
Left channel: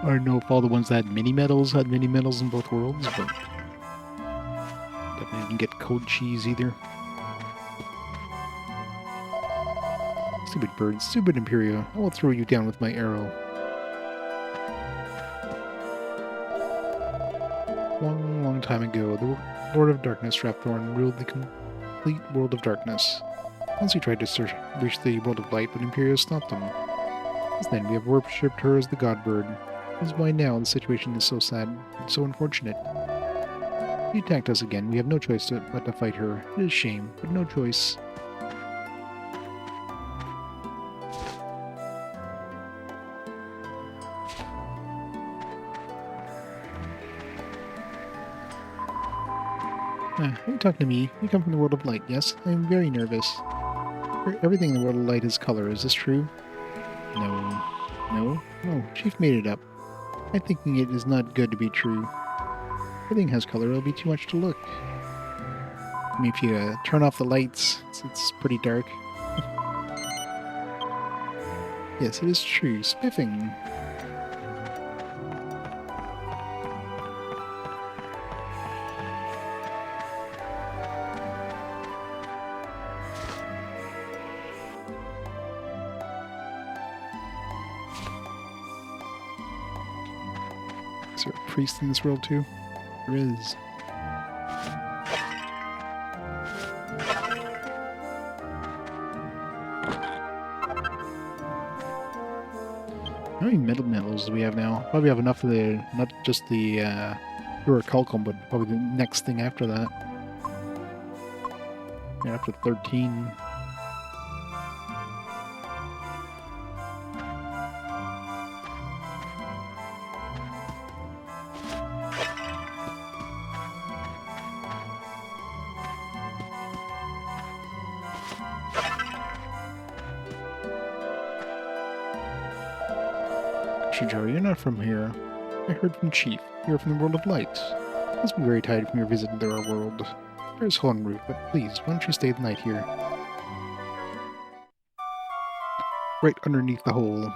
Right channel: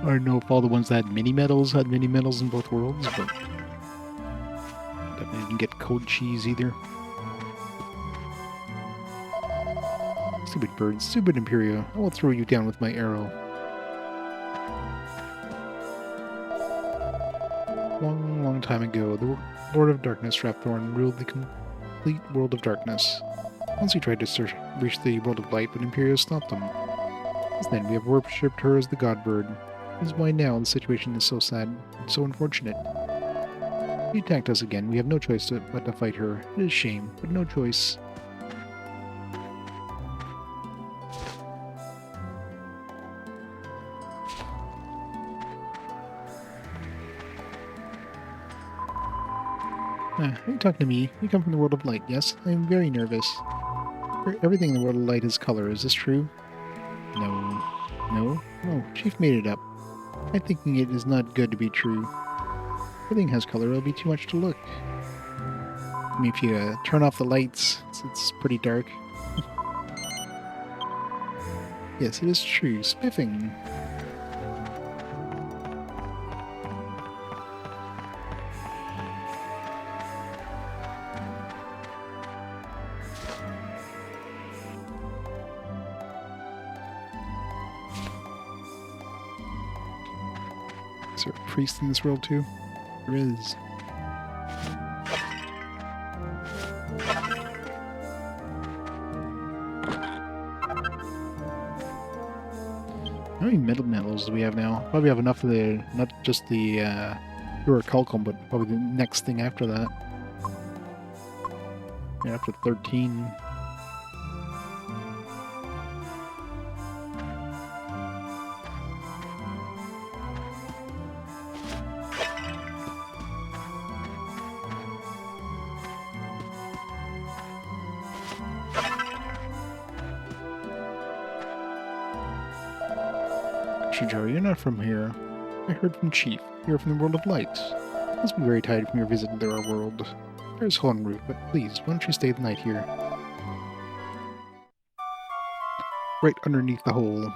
I don't know if all the ones that had mini medals in both worlds, but definitely didn't get cold cheese either. Stupid bird, stupid Imperia. I will throw you down with my arrow. Long, long time ago, the Lord of Darkness, Rapthorn, ruled the complete world of darkness. Once he tried to reach the world of light, but Imperia stopped him. Since then, we have worshipped her as the god bird. This is why now the situation is so sad and so unfortunate. She attacked us again. We have no choice but to fight her. It is a shame, but no choice. Are you talking to me? You come from the world of light, yes? I am very nervous. Everything in the world of light is color. Is this true? No. No? Oh, Chief made it up. I'm thinking it is not good to be true. Everything has color, it'll be too much to look. I mean, if you turn off the lights, it's pretty dark. Yes, it is true. Spiffing. Is there a priest in this world too? There is. How many medals do we have now? Probably have enough of the, not just the orchestral, but probably the next thing after that. Yeah, after 13. Joe, you're not from here. I heard from Chief. You're from the world of light. You must be very tired from your visit to our world. There's hole en route, but please, why don't you stay the night here? Right underneath the hole.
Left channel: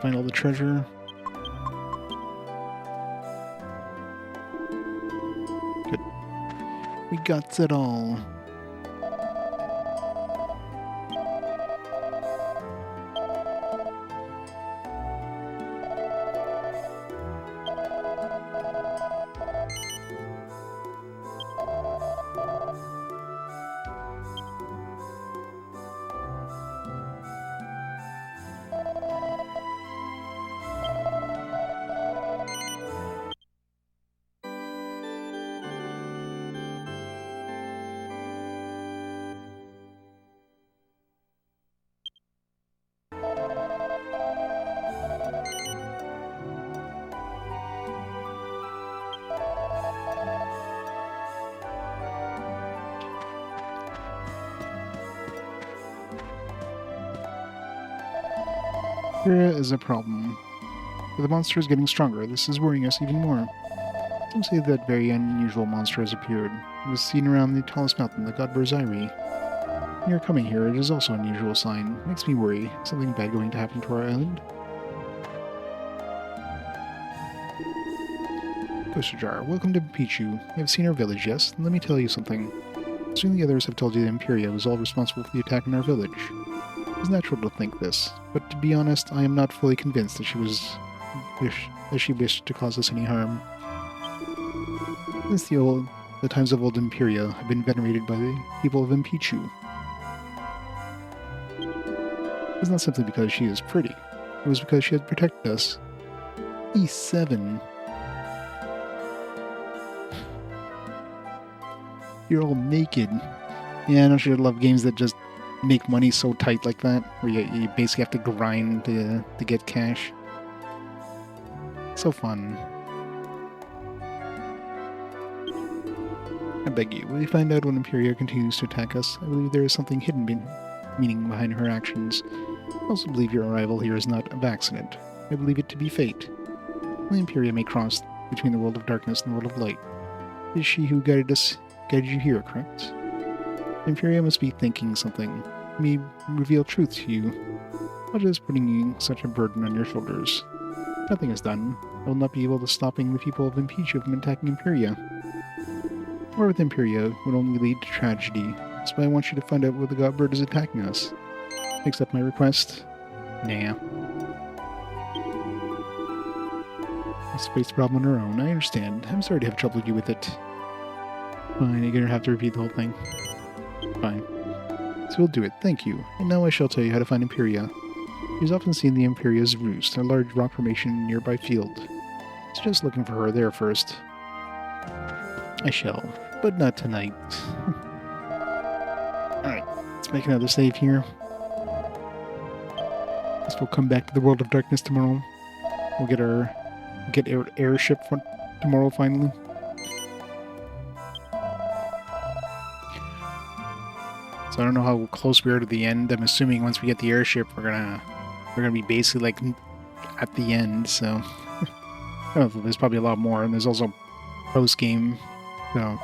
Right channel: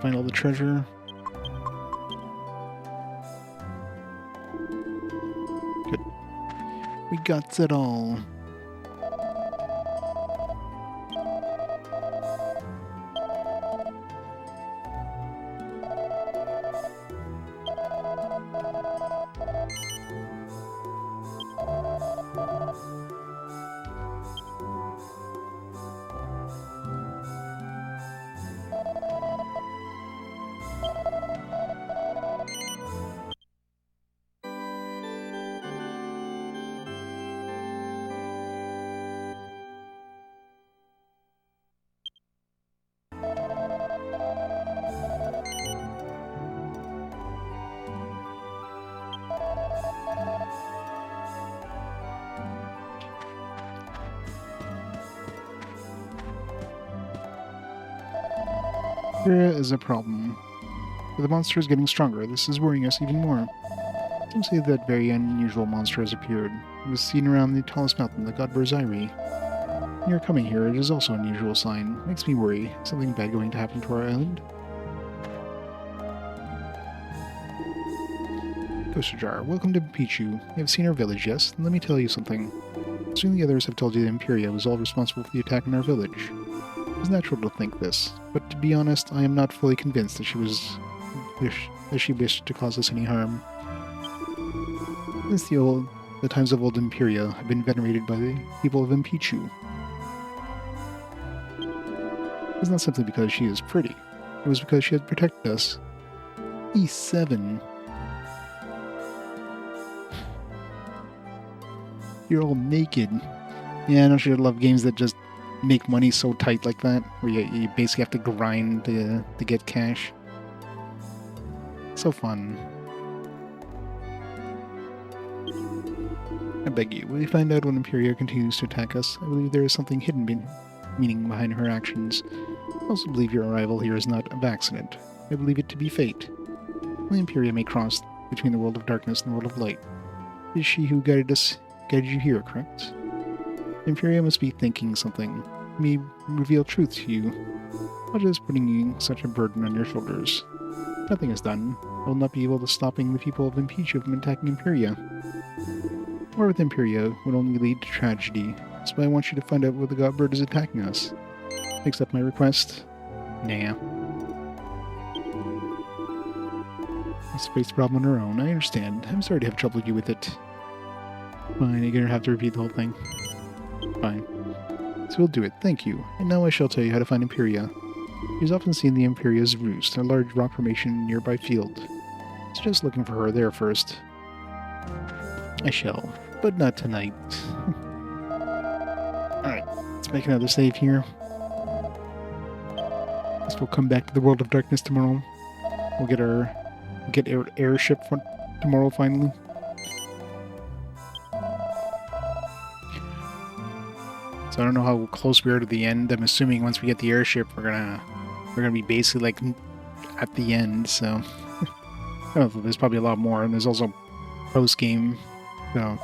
Find all the treasure. guts at all. There is a problem. The monster is getting stronger. This is worrying us even more. Some say that very unusual monster has appeared. It was seen around the tallest mountain, the god Berziri. Near coming here, it is also an unusual sign. Makes me worry. Something bad going to happen to our island? Ghost Jar, welcome to Pichu. You have seen our village, yes? Let me tell you something. Soon the others have told you that Imperia was all responsible for the attack on our village. It's natural to think this, but to be honest, I am not fully convinced that she wished to cause us any harm. Since the times of old Imperia have been venerated by the people of Impichu. It's not simply because she is pretty. It was because she had protected us. E7. You're all naked. Yeah, don't you love games that just make money so tight like that? Where you basically have to grind to get cash. So fun. I beg you, will you find out when Imperia continues to attack us? I believe there is something hidden meaning behind her actions. I also believe your arrival here is not of accident. I believe it to be fate. The Imperia may cross between the world of darkness and the world of light. It is she who guided you here, correct? Imperia must be thinking something. It may reveal truth to you. What is putting such a burden on your shoulders? Nothing is done. I will not be able to stopping the people of Impichu from attacking Imperia. War with Imperia would only lead to tragedy. That's why I want you to find out where the god bird is attacking us. Accept my request? Nah. Let's face the problem on her own. I understand. I'm sorry to have troubled you with it. Fine, you're gonna have to repeat the whole thing. Fine. So we'll do it, thank you. And now I shall tell you how to find Imperia. She is often seen the Imperia's roost, a large rock formation in a nearby field. Suggest looking for her there first. I shall, but not tonight. Alright, let's make another save here. Guess we'll come back to the world of darkness tomorrow. We'll get our airship tomorrow finally. So I don't know how close we are to the end. I'm assuming once we get the airship, we're gonna be basically like at the end. So I don't know, there's probably a lot more, and there's also post game. So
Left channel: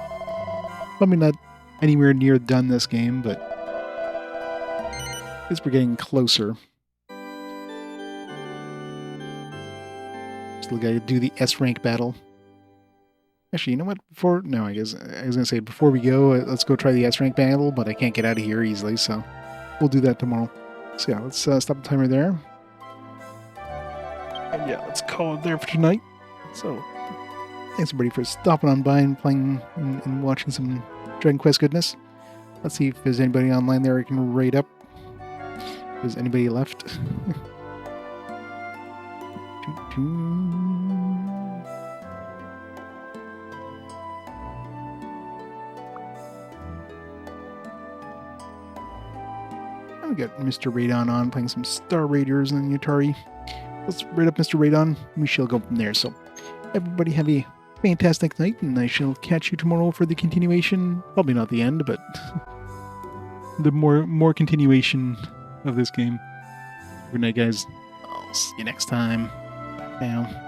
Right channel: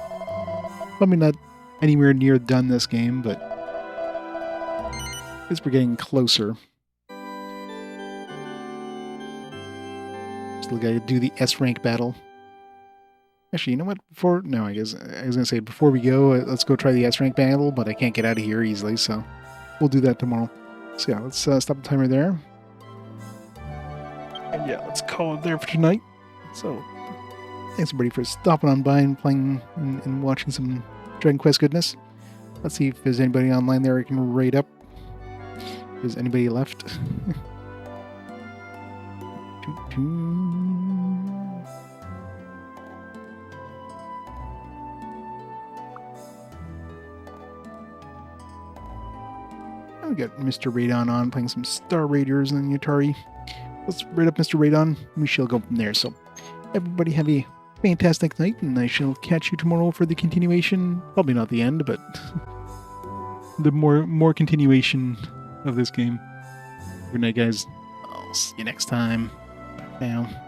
probably not anywhere near done this game, but I guess we're getting closer. Still gotta do the S rank battle. Actually, you know what? I guess I was gonna say before we go, let's go try the S rank battle, but I can't get out of here easily, so we'll do that tomorrow. So yeah, let's stop the timer there. And yeah, let's call it there for tonight. So thanks everybody for stopping on by and playing and watching some Dragon Quest goodness. Let's see if there's anybody online there I can raid up. If there's anybody left. We got Mr. Radon on playing some Star Raiders on the Atari. Let's raid up Mr. Radon. We shall go from there. So everybody have a fantastic night, and I shall catch you tomorrow for the continuation. Probably not the end, but the more continuation of this game. Good night, guys. I'll see you next time. Bye now.